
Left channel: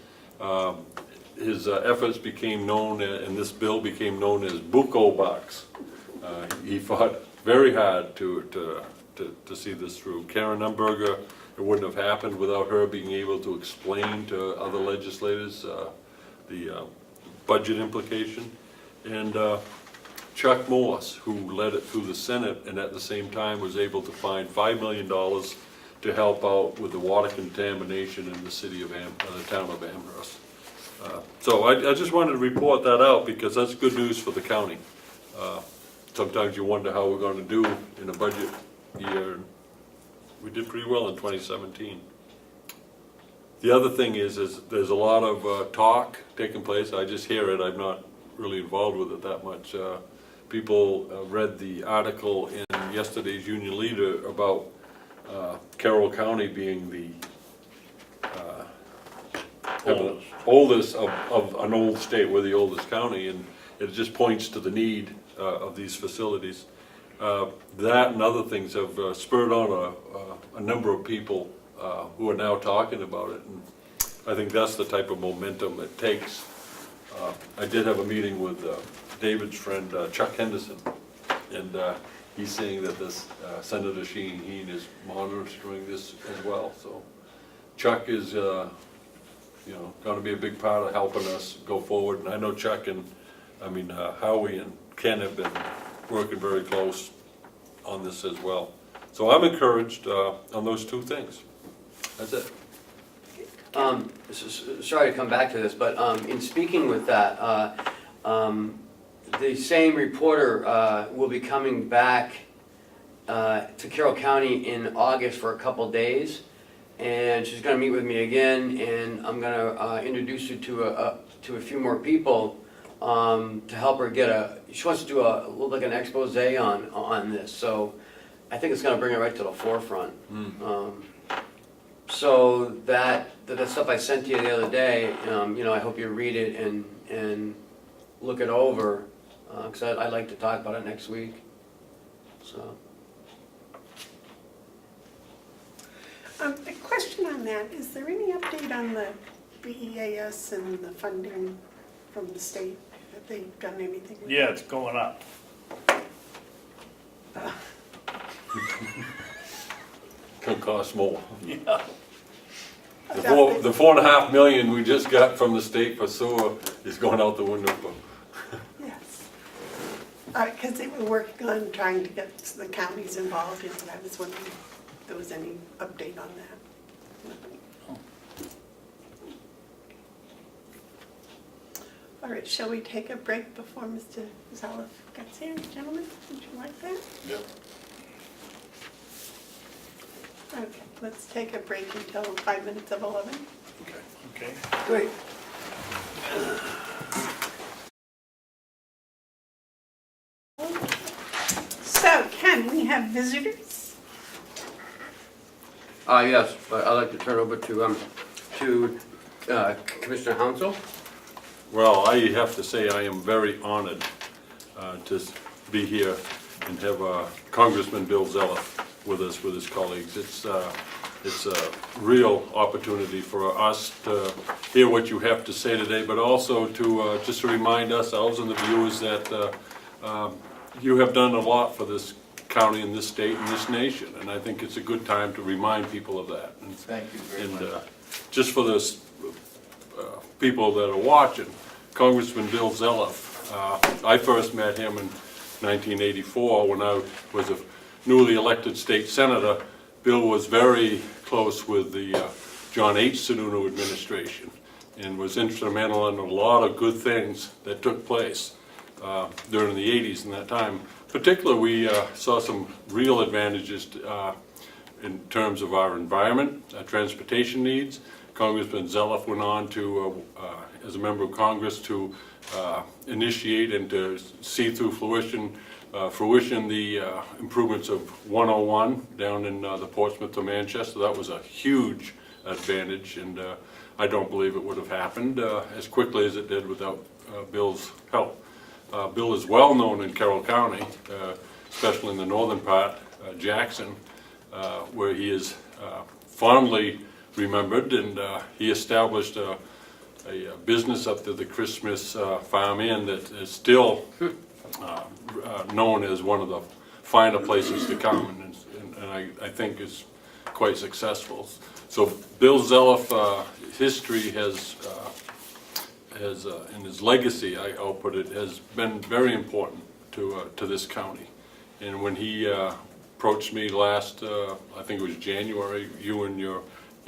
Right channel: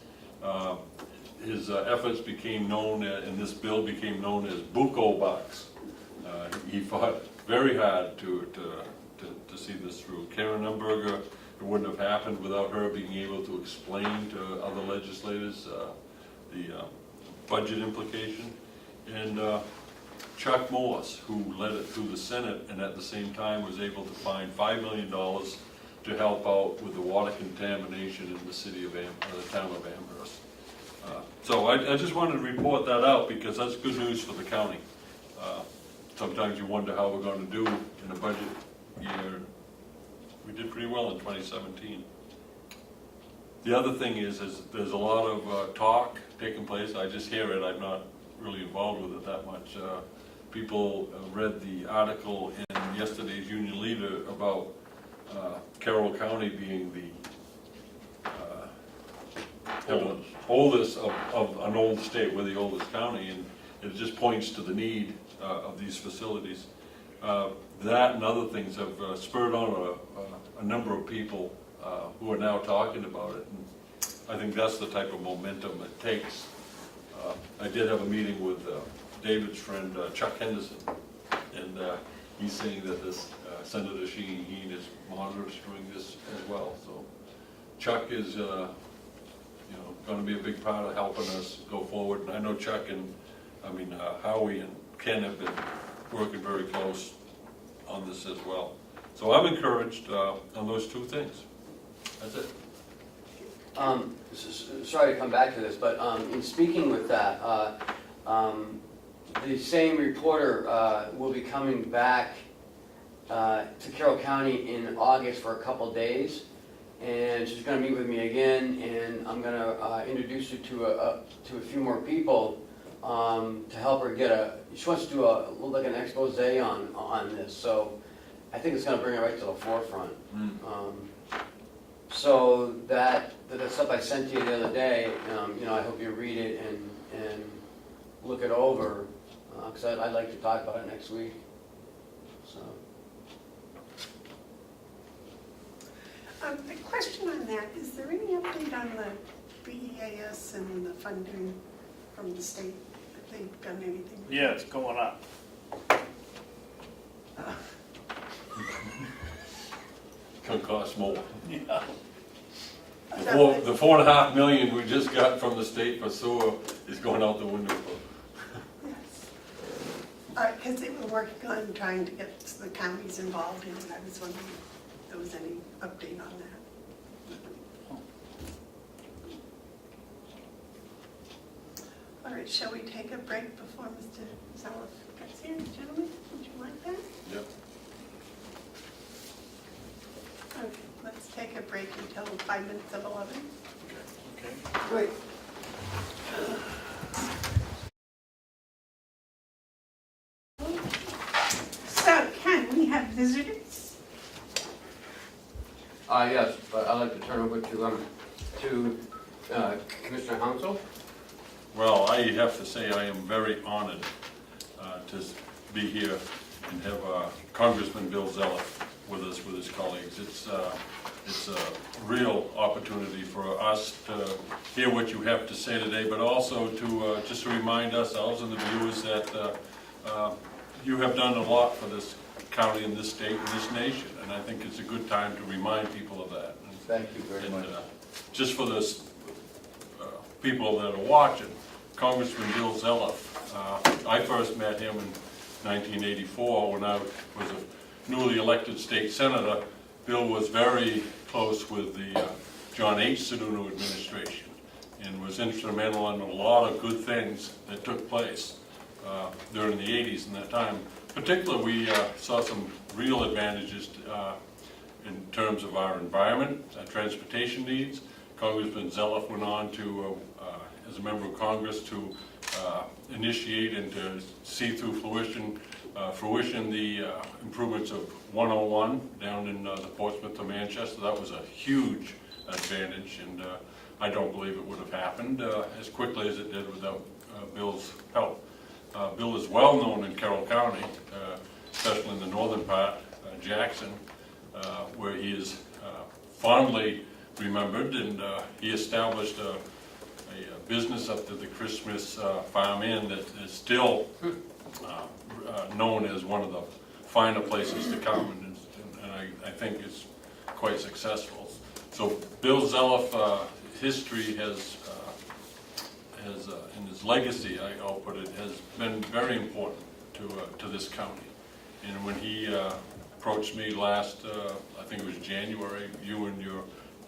his efforts became known, and this bill became known as Bucco Bucks. He fought very hard to see this through. Karen Umberger, it wouldn't have happened without her being able to explain to other legislators the budget implication. And Chuck Morse, who led it through the Senate and at the same time was able to find $5 million to help out with the water contamination in the city of the town of Amherst. So I just wanted to report that out, because that's good news for the county. Sometimes you wonder how we're going to do in a budget year. We did pretty well in 2017. The other thing is there's a lot of talk taking place. I just hear it. I'm not really involved with it that much. People read the article in yesterday's Union Leader about Carroll County being the oldest of an old state. We're the oldest county, and it just points to the need of these facilities. That and other things have spurred on a number of people who are now talking about it. And I think that's the type of momentum it takes. I did have a meeting with David's friend Chuck Henderson, and he's saying that this Senator Sheen is monitoring this as well. So Chuck is, going to be a big part of helping us go forward. And I know Chuck and, Howie and Ken have been working very close on this as well. So I'm encouraged on those two things. That's it. Sorry to come back to this, but in speaking with that, the same reporter will be coming back to Carroll County in August for a couple days, and she's going to meet with me again, and I'm going to introduce her to a few more people to help her get she wants to do a little like an expose on this, so I think it's going to bring it right to the forefront. So that stuff I sent you the other day, I hope you read it and look it over, because I'd like to talk about it next week. So. A question on that, is there any update on the BEAS and the funding from the state? Have they done anything? Yeah, it's going up. Can cost more. Yeah. The $4.5 million we just got from the state for sewer is going out the window. Yes. Because they were working on trying to get the counties involved, and I was wondering if there was any update on that. All right, shall we take a break before Mr. Zaloff gets here, gentlemen? Would you like that? Yeah. Okay, let's take a break until 5 minutes of 11. Okay. Great. So, Ken, we have visitors. Yes, but I'd like to turn over to Commissioner Hounsell. Well, I have to say I am very honored to be here and have Congressman Bill Zaloff with us, with his colleagues. It's a real opportunity for us to hear what you have to say today, but also to just to remind ourselves and the viewers that you have done a lot for this county and this state and this nation, and I think it's a good time to remind people of that. And, thank you very much. Just for this people that are watching, Congressman Bill Zaloff, I first met him in 1984 when I was a newly elected state senator. Bill was very close with the John H. Sununu administration and was instrumental in a lot of good things that took place during the 80s and that time. Particularly, we saw some real advantages in terms of our environment, our transportation needs. Congressman Zaloff went on to, as a member of Congress, to initiate and to see through fruition the improvements of 101 down in the Portsmouth to Manchester. That was a huge advantage, and I don't believe it would have happened as quickly as it did without Bill's help. Bill is well known in Carroll County, especially in the northern part, Jackson, where he is fondly remembered, and he established a business up to the Christmas Farm Inn that is still known as one of the finer places to come, and I think is quite successful. So Bill Zaloff, history has and his legacy, I'll put it, has been very important to this county. And when he approached me last, I think it was January, you and your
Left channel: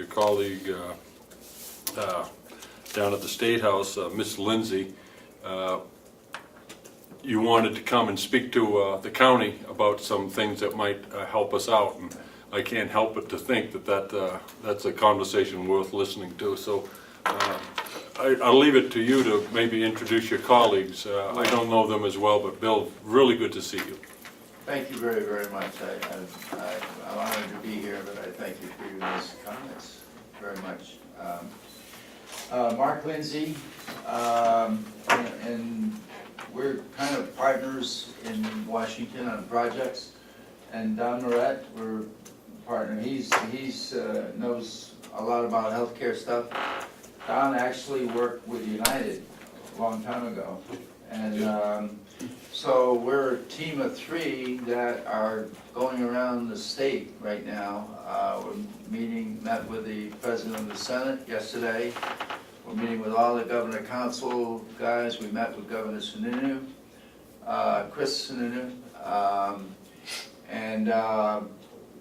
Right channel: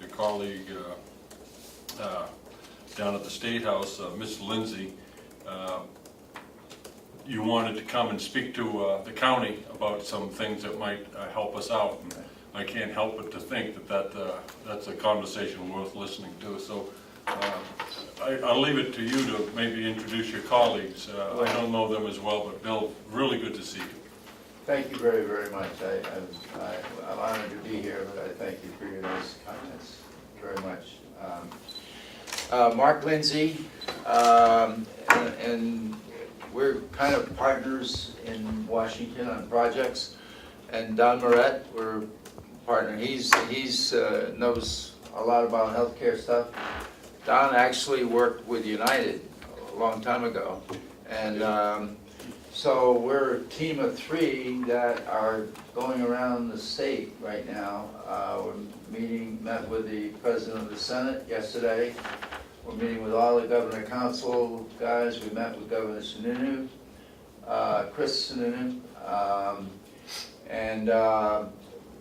colleague down at the State House, Miss Lindsay, you wanted to come and speak to the county about some things that might help us out. And I can't help but to think that's a conversation worth listening to. So I'll leave it to you to maybe introduce your colleagues. I don't know them as well, but Bill, really good to see you. Thank you very, very much. I'm honored to be here, but I thank you for your nice comments very much. Mark Lindsay, and we're kind of partners in Washington on projects. And Don Moret, we're partner, he's knows a lot about healthcare stuff. Don actually worked with United a long time ago. And so we're a team of 3 that are going around the state right now. Met with the President of the Senate yesterday. We're meeting with all the Governor Council guys. We met with Governor Sununu, Chris Sununu.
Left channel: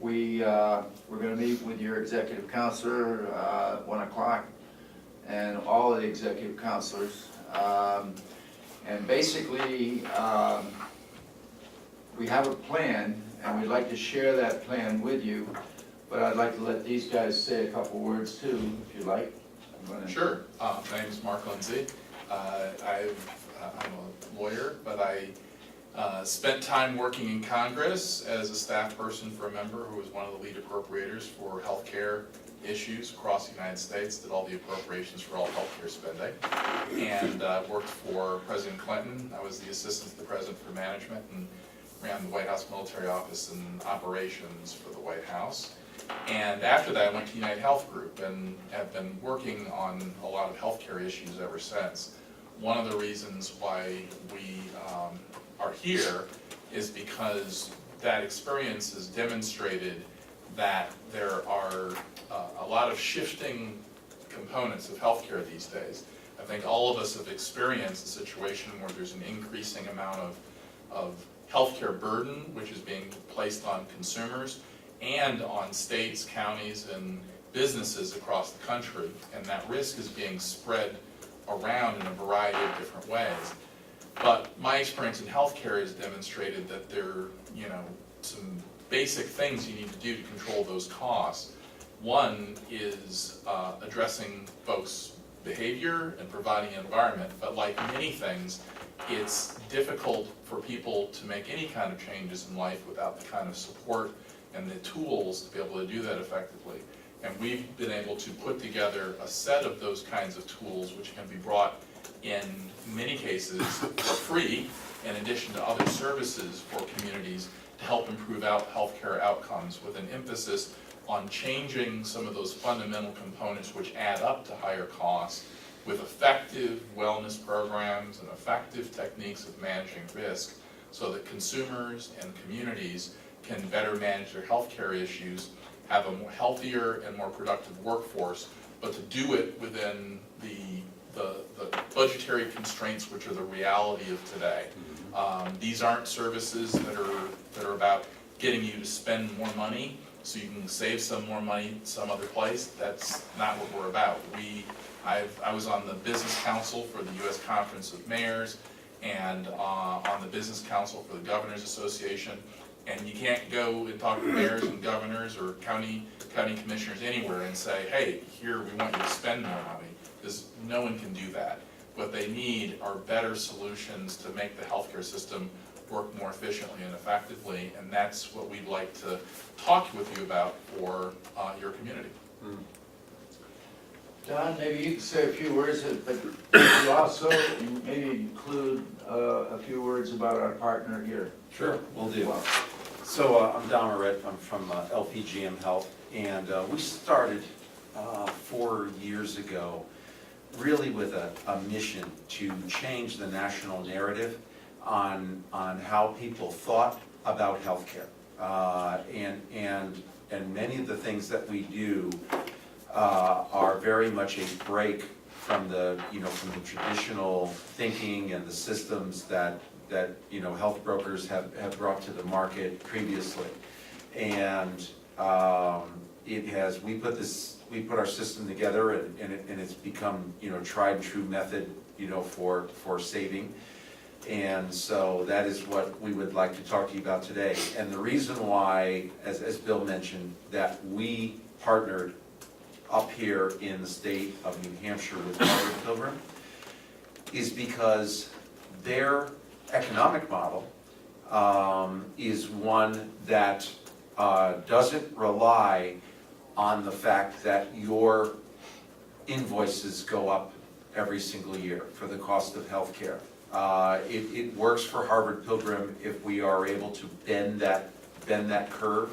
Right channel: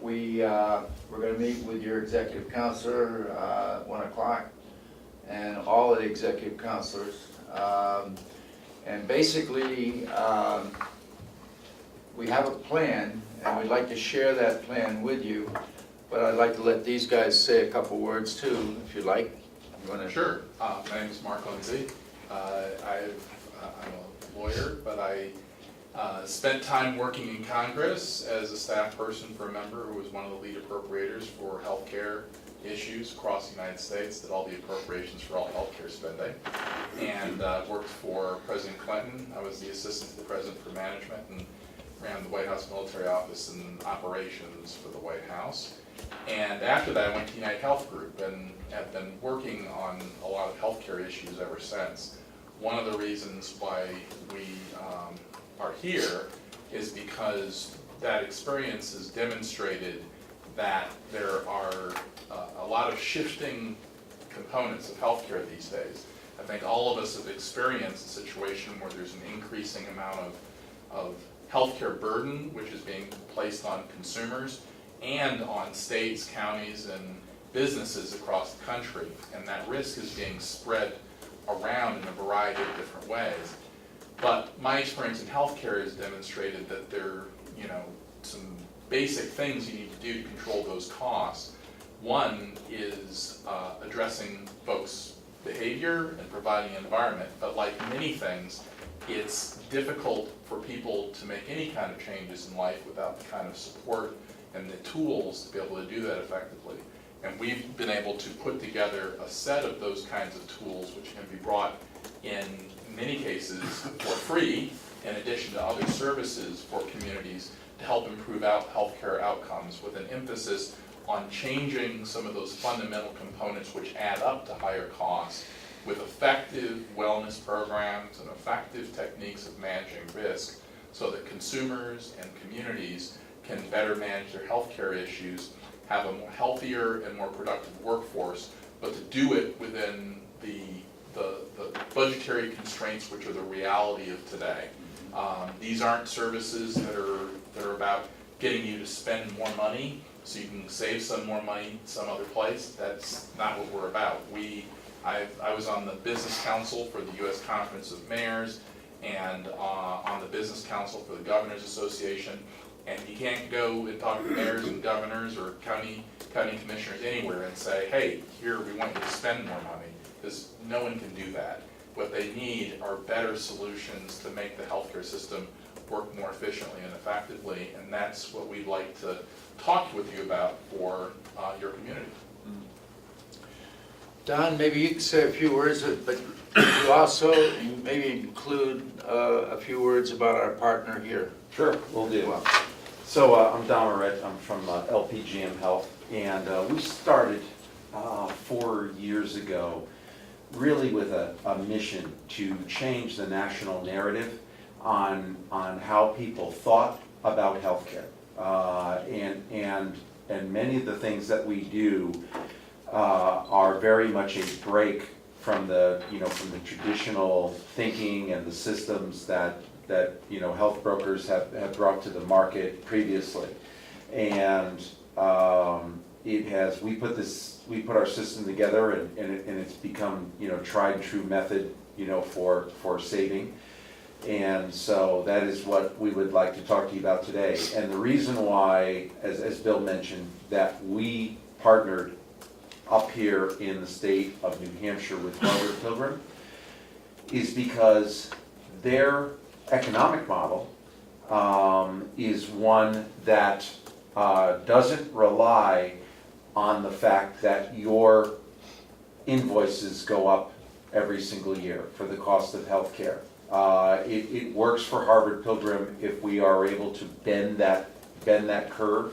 We're going to meet with your executive counselor at 1 o'clock, and all of the executive counselors. And basically, we have a plan, and we'd like to share that plan with you. But I'd like to let these guys say a couple words too, if you'd like. Sure. My name is Mark Hounsell. I'm a lawyer, but I spent time working in Congress as a staff person for a member who was one of the lead appropriators for healthcare issues across the United States, did all the appropriations for all healthcare spending, and worked for President Clinton. I was the assistant to the president for management and ran the White House military office and operations for the White House. And after that, I went to United Health Group and have been working on a lot of healthcare issues ever since. One of the reasons why we are here is because that experience has demonstrated that there are a lot of shifting components of healthcare these days. I think all of us have experienced a situation where there's an increasing amount of healthcare burden which is being placed on consumers and on states, counties, and businesses across the country, and that risk is being spread around in a variety of different ways. But my experience in healthcare has demonstrated that there are, some basic things you need to do to control those costs. One is addressing folks' behavior and providing an environment, but like many things, it's difficult for people to make any kind of changes in life without the kind of support and the tools to be able to do that effectively. And we've been able to put together a set of those kinds of tools which can be brought in many cases for free, in addition to other services for communities to help improve healthcare outcomes, with an emphasis on changing some of those fundamental components which add up to higher costs, with effective wellness programs and effective techniques of managing risk, so that consumers and communities can better manage their healthcare issues, have a more healthier and more productive workforce, but to do it within the budgetary constraints which are the reality of today. These aren't services that are about getting you to spend more money so you can save some more money some other place. That's not what we're about. I was on the business council for the U.S. Conference of Mayors and on the business council for the Governors Association. And you can't go and talk to mayors and governors or county commissioners anywhere and say, hey, here, we want you to spend more money, because no one can do that. What they need are better solutions to make the healthcare system work more efficiently and effectively, and that's what we'd like to talk with you about for your community. Don, maybe you can say a few words, but you also maybe include a few words about our partner here. Sure, will do. So I'm Don Moret, I'm from LPGM Health, and we started 4 years ago really with a mission to change the national narrative on how people thought about healthcare. And many of the things that we do are very much a break from the traditional thinking and the systems that health brokers have brought to the market previously. And we put our system together, and it's become tried and true method for saving. And so that is what we would like to talk to you about today. And the reason why, as Bill mentioned, that we partnered up here in the state of New Hampshire with Bevard Pilgrim is because their economic model is one that doesn't rely on the fact that your invoices go up every single year for the cost of healthcare. It works for Harvard Pilgrim if we are able to bend that curve,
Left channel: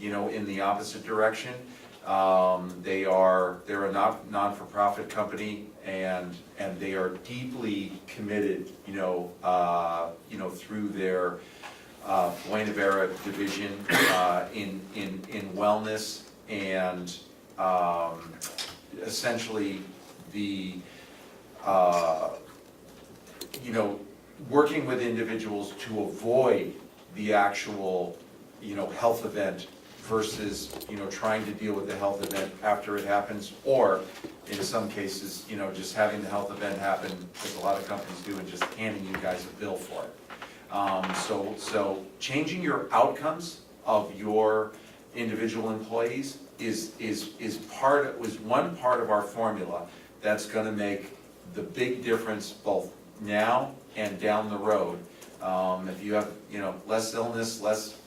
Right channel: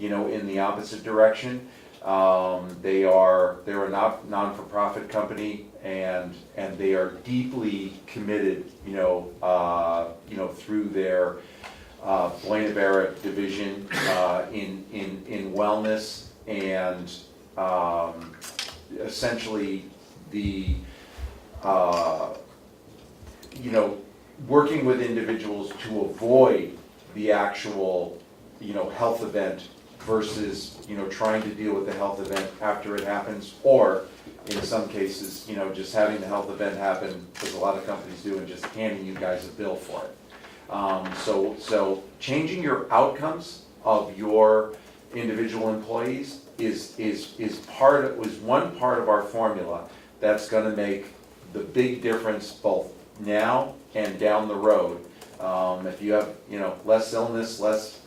in the opposite direction. They're a non-for-profit company, and they are deeply committed, through their Buena Vera division in wellness, and essentially the working with individuals to avoid the actual health event versus trying to deal with the health event after it happens, or in some cases just having the health event happen, as a lot of companies do, and just handing you guys a bill for it. So changing your outcomes of your individual employees is one part of our formula that's going to make the big difference both now and down the road. If you have less illness, less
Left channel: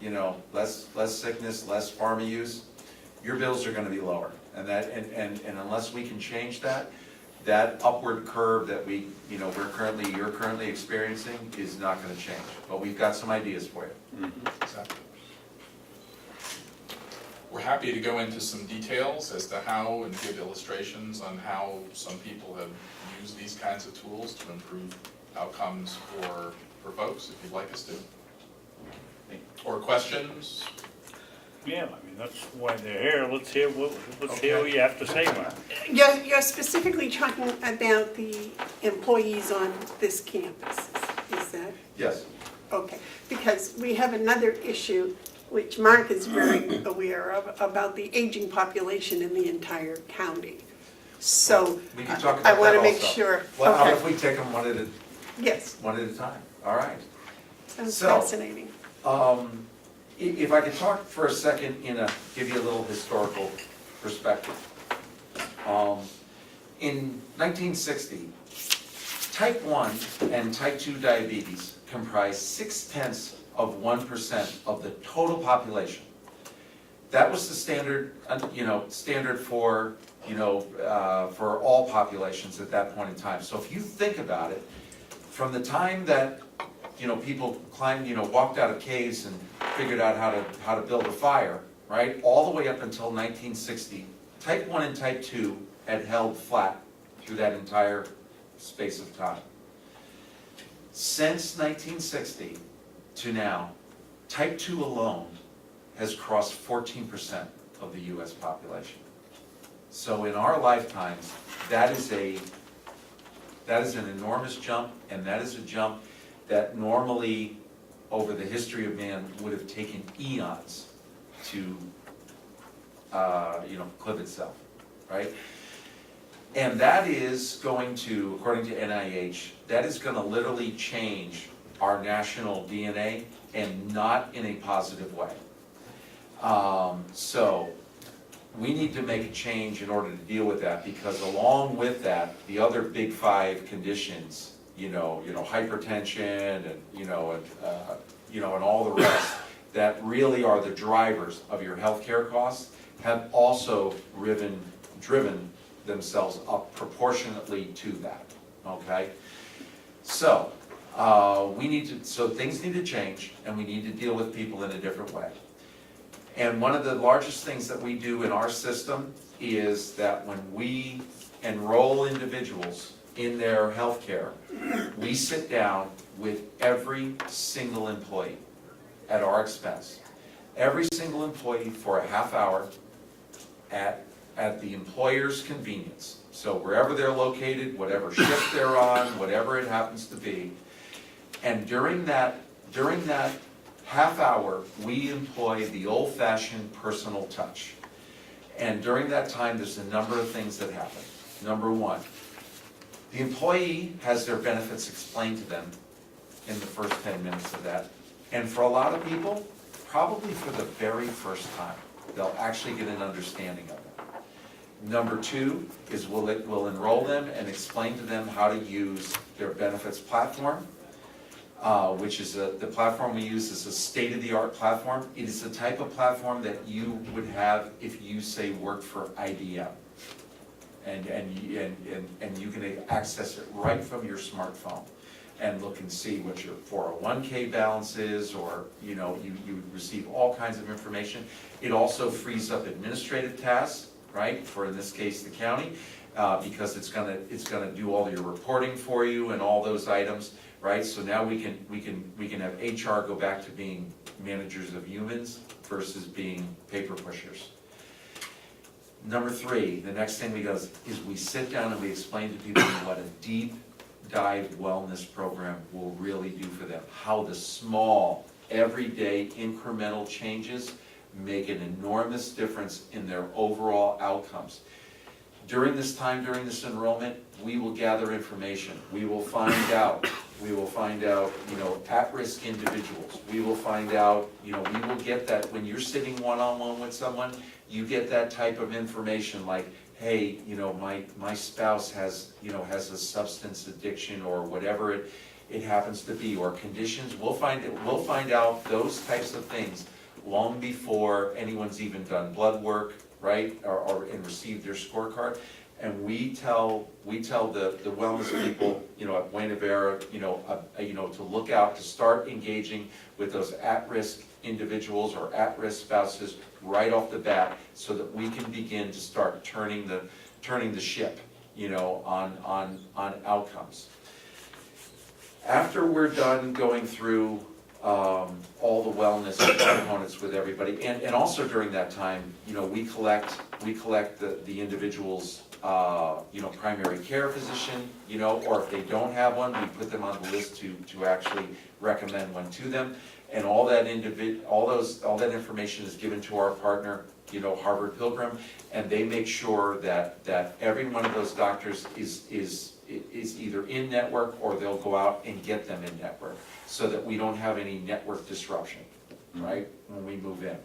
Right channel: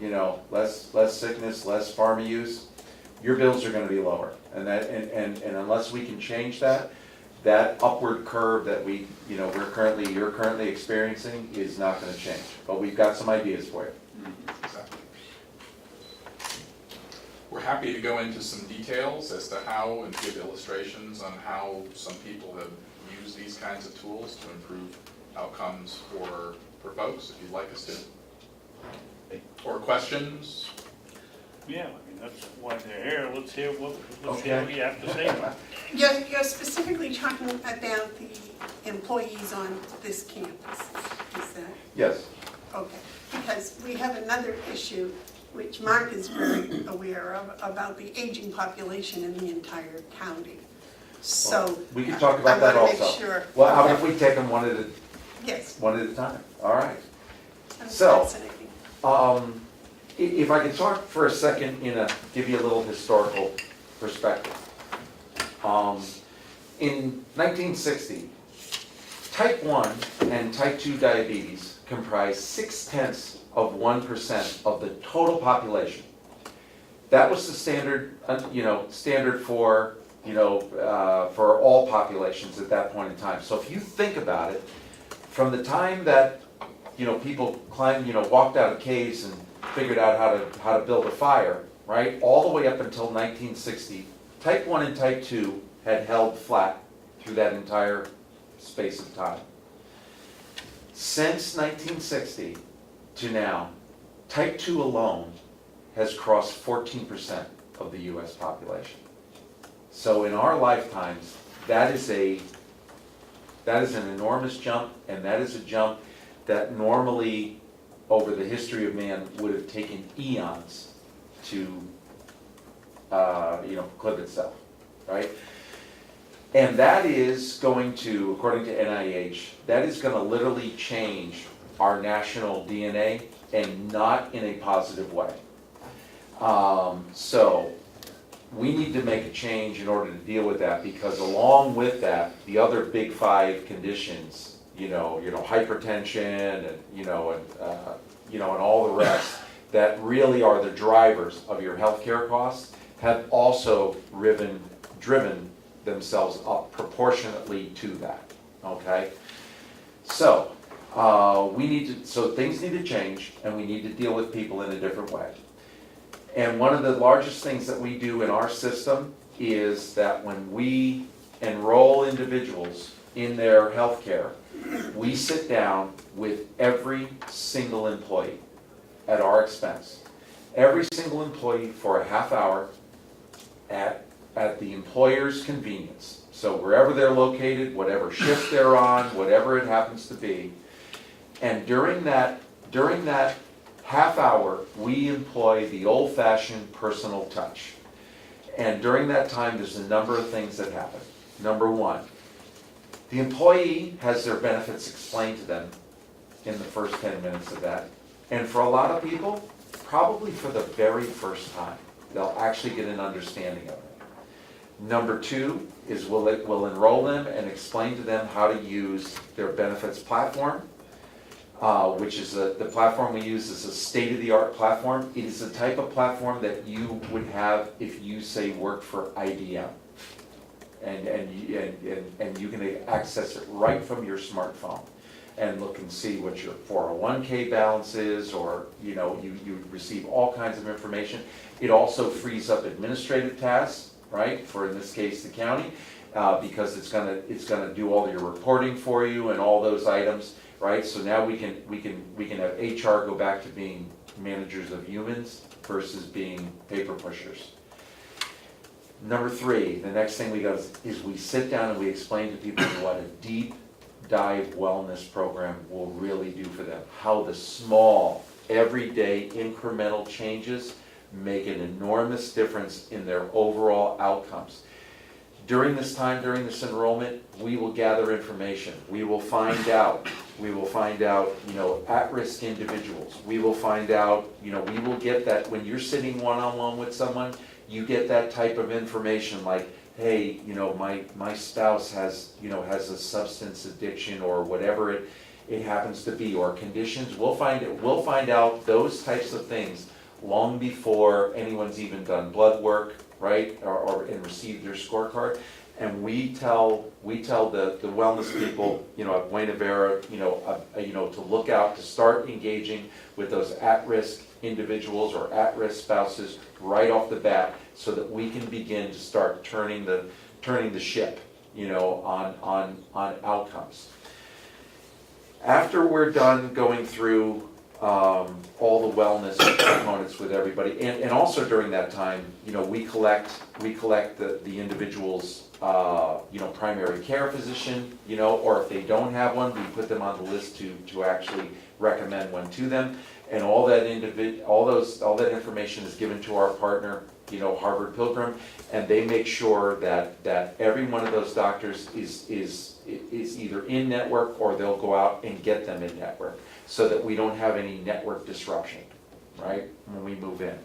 sickness, less pharma use, your bills are going to be lower. And unless we can change that upward curve that you're currently experiencing is not going to change. But we've got some ideas for you. Exactly. We're happy to go into some details as to how, and give illustrations on how some people have used these kinds of tools to improve outcomes for folks, if you'd like us to. Or questions? Yeah, I mean, that's why they're here. Let's hear what you have to say about it. You're specifically talking about the employees on this campus, is that? Yes. Okay, because we have another issue, which Mark is very aware of, about the aging population in the entire county. So, We can talk about that also. I want to make sure. Well, how Okay. if we take them one at a time? All right. Sounds So- fascinating. If I could talk for a second give you a little historical perspective. In 1960, type 1 and type 2 diabetes comprised 0.6% of the total population. That was the standard for, for all populations at that point in time. So if you think about it, from the time that people walked out of caves and figured out how to build a fire, right? All the way up until 1960, type 1 and type 2 had held flat through that entire space of time. Since 1960 to now, type 2 alone has crossed 14% of the US population. So in our lifetimes, that is an enormous jump, and that is a jump that normally, over the history of man, would have taken eons to, clip itself, right? And that is going to, according to NIH, that is going to literally change our national DNA, and not in a positive way. So we need to make a change in order to deal with that, because along with that, the other big 5 conditions, hypertension and all the rest that really are the drivers of your healthcare costs, have also driven themselves up proportionately to that. Okay, so things need to change, and we need to deal with people in a different way. And one of the largest things that we do in our system is that when we enroll individuals in their healthcare, we sit down with every single employee at our expense. Every single employee for a half hour at the employer's convenience. So wherever they're located, whatever shift they're on, whatever it happens to be. And during that half hour, we employ the old-fashioned personal touch. And during that time, there's a number of things that happen. Number 1, the employee has their benefits explained to them in the first 10 minutes of that. And for a lot of people, probably for the very first time, they'll actually get an understanding of it. Number 2 is we'll enroll them and explain to them how to use their benefits platform, which is the platform we use is a state-of-the-art platform. It is the type of platform that you would have if you, say, worked for IBM. And you can access it right from your smartphone. and look and see what your 401k balance is, or, you know, you receive all kinds of information. It also frees up administrative tasks, right, for in this case, the county, because it's gonna do all your reporting for you and all those items, right? So now we can have HR go back to being managers of humans versus being paper pushers. Number 3, the next thing we go is we sit down and we explain to people what a deep dive wellness program will really do for them. How the small, everyday, incremental changes make an enormous difference in their overall outcomes. During this time, during this enrollment, we will gather information. We will find out, you know, at-risk individuals. We will find out, you know, we will get that when you're sitting one-on-one with someone, you get that type of information like, hey, you know, my spouse has a substance addiction or whatever it happens to be, or conditions. We'll find out those types of things long before anyone's even done blood work, right, or received their scorecard. And we tell the wellness people, you know, at Buena Vera, to look out, to start engaging with those at-risk individuals or at-risk spouses right off the bat, so that we can begin to start turning the ship, you know, on outcomes. After we're done going through all the wellness components with everybody, and also during that time, you know, we collect the individual's primary care physician, you know, or if they don't have one, we put them on the list to actually recommend one to them. And all that information is given to our partner, you know, Harvard Pilgrim, and they make sure that every one of those doctors is either in network, or they'll go out and get them in network, so that we don't have any network disruption, right, when we move in.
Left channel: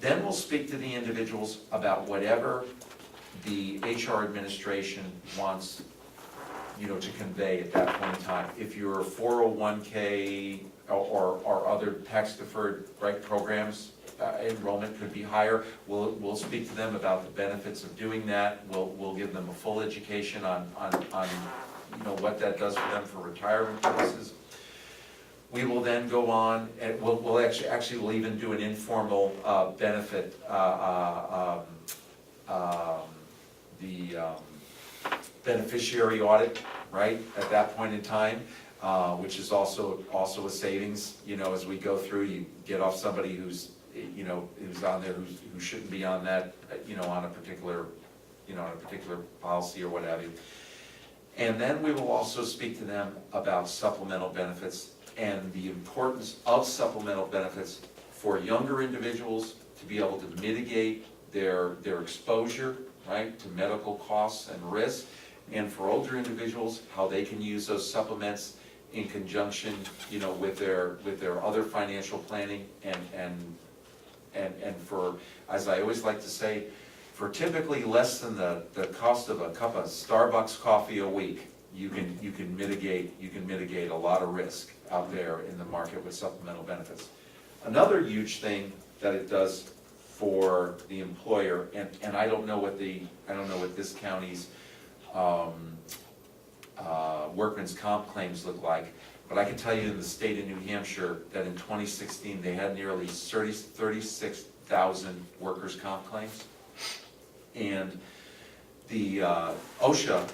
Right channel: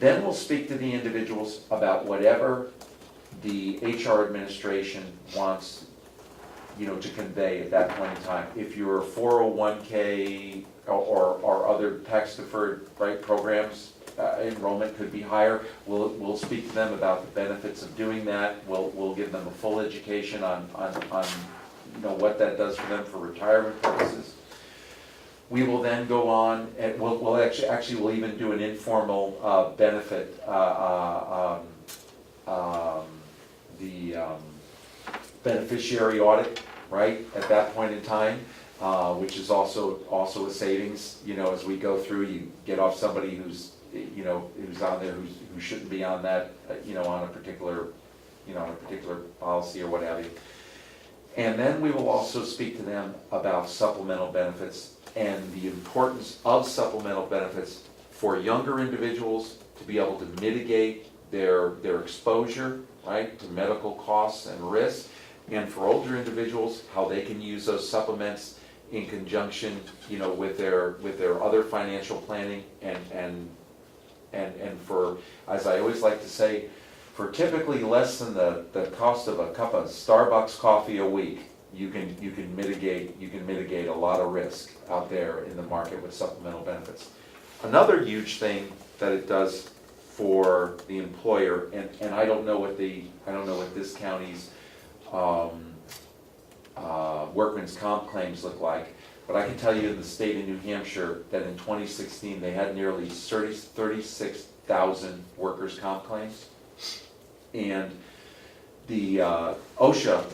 Then we'll speak to the individuals about whatever the HR administration wants, you know, to convey at that point in time. If your 401k or other tax deferred, right, programs, enrollment could be higher, we'll speak to them about the benefits of doing that. We'll give them a full education on you know, what that does for them for retirement purposes. We will then go on, and we'll actually even do an informal benefit, beneficiary audit, right, at that point in time, which is also a savings, you know, as we go through. You get off somebody who's on there who shouldn't be on that, you know, on a particular policy or what have you. And then we will also speak to them about supplemental benefits and the importance of supplemental benefits for younger individuals to be able to mitigate their exposure, right, to medical costs and risks, and for older individuals, how they can use those supplements in conjunction, you know, with their other financial planning, and for, as I always like to say, for typically less than the cost of a cup of Starbucks coffee a week, you can mitigate a lot of risk out there in the market with supplemental benefits. Another huge thing that it does for the employer, and I don't know what this county's workman's comp claims look like, but I can tell you in the state of New Hampshire that in 2016 they had nearly 36,000 workers' comp claims. And the OSHA,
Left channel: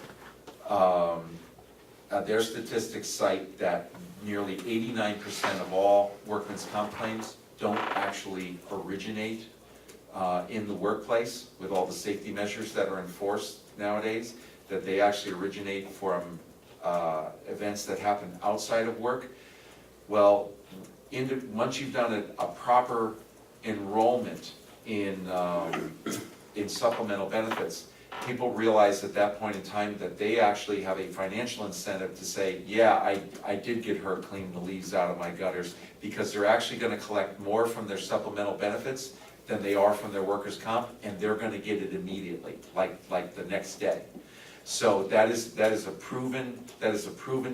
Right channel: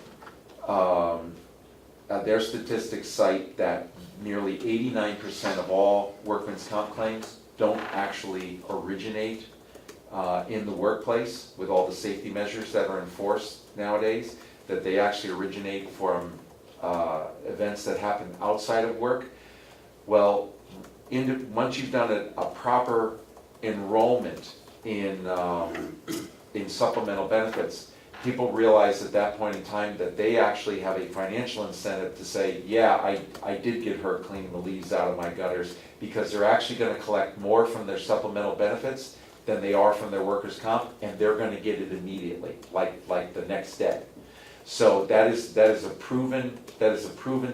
their statistics cite that nearly 89% of all workman's comp claims don't actually originate in the workplace with all the safety measures that are enforced nowadays, that they actually originate from events that happen outside of work. Well, once you've done a proper enrollment in supplemental benefits, people realize at that point in time that they actually have a financial incentive to say, yeah, I did get hurt cleaning the leaves out of my gutters, because they're actually going to collect more from their supplemental benefits than they are from their workers' comp, and they're going to get it immediately, like the next day. So that is a proven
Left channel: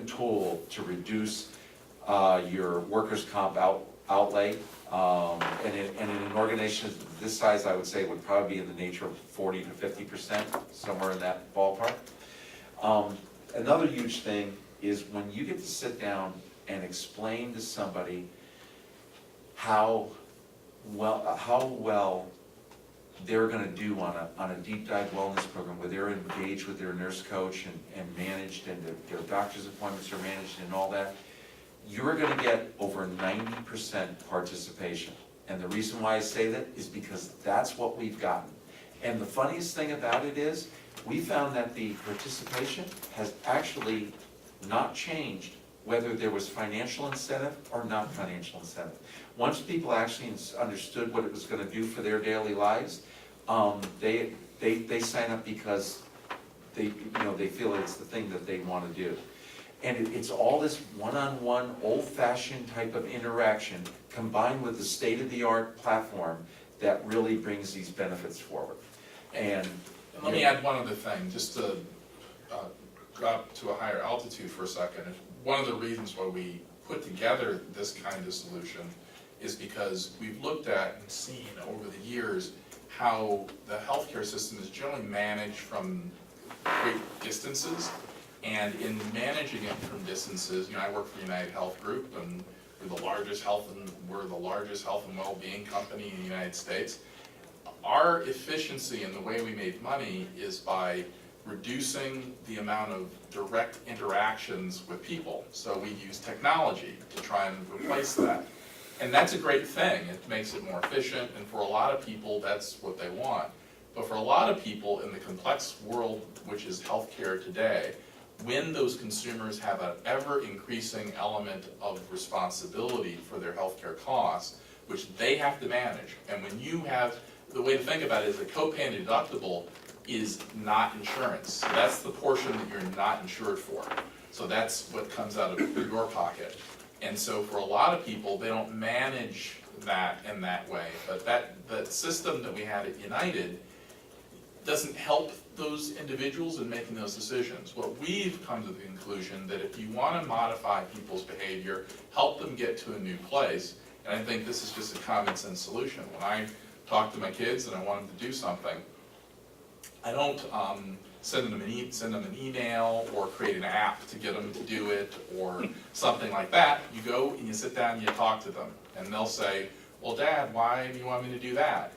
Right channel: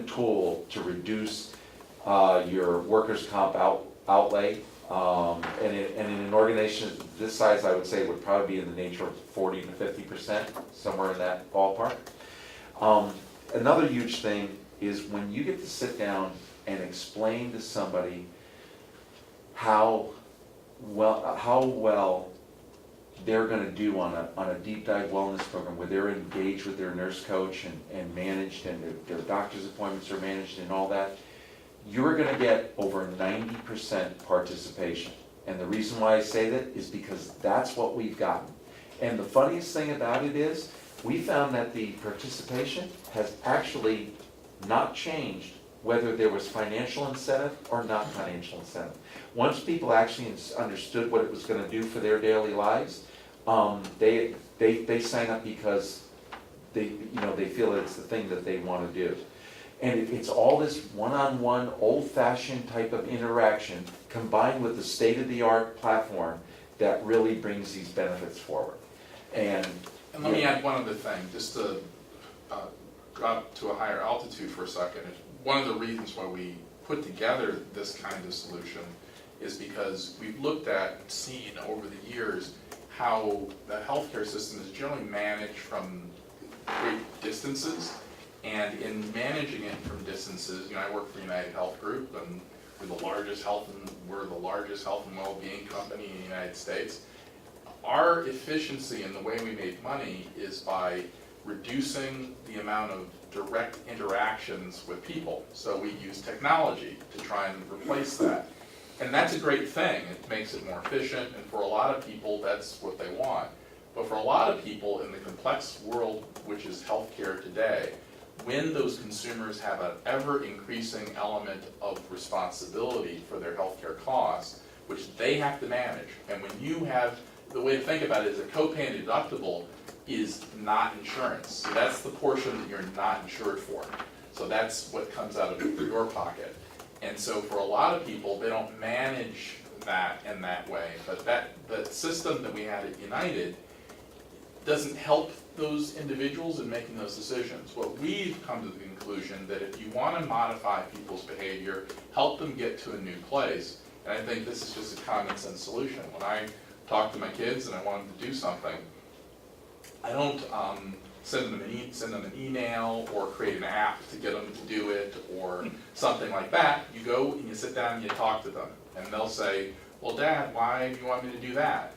tool to reduce your workers' comp outlay. And in an organization this size, I would say it would probably be in the nature of 40 to 50%, somewhere in that ballpark. Another huge thing is when you get to sit down and explain to somebody how well they're gonna do on a deep dive wellness program, where they're engaged with their nurse coach and managed, and their doctor's appointments are managed and all that, you're gonna get over 90% participation. And the reason why I say that is because that's what we've gotten. And the funniest thing about it is, we found that the participation has actually not changed whether there was financial incentive or not financial incentive. Once people actually understood what it was gonna do for their daily lives, they sign up because they feel it's the thing that they wanna do. And it's all this one-on-one, old-fashioned type of interaction combined with the state-of-the-art platform that really brings these benefits forward. And let me add one other thing, just to go up to a higher altitude for a second. One of the reasons why we put together this kind of solution is because we've looked at and seen over the years how the healthcare system is generally managed from great distances. And in managing it from distances, I work for United Health Group, and we're the largest health and well-being company in the United States. Our efficiency in the way we make money is by reducing the amount of direct interactions with people. So we use technology to try and replace that. And that's a great thing. It makes it more efficient, and for a lot of people, that's what they want. But for a lot of people in the complex world, which is healthcare today, when those consumers have an ever-increasing element of responsibility for their healthcare costs, which they have to manage, and when you have, the way to think about it is a copay and deductible is not insurance. So that's the portion that you're not insured for. So that's what comes out of your pocket. And so for a lot of people, they don't manage that in that way. But that system that we had at United doesn't help those individuals in making those decisions. What we've come to the conclusion that if you want to modify people's behavior, help them get to a new place, and I think this is just a common sense solution. When I talk to my kids and I want them to do something, I don't send them an email or create an app to get them to do it or something like that. You go and you sit down and you talk to them, and they'll say, well, Dad, why do you want me to do that?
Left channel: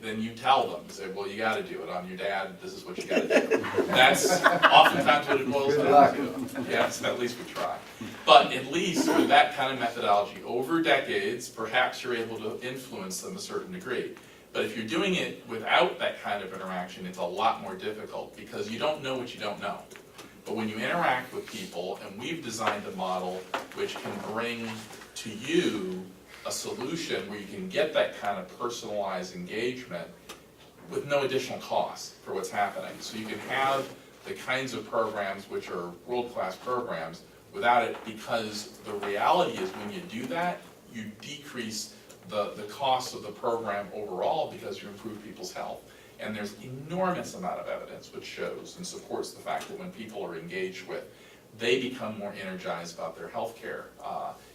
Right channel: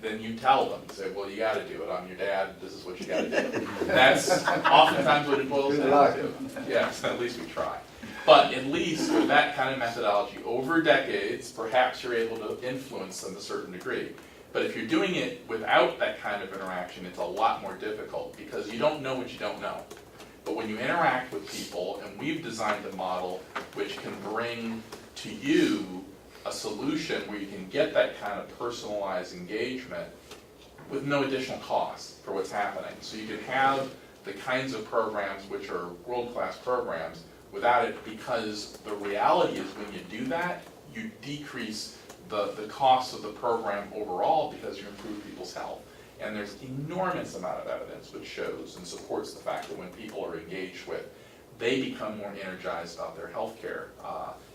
Then you tell them, say, well, you gotta do it, I'm your dad, this is what you gotta do. That's oftentimes what it boils down to. Yes, at least we try. But at least with that kind of methodology, over decades, perhaps you're able to influence them to a certain degree. But if you're doing it without that kind of interaction, it's a lot more difficult because you don't know what you don't know. But when you interact with people, and we've designed a model which can bring to you a solution where you can get that kind of personalized engagement with no additional cost for what's happening. So you can have the kinds of programs which are world-class programs without it, because the reality is when you do that, you decrease the cost of the program overall because you improve people's health. And there's enormous amount of evidence which shows and supports the fact that when people are engaged with, they become more energized about their health care.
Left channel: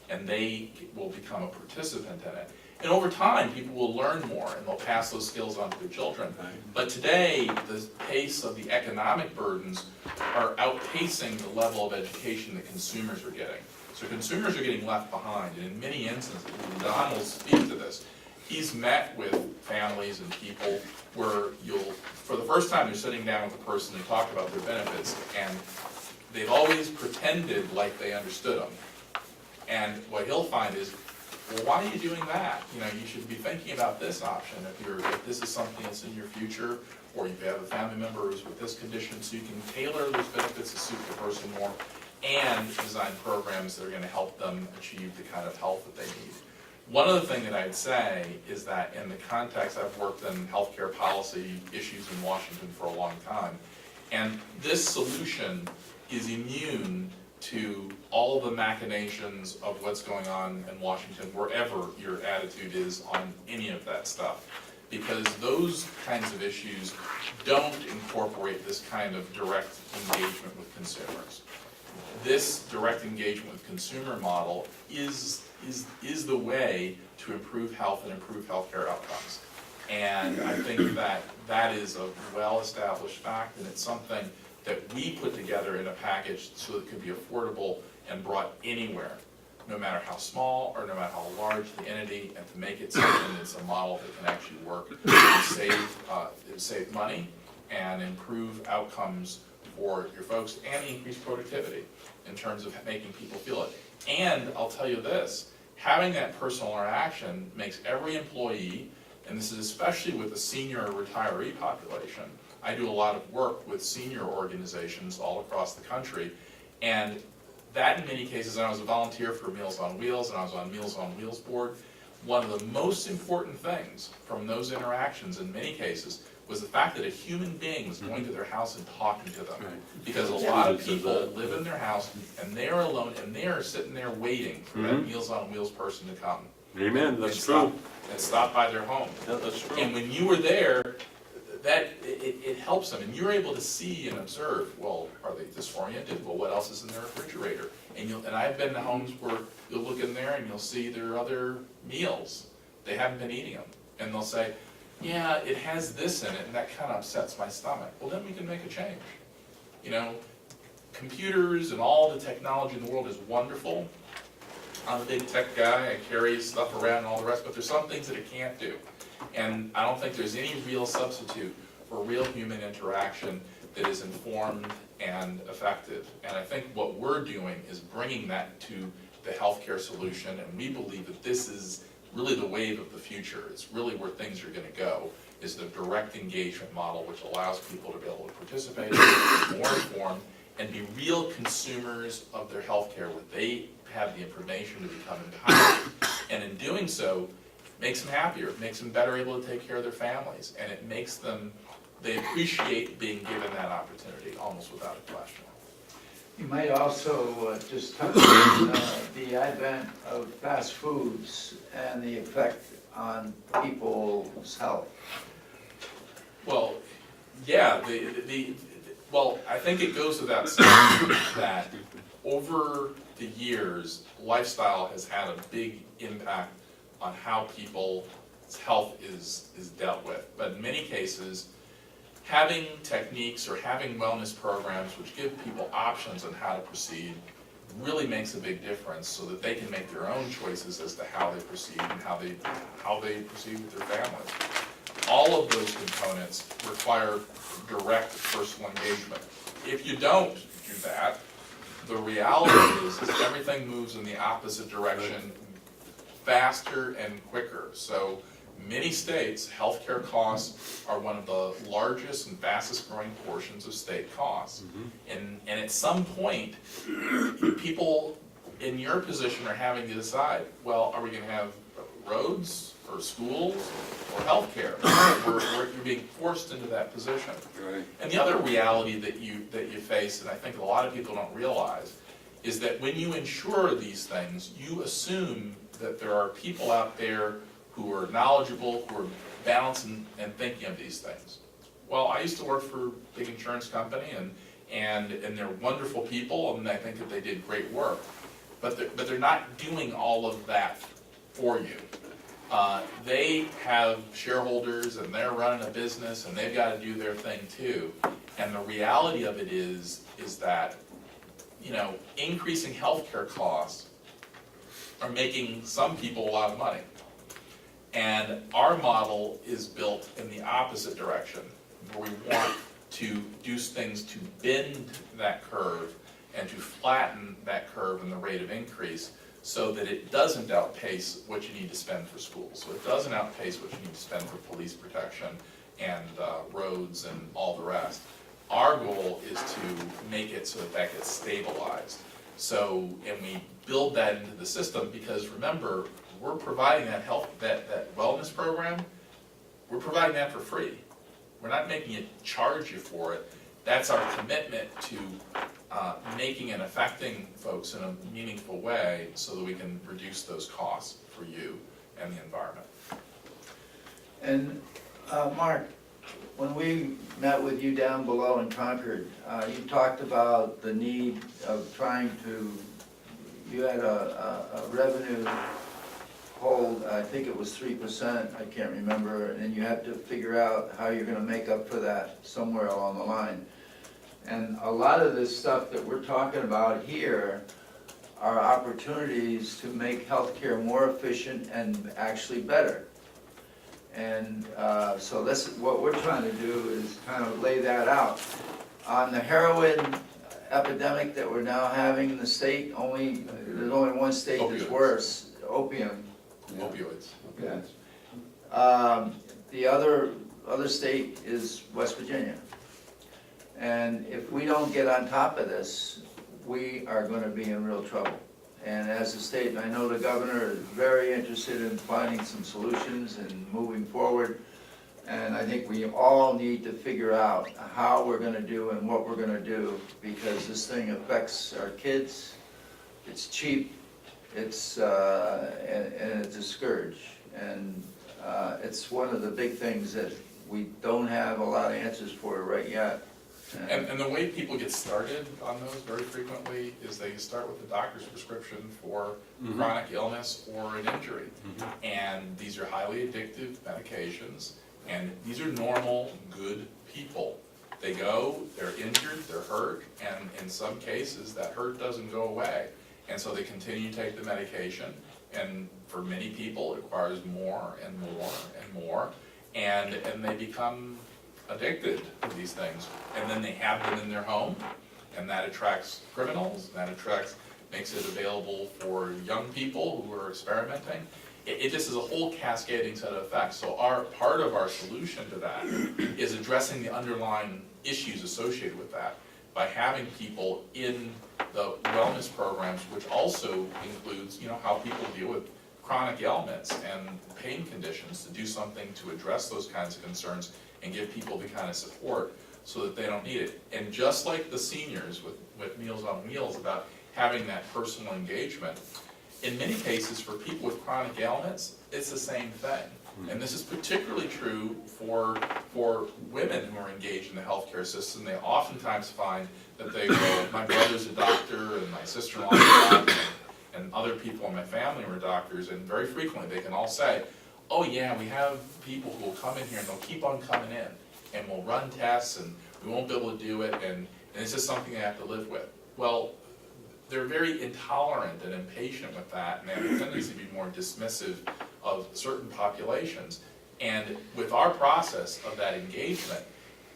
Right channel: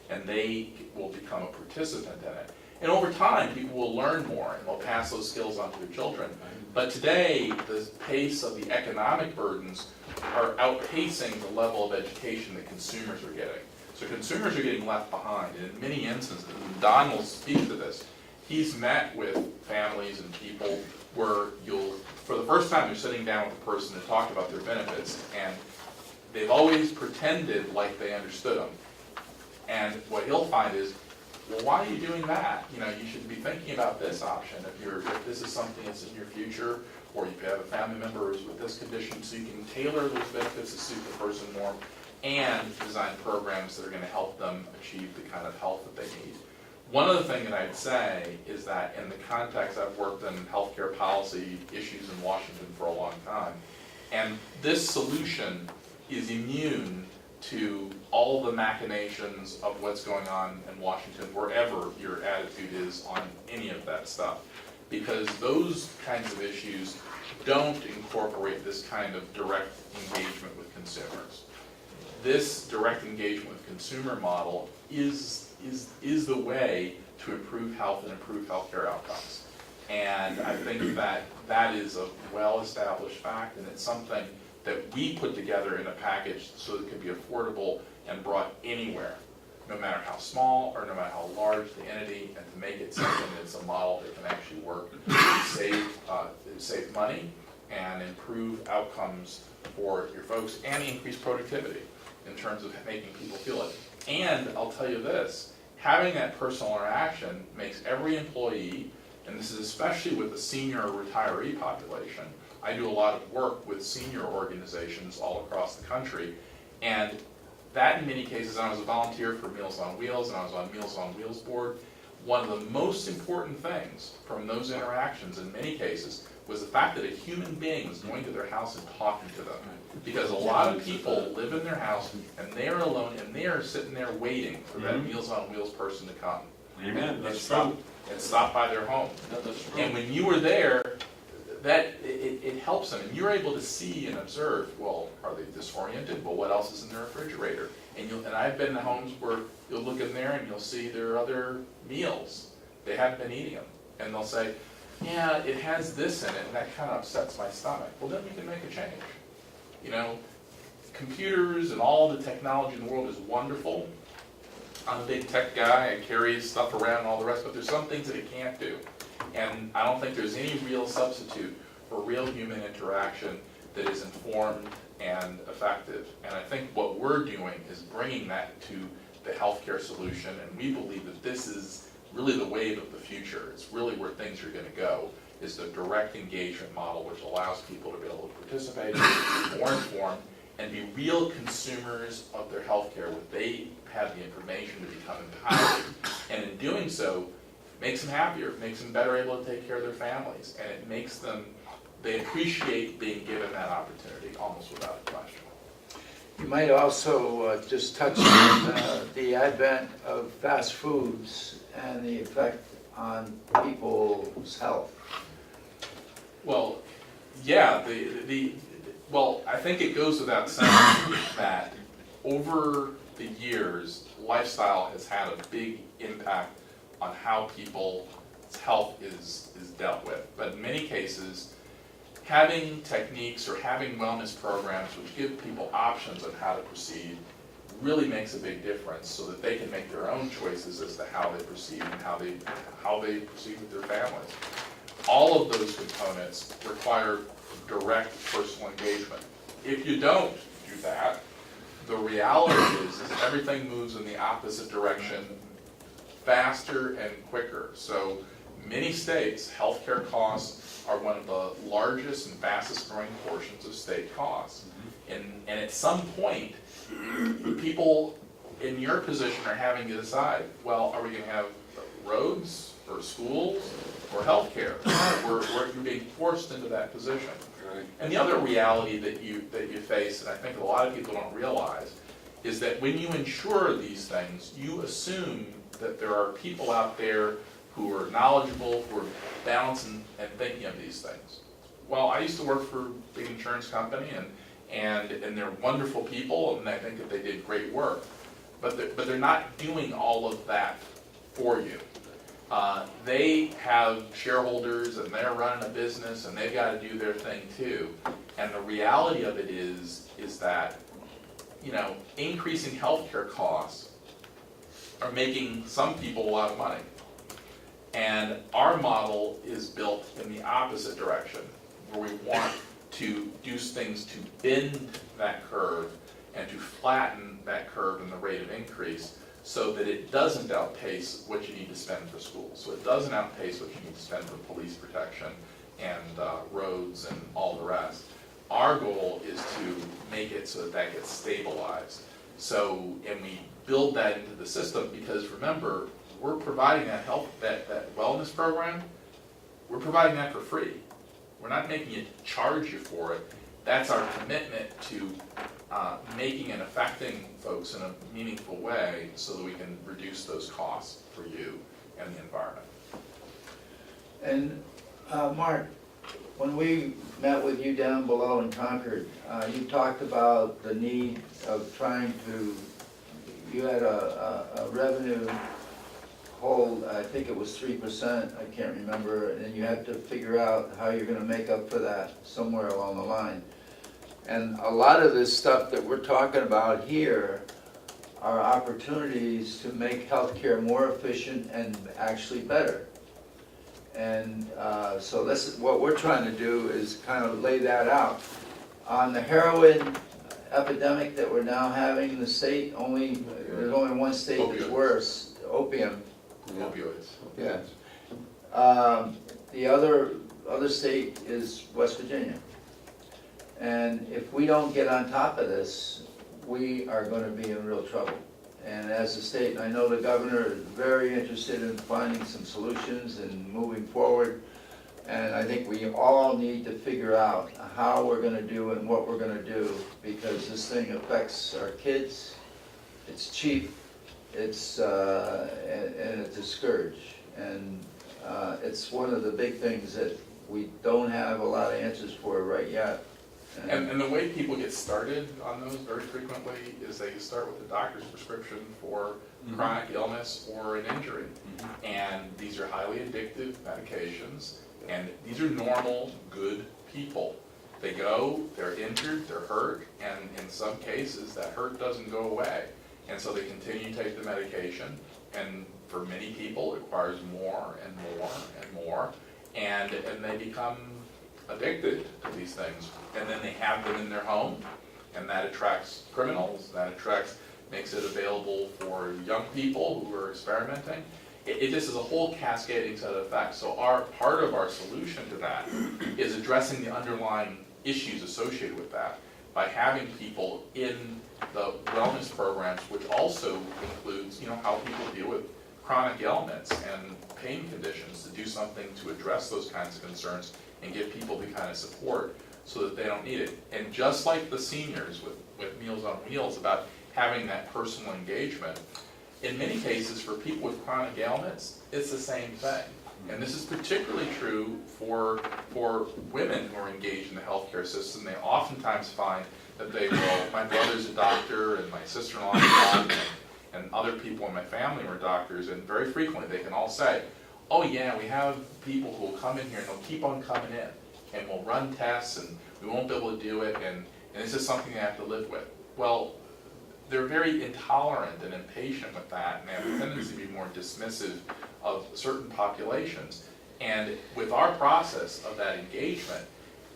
And they will become a participant in it. And over time, people will learn more and they'll pass those skills on to their children. But today, the pace of the economic burdens are outpacing the level of education that consumers are getting. So consumers are getting left behind, and in many instances, and Don will speak to this, he's met with families and people where for the first time, you're sitting down with a person to talk about their benefits, and they've always pretended like they understood them. And what he'll find is, well, why are you doing that? You should be thinking about this option if this is something that's in your future, or you have a family member who's with this condition, so you can tailor those benefits to suit the person more, and design programs that are going to help them achieve the kind of health that they need. One other thing that I'd say is that in the context, I've worked in healthcare policy issues in Washington for a long time, and this solution is immune to all the machinations of what's going on in Washington, wherever your attitude is on any of that stuff. Because those kinds of issues don't incorporate this kind of direct engagement with consumers. This direct engagement with consumer model is the way to improve health and improve healthcare outcomes. And I think that is a well-established fact, and it's something that we put together in a package so it could be affordable and brought anywhere, no matter how small or no matter how large the entity, and to make it something that's a model that can actually work, save money and improve outcomes for your folks and increase productivity in terms of making people feel it. And I'll tell you this, having that personal interaction makes every employee, and this is especially with the senior or retiree population, I do a lot of work with senior organizations all across the country, and that in many cases, and I was a volunteer for Meals on Wheels, and I was on Meals on Wheels board, one of the most important things from those interactions in many cases was the fact that a human being was going to their house and talking to them. Because a lot of people live in their house and they're alone and they're sitting there waiting for that Meals on Wheels person to come. Amen, that's and true. And stop by their home. Yeah, that's true. And when you were there, it helps them, and you're able to see and observe, well, are they disoriented? Well, what else is in their refrigerator? And I've been to homes where you'll look in there and you'll see there are other meals. They haven't been eating them. And they'll say, yeah, it has this in it, and that kind of upsets my stomach. Well, then we can make a change. You know, computers and all the technology in the world is wonderful. I'm a big tech guy, I carry stuff around and all the rest, but there's some things that it can't do. And I don't think there's any real substitute for real human interaction that is informed and effective. And I think what we're doing is bringing that to the healthcare solution, and we believe that this is really the wave of the future. It's really where things are going to go, is the direct engagement model, which allows people to be able to participate, be more informed, and be real consumers of their healthcare, where they have the information to become empowered. And in doing so, makes them happier, makes them better able to take care of their families, and it makes them, they appreciate being given that opportunity almost without a question. You might also just touch on the advent of fast foods and the effect on people's health. Well, yeah, well, I think it goes without saying that over the years, lifestyle has had a big impact on how people's health is dealt with. But in many cases, having techniques or having wellness programs which give people options on how to proceed really makes a big difference, so that they can make their own choices as to how they proceed and how they proceed with their families. All of those components require direct personal engagement. If you don't do that, the reality is that everything moves in the opposite direction faster and quicker. So many states, healthcare costs are one of the largest and fastest growing portions of state costs. And at some point, people in your position are having to decide, well, are we going to have roads or schools or healthcare? You're being forced into that position. Right. And the other reality that you face, and I think a lot of people don't realize, is that when you insure these things, you assume that there are people out there who are knowledgeable, who are balancing and thinking of these things. Well, I used to work for a big insurance company, and they're wonderful people, and I think that they did great work. But they're not doing all of that for you. They have shareholders, and they're running a business, and they've got to do their thing too. And the reality of it is that, you know, increasing healthcare costs are making some people a lot of money. And our model is built in the opposite direction, where we want to do things to bend that curve and to flatten that curve in the rate of increase, so that it doesn't outpace what you need to spend for schools. So it doesn't outpace what you need to spend for police protection and roads and all the rest. Our goal is to make it so that gets stabilized. So, and we build that into the system, because remember, we're providing that that wellness program, we're providing that for free. We're not making you charge you for it. That's our commitment to making and affecting folks in a meaningful way, so that we can reduce those costs for you and the environment. And Mark, when we met with you down below in Concord, you talked about the need of trying to, you had a revenue hold, I think it was 3%, I can't remember, and you had to figure out how you're gonna make up for that somewhere along the line. And a lot of this stuff that we're talking about here are opportunities to make healthcare more efficient and actually better. And so this is what we're trying to do, is kind of lay that out. On the heroin epidemic that we're now having in the state, there's only one state that's Opioids. worse, opium. Opioids. Yeah. The other state is West Virginia. And if we don't get on top of this, we are gonna be in real trouble. And as a state, and I know the governor is very interested in finding some solutions and moving forward. And I think we all need to figure out how we're gonna do and what we're gonna do, because this thing affects our kids. It's cheap, and it's a scourge. And it's one of the big things that we don't have a lot of answers for right yet. And the way people get started on those very frequently is they start with a doctor's prescription for chronic illness or an injury. And these are highly addictive medications, and these are normal, good people. They go, they're injured, they're hurt, and in some cases, that hurt doesn't go away. And so they continue to take the medication, and for many people, it requires more and more and more, and they become addicted to these things. And then they have them in their home, and that attracts criminals, makes it available for young people who are experimenting. It just is a whole cascading set of effects. So part of our solution to that is addressing the underlying issues associated with that by having people in the wellness programs, which also includes, how people deal with chronic ailments and pain conditions, to do something to address those kinds of concerns and give people the kind of support so that they don't need it. And just like the seniors with Meals on Wheels, about having that personal engagement, in many cases for people with chronic ailments, it's the same thing. And this is particularly true for women who are engaged in the healthcare system. They oftentimes find that they go, my brother's a doctor and my sister-in-law is a doctor, and other people in my family were doctors, and very frequently they can all say, oh yeah, we have people who will come in here and they'll keep on coming in, and we'll run tests and we won't be able to do it, and this is something you have to live with. Well, they're very intolerant and impatient with that, and they have a tendency to be more dismissive of certain populations. And with our process of that engagement,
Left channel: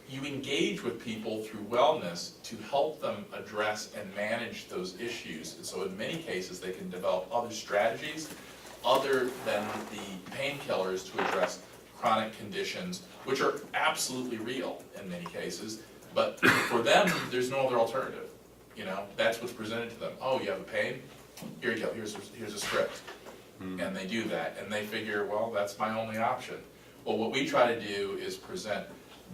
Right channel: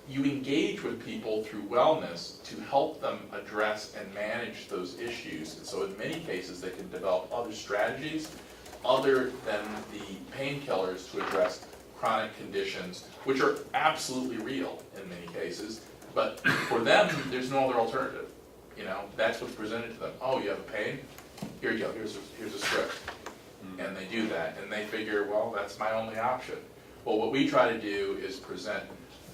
you engage with people through wellness to help them address and manage those issues. And so in many cases, they can develop other strategies other than the painkillers to address chronic conditions, which are absolutely real in many cases. But for them, there's no other alternative. That's what's presented to them. Oh, you have a pain? Here you go, here's a script. And they do that, and they figure, well, that's my only option. Well, what we try to do is present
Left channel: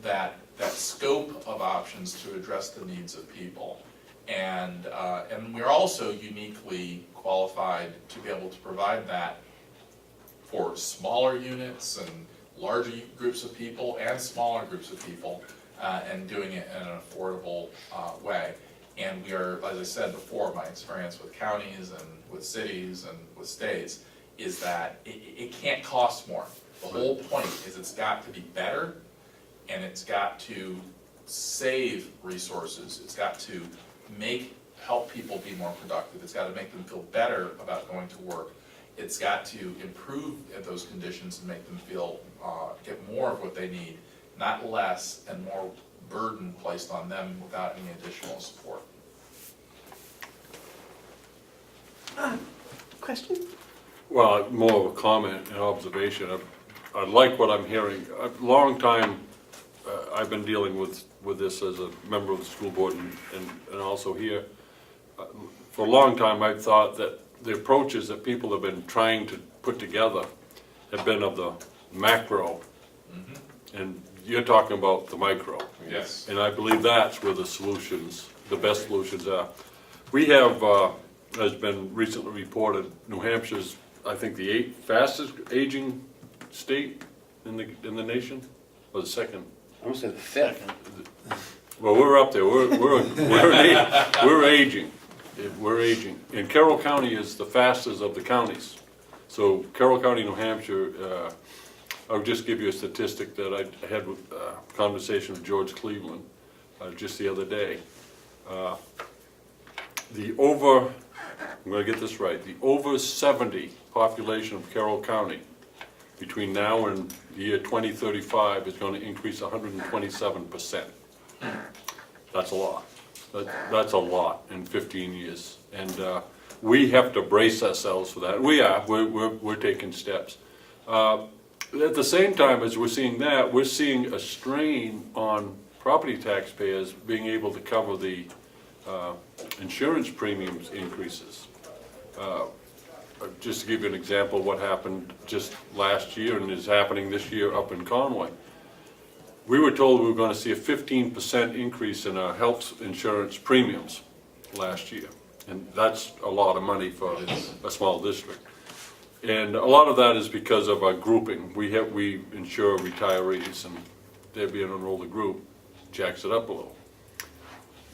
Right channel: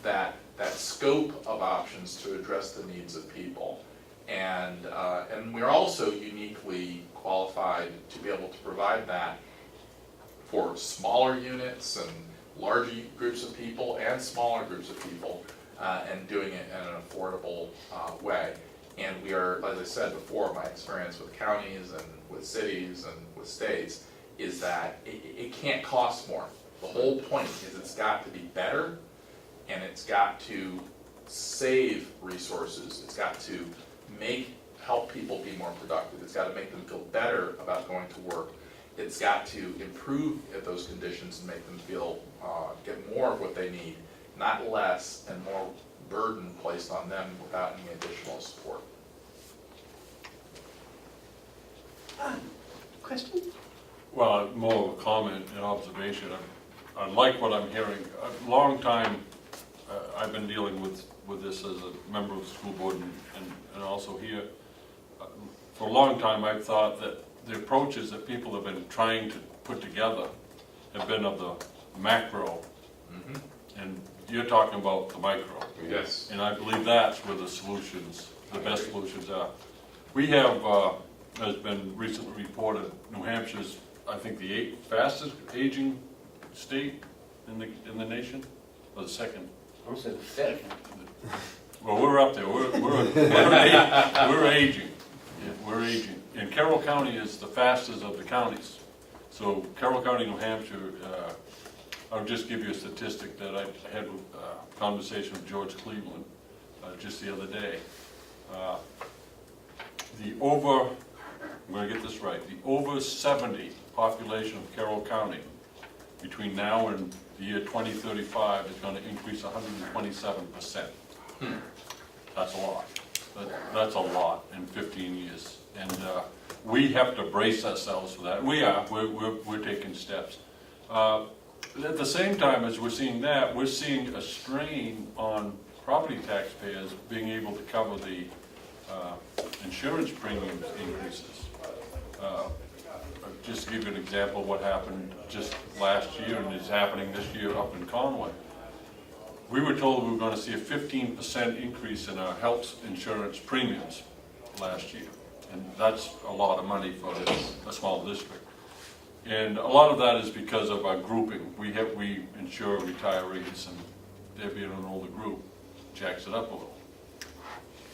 that scope of options to address the needs of people. And we're also uniquely qualified to be able to provide that for smaller units and larger groups of people and smaller groups of people, and doing it in an affordable way. And we are, as I said before, my experience with counties and with cities and with states is that it can't cost more. The whole point is it's got to be better, and it's got to save resources. It's got to help people be more productive. It's got to make them feel better about going to work. It's got to improve those conditions and make them feel, get more of what they need, not less and more burden placed on them without any additional support. Question? Well, more of a comment and observation. I like what I'm hearing. A long time, I've been dealing with this as a member of the school board and also here. For a long time, I've thought that the approaches that people have been trying to put together have been of the macro, and you're talking about the micro. Yes. And I believe that's where the solutions, the best solutions are. We have, has been recently reported, New Hampshire's, I think, the 8th fastest aging state in the nation, or the 2nd. I would say the 5th. Well, we're up there. We're aging. We're aging. And Carroll County is the fastest of the counties. So Carroll County, New Hampshire, I'll just give you a statistic that I had a conversation with George Cleveland. just the other day. I'm gonna get this right, the over 70 population of Carroll County between now and the year 2035 is gonna increase 127%. That's a lot. That's a lot in 15 years. And we have to brace ourselves for that. We're taking steps. At the same time as we're seeing that, we're seeing a strain on property taxpayers being able to cover the insurance premiums increases. Just to give you an example of what happened just last year and is happening this year up in Conway. We were told we were going to see a 15% increase in our health insurance premiums last year. And that's a lot of money for a small district. And a lot of that is because of our grouping. We insure retirees, and they're being an older group, jacks it up a little.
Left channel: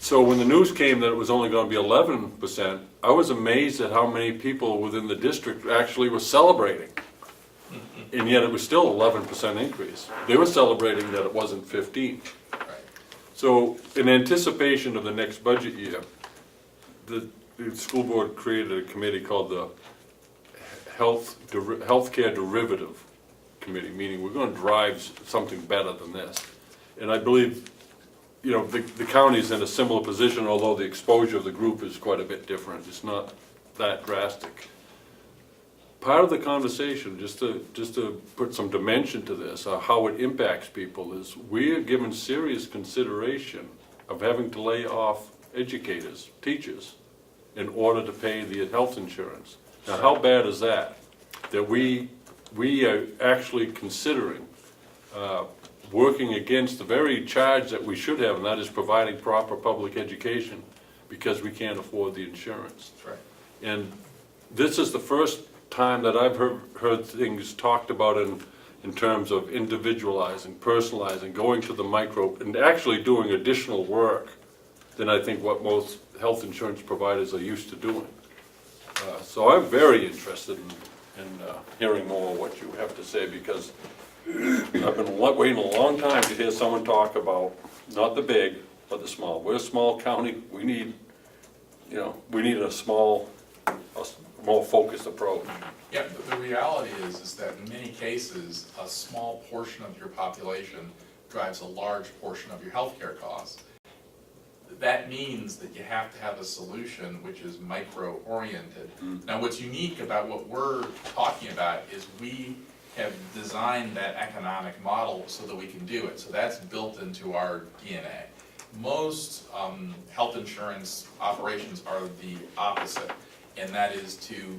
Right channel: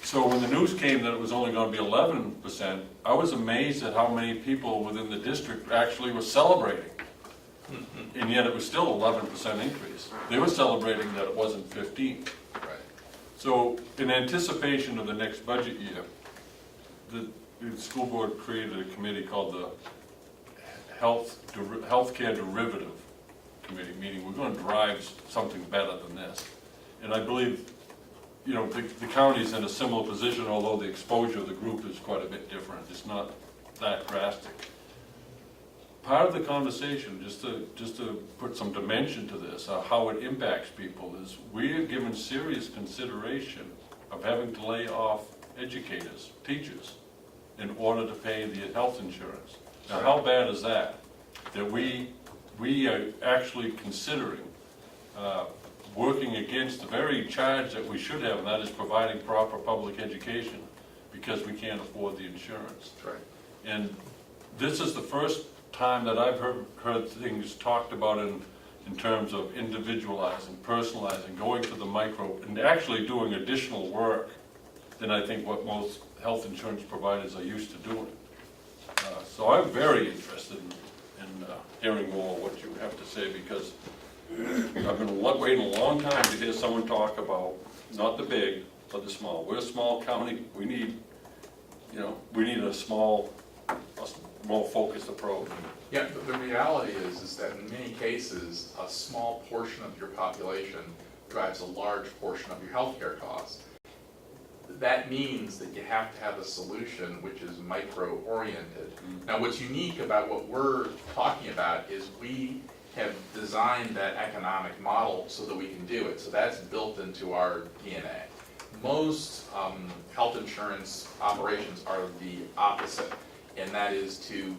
So when the news came that it was only going to be 11%, I was amazed at how many people within the district actually were celebrating. And yet it was still 11% increase. They were celebrating that it wasn't 15. Right. So in anticipation of the next budget year, the school board created a committee called the Healthcare Derivative Committee, meaning we're going to drive something better than this. And I believe, you know, the county's in a similar position, although the exposure of the group is quite a bit different. It's not that drastic. Part of the conversation, just to put some dimension to this, how it impacts people, is we are given serious consideration of having to lay off educators, teachers, in order to pay the health insurance. Now, how bad is that? That we are actually considering working against the very charge that we should have, and that is providing proper public education, because we can't afford the insurance. That's right. And this is the first time that I've heard things talked about in terms of individualizing, personalizing, going to the micro, and actually doing additional work than I think what most health insurance providers are used to doing. So I'm very interested in hearing more what you have to say, because I've been waiting a long time to hear someone talk about not the big, but the small. We're a small county. We need, we need a more focused approach. Yeah, the reality is that in many cases, a small portion of your population drives a large portion of your healthcare costs. That means that you have to have a solution which is micro-oriented. Now, what's unique about what we're talking about is we have designed that economic model so that we can do it. So that's built into our DNA. Most health insurance operations are the opposite, and that is to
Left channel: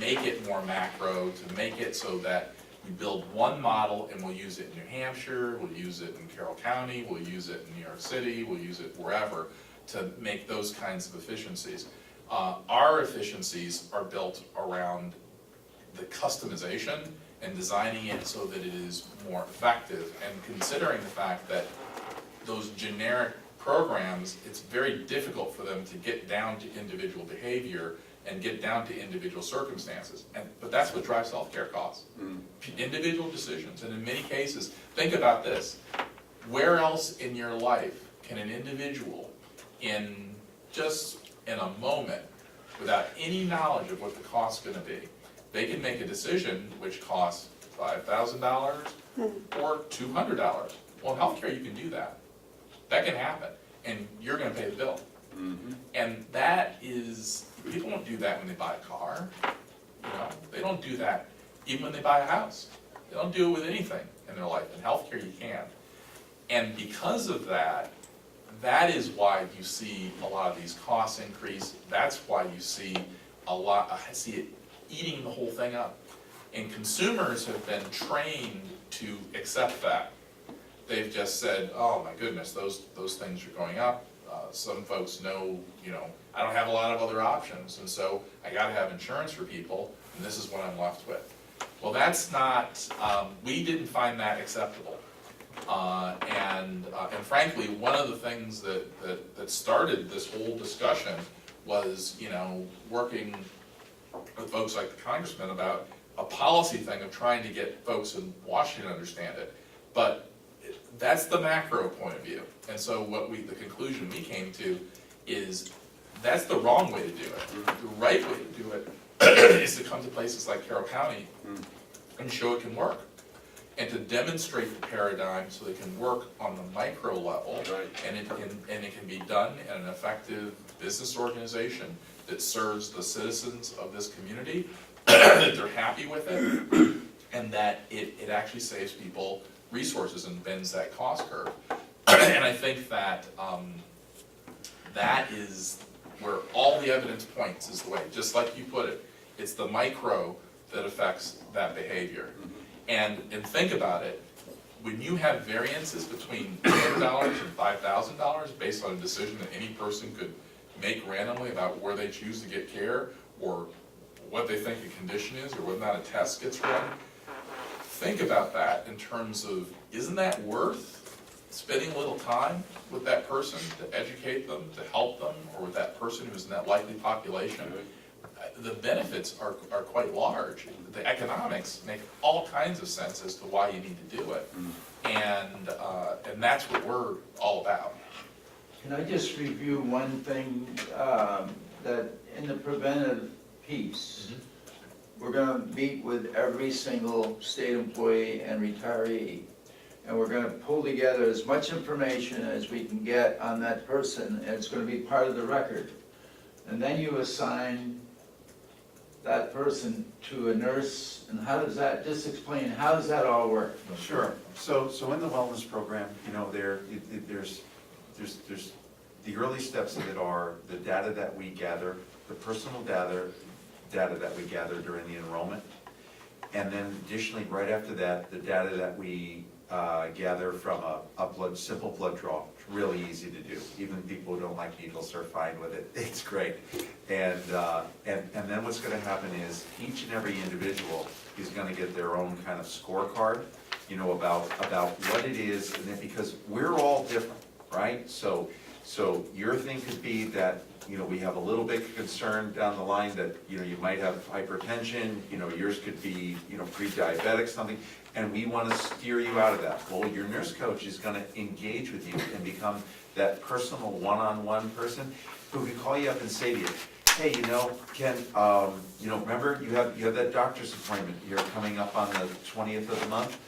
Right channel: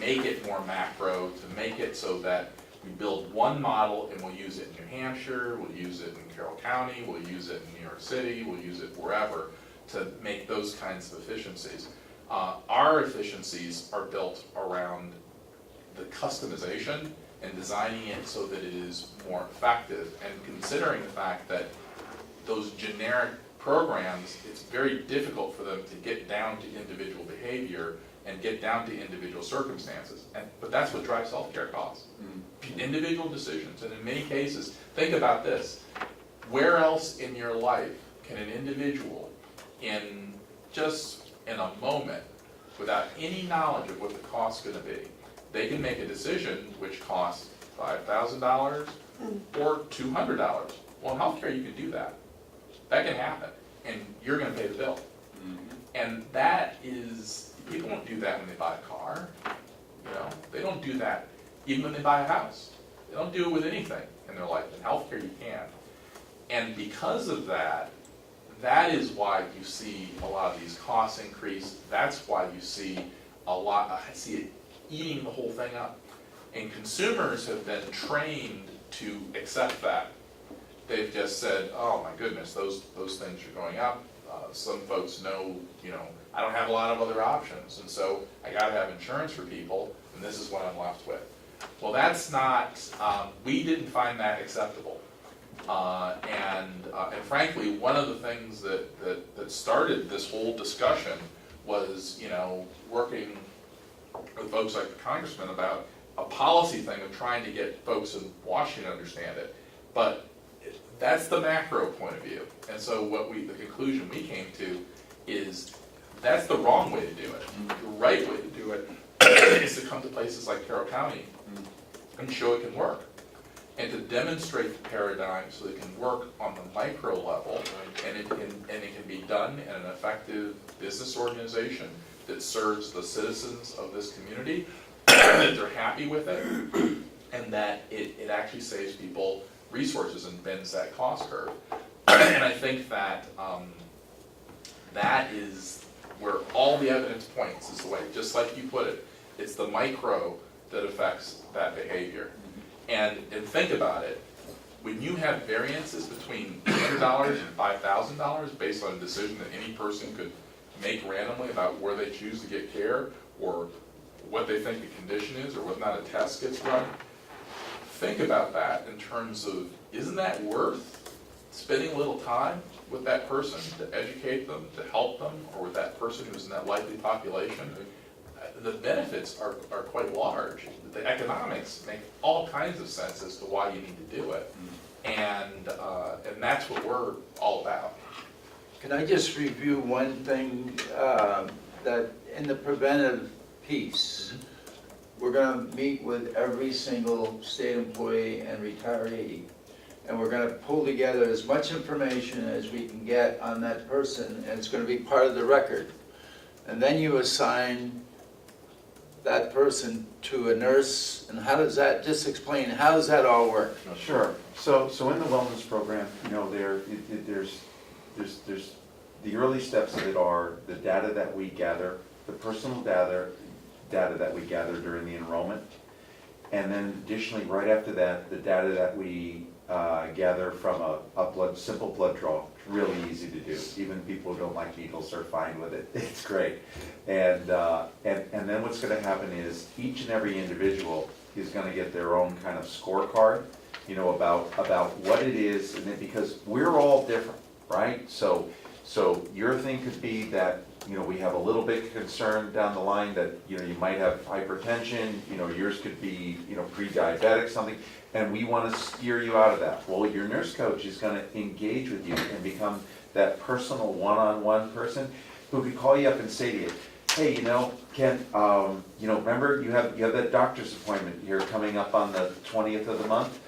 make it more macro, to make it so that we build one model and we'll use it in New Hampshire, we'll use it in Carroll County, we'll use it in New York City, we'll use it wherever to make those kinds of efficiencies. Our efficiencies are built around the customization and designing it so that it is more effective, and considering the fact that those generic programs, it's very difficult for them to get down to individual behavior and get down to individual circumstances. But that's what drives healthcare costs. Individual decisions, and in many cases, think about this. Where else in your life can an individual, in a moment, without any knowledge of what the cost's gonna be, they can make a decision which costs $5,000 or $200. Well, in healthcare, you can do that. That can happen, and you're gonna pay the bill. And that is, people don't do that when they buy a car. They don't do that even when they buy a house. They don't do it with anything in their life. In healthcare, you can. And because of that, that is why you see a lot of these costs increase. That's why you see it eating the whole thing up. And consumers have been trained to accept that. They've just said, oh my goodness, those things are going up. Some folks know, I don't have a lot of other options, and so I gotta have insurance for people, and this is what I'm left with. Well, that's not, we didn't find that acceptable. And frankly, one of the things that started this whole discussion was, working with folks like the congressman about a policy thing of trying to get folks in Washington to understand it. But that's the macro point of view. And so the conclusion we came to is that's the wrong way to do it. The right way to do it is to come to places like Carroll County and show it can work. And to demonstrate the paradigm so it can work on the micro level, and it can be done in an effective business organization that serves the citizens of this community, that they're happy with it, and that it actually saves people resources and bends that cost curve. And I think that that is where all the evidence points, is the way, just like you put it, it's the micro that affects that behavior. And think about it, when you have variances between $10 and $5,000 based on a decision that any person could make randomly about where they choose to get care, or what they think a condition is, or whether or not a test gets run, think about that in terms of, isn't that worth spending a little time with that person to educate them, to help them, or with that person who's in that likely population? The benefits are quite large. The economics make all kinds of sense as to why you need to do it. And that's what we're all about. Can I just review one thing, that in the preventive piece, we're gonna meet with every single state employee and retiree, and we're gonna pull together as much information as we can get on that person, and it's gonna be part of the record. And then you assign that person to a nurse, and how does that, just explain, how does that all work? Sure. So in the wellness program, you know, there's the early steps of it are the data that we gather, the personal data that we gather during the enrollment, and then additionally, right after that, the data that we gather from a simple blood draw. It's really easy to do. Even people who don't like needles are fine with it. It's great. And then what's going to happen is each and every individual is going to get their own kind of scorecard, you know, about what it is, and then, because we're all different, right? So your thing could be that, you know, we have a little bit concern down the line that, you know, you might have hypertension, you know, yours could be, you know, pre-diabetic, something, and we want to steer you out of that. Well, your nurse coach is going to engage with you and become that personal one-on-one person who could call you up and say to you, hey, you know, Ken, you know, remember you have that doctor's appointment here coming up on the 20th of the month?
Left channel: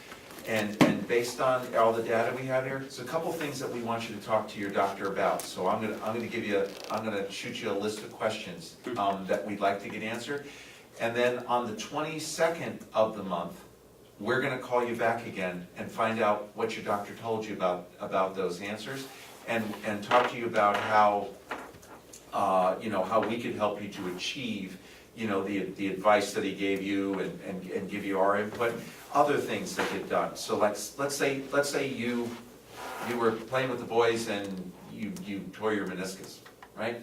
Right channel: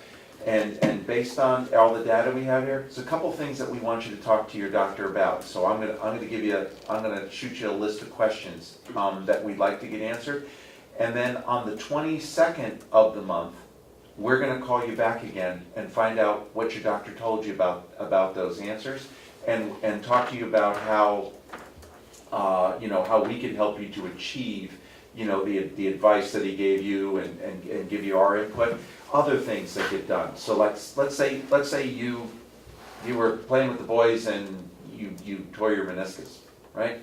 And based on all the data we have here, it's a couple things that we want you to talk to your doctor about. So I'm gonna shoot you a list of questions that we'd like to get answered. And then on the 22nd of the month, we're gonna call you back again and find out what your doctor told you about those answers, and talk to you about how you know, how we can help you to achieve, you know, the advice that he gave you, and give you our input. Other things that get done. So let's say you were playing with the boys and you tore your meniscus, right?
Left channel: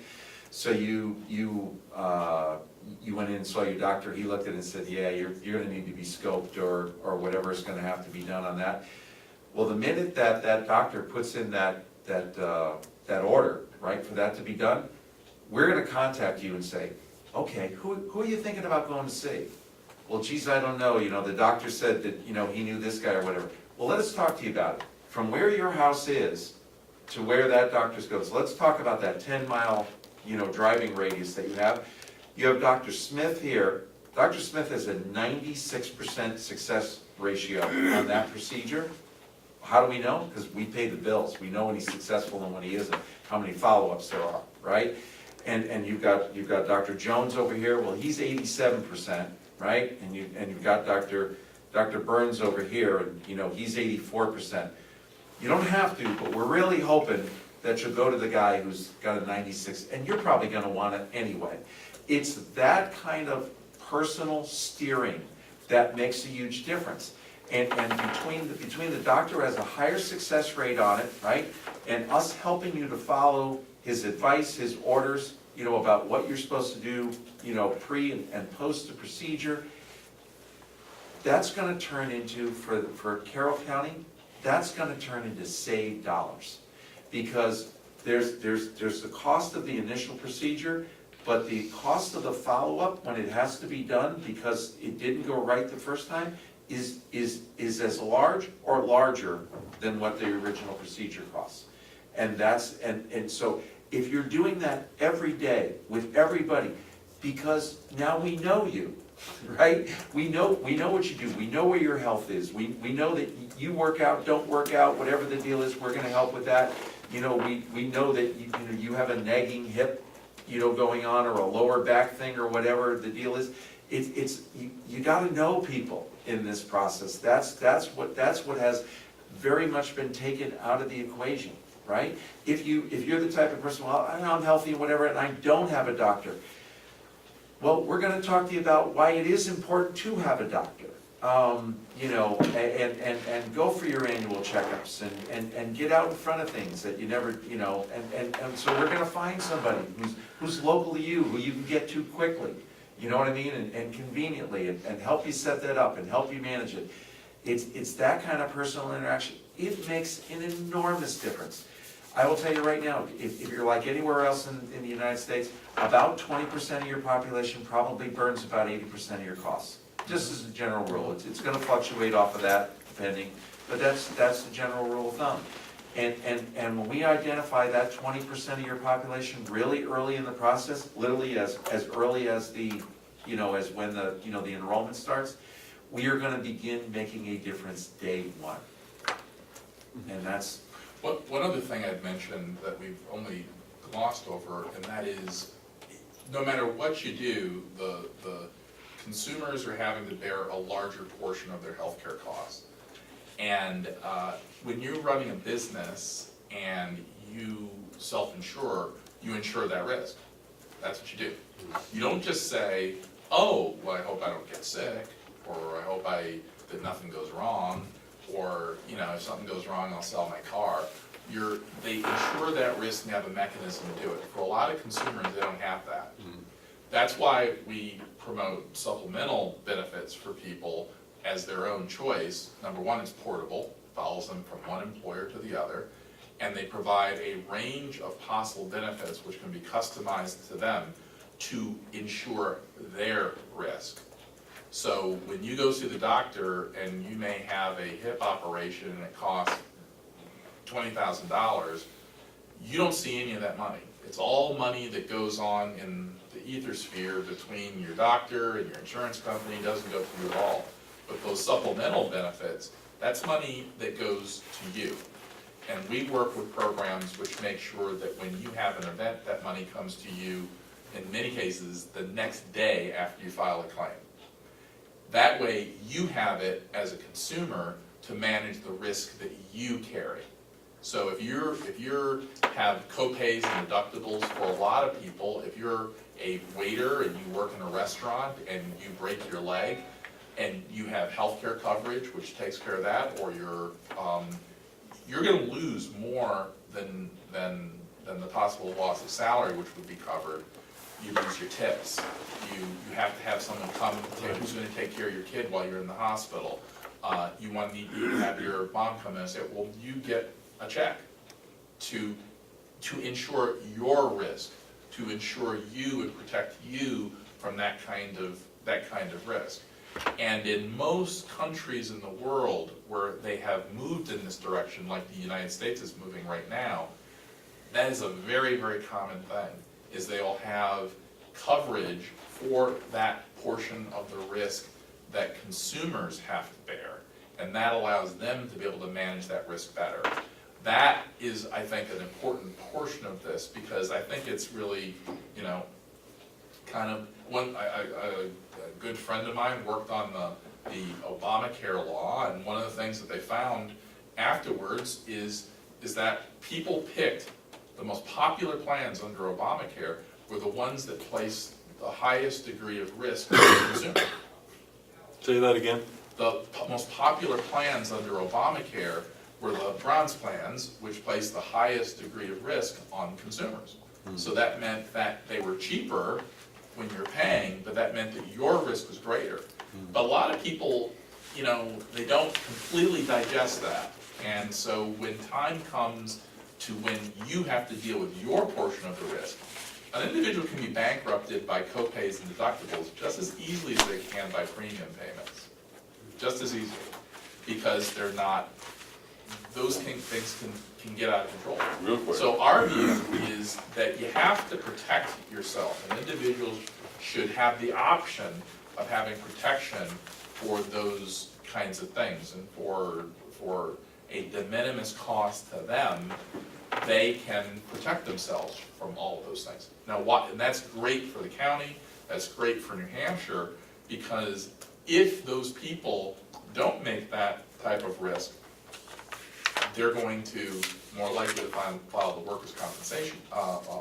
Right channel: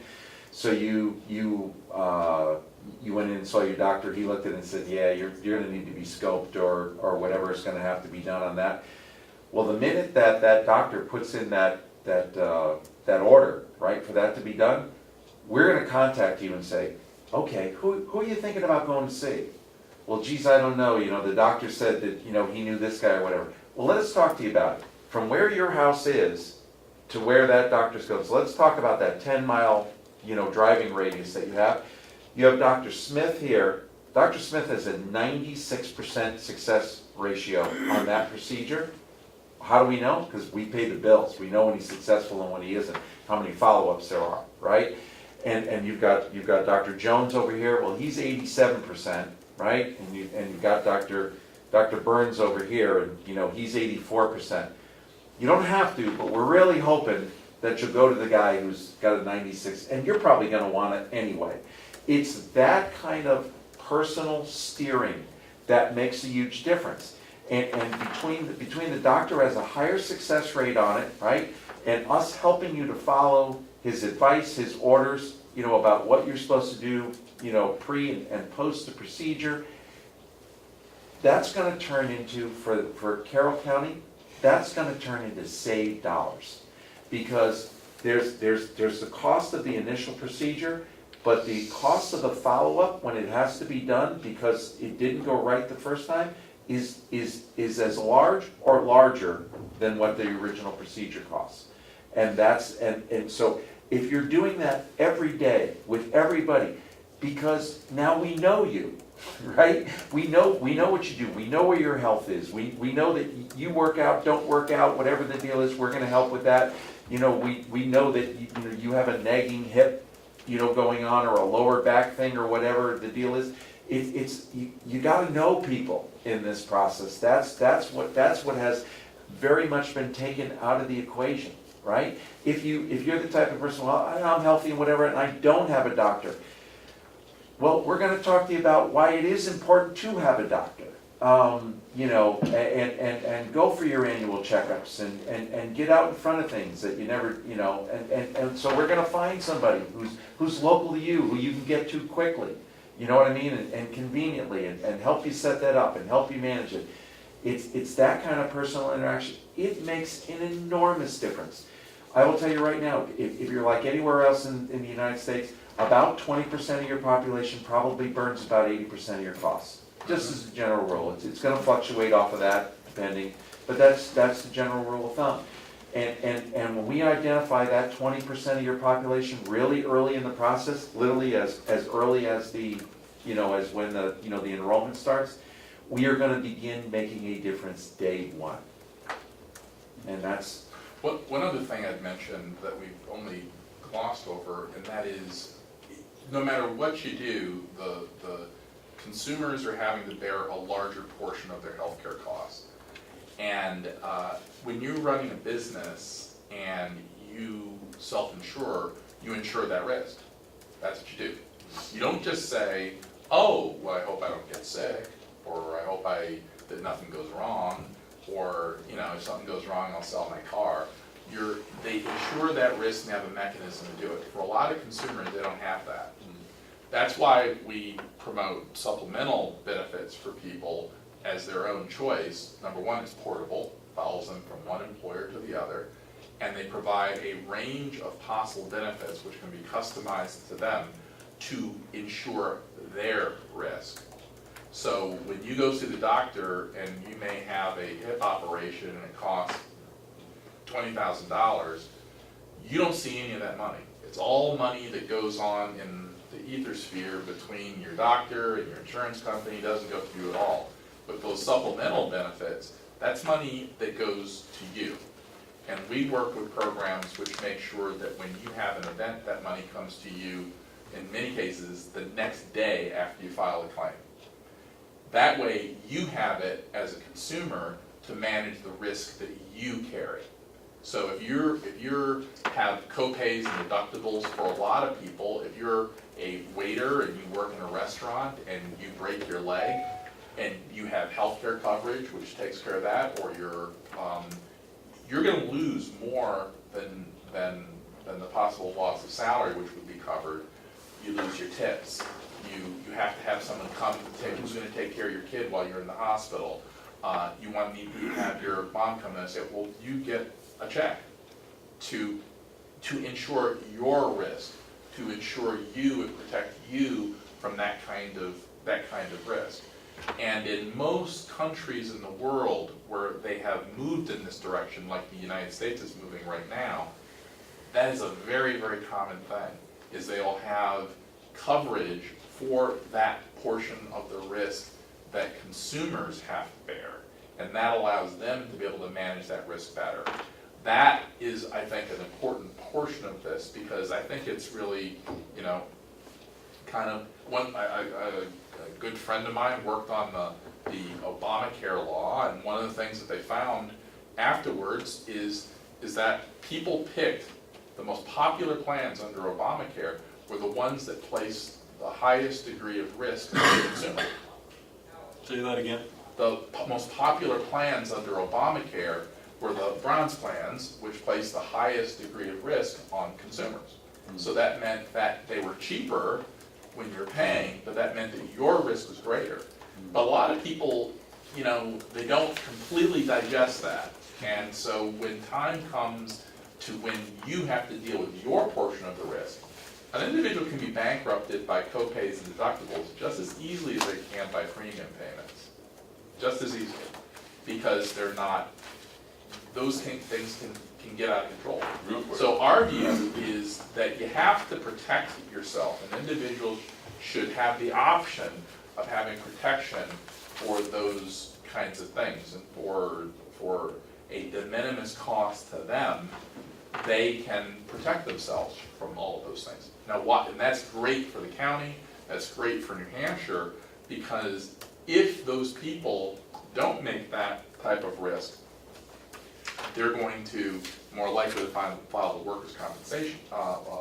So you went in and saw your doctor. He looked at it and said, yeah, you're going to need to be scoped, or whatever is going to have to be done on that. Well, the minute that doctor puts in that order, right, for that to be done, we're going to contact you and say, okay, who are you thinking about going to see? Well, geez, I don't know, you know, the doctor said that, you know, he knew this guy or whatever. Well, let us talk to you about it. From where your house is to where that doctor's goes, let's talk about that 10-mile, you know, driving radius that you have. You have Dr. Smith here. Dr. Smith has a 96% success ratio on that procedure. How do we know? Because we pay the bills. We know when he's successful and when he isn't, how many follow-ups there are, right? And you've got Dr. Jones over here. Well, he's 87%. Right, and you've got Dr. Burns over here, and you know he's 84%. You don't have to, but we're really hoping that you'll go to the guy who's got a 96, and you're probably going to want it anyway. It's that kind of personal steering that makes a huge difference. And between the doctor has a higher success rate on it, right, and us helping you to follow his advice, his orders, you know, about what you're supposed to do, you know, pre and post the procedure, that's going to turn into, for Carroll County, that's going to turn into saved dollars. Because there's the cost of the initial procedure, but the cost of the follow-up when it has to be done because it didn't go right the first time is as large or larger than what the original procedure costs. And so if you're doing that every day with everybody, because now we know you, right? We know what you do, we know where your health is, we know that you work out, don't work out, whatever the deal is, we're gonna help with that. You know, we know that you have a nagging hip, going on, or a lower back thing, or whatever the deal is. You gotta know people in this process. That's what has very much been taken out of the equation, right? If you're the type of person, well, I'm healthy and whatever, and I don't have a doctor. Well, we're gonna talk to you about why it is important to have a doctor. And go for your annual checkups and get out in front of things that you never, and so we're gonna find somebody who's local to you, who you can get to quickly, you know what I mean, and conveniently, and help you set that up and help you manage it. It's that kind of personal interaction. It makes an enormous difference. I will tell you right now, if you're like anywhere else in the United States, about 20% of your population probably burns about 80% of your costs. Just as a general rule, it's gonna fluctuate off of that, depending, but that's the general rule of thumb. And when we identify that 20% of your population really early in the process, literally as early as as when the enrollment starts, we are gonna begin making a difference day one. And that's... One other thing I'd mention that we've only glossed over, and that is, no matter what you do, the consumers are having to bear a larger portion of their healthcare costs. And when you're running a business and you self-insure, you insure that risk. That's what you do. You don't just say, oh, well, I hope I don't get sick, or I hope that nothing goes wrong, or if something goes wrong, I'll sell my car. They insure that risk and have a mechanism to do it. For a lot of consumers, they don't have that. That's why we promote supplemental benefits for people as their own choice. Number one, it's portable, follows them from one employer to the other, and they provide a range of possible benefits which can be customized to them to insure their risk. So when you go see the doctor and you may have a hip operation and it costs $20,000, you don't see any of that money. It's all money that goes on in the ether sphere between your doctor and your insurance company. It doesn't go to you at all. But those supplemental benefits, that's money that goes to you. And we work with programs which make sure that when you have an event, that money comes to you, in many cases, the next day after you file a claim. That way, you have it as a consumer to manage the risk that you carry. So if you have co-pays and deductibles for a lot of people, if you're a waiter and you work in a restaurant and you break your leg and you have healthcare coverage which takes care of that, or you're going to lose more than the possible loss of salary which would be covered. You lose your tips. You have to have someone come who's going to take care of your kid while you're in the hospital. You have your mom come in and say, well, you get a check to insure your risk, to insure you and protect you from that kind of risk. And in most countries in the world where they have moved in this direction, like the United States is moving right now, that is a very, very common thing, is they'll have coverage for that portion of the risk that consumers have to bear, and that allows them to be able to manage that risk better. That is, I think, an important portion of this, because I think it's really, kind of a good friend of mine worked on the Obamacare law, and one of the things that they found afterwards is that people picked the most popular plans under Obamacare were the ones that placed the highest degree of risk on the consumer. Say that again? The most popular plans under Obamacare were the bronze plans, which placed the highest degree of risk on consumers. So that meant that they were cheaper when you're paying, but that meant that your risk was greater. But a lot of people, they don't completely digest that. And so when time comes to when you have to deal with your portion of the risk, an individual can be bankrupted by co-pays and deductibles just as easily as they can by premium payments. just as easily, because they're not, those things can get out of control. Real quick. So our view is that you have to protect yourself, and individuals should have the option of having protection for those kinds of things, and for a de minimis cost to them, they can protect themselves from all of those things. Now, and that's great for the county, that's great for New Hampshire, because if those people don't make that type of risk, they're going to more likely to file the workers' compensation,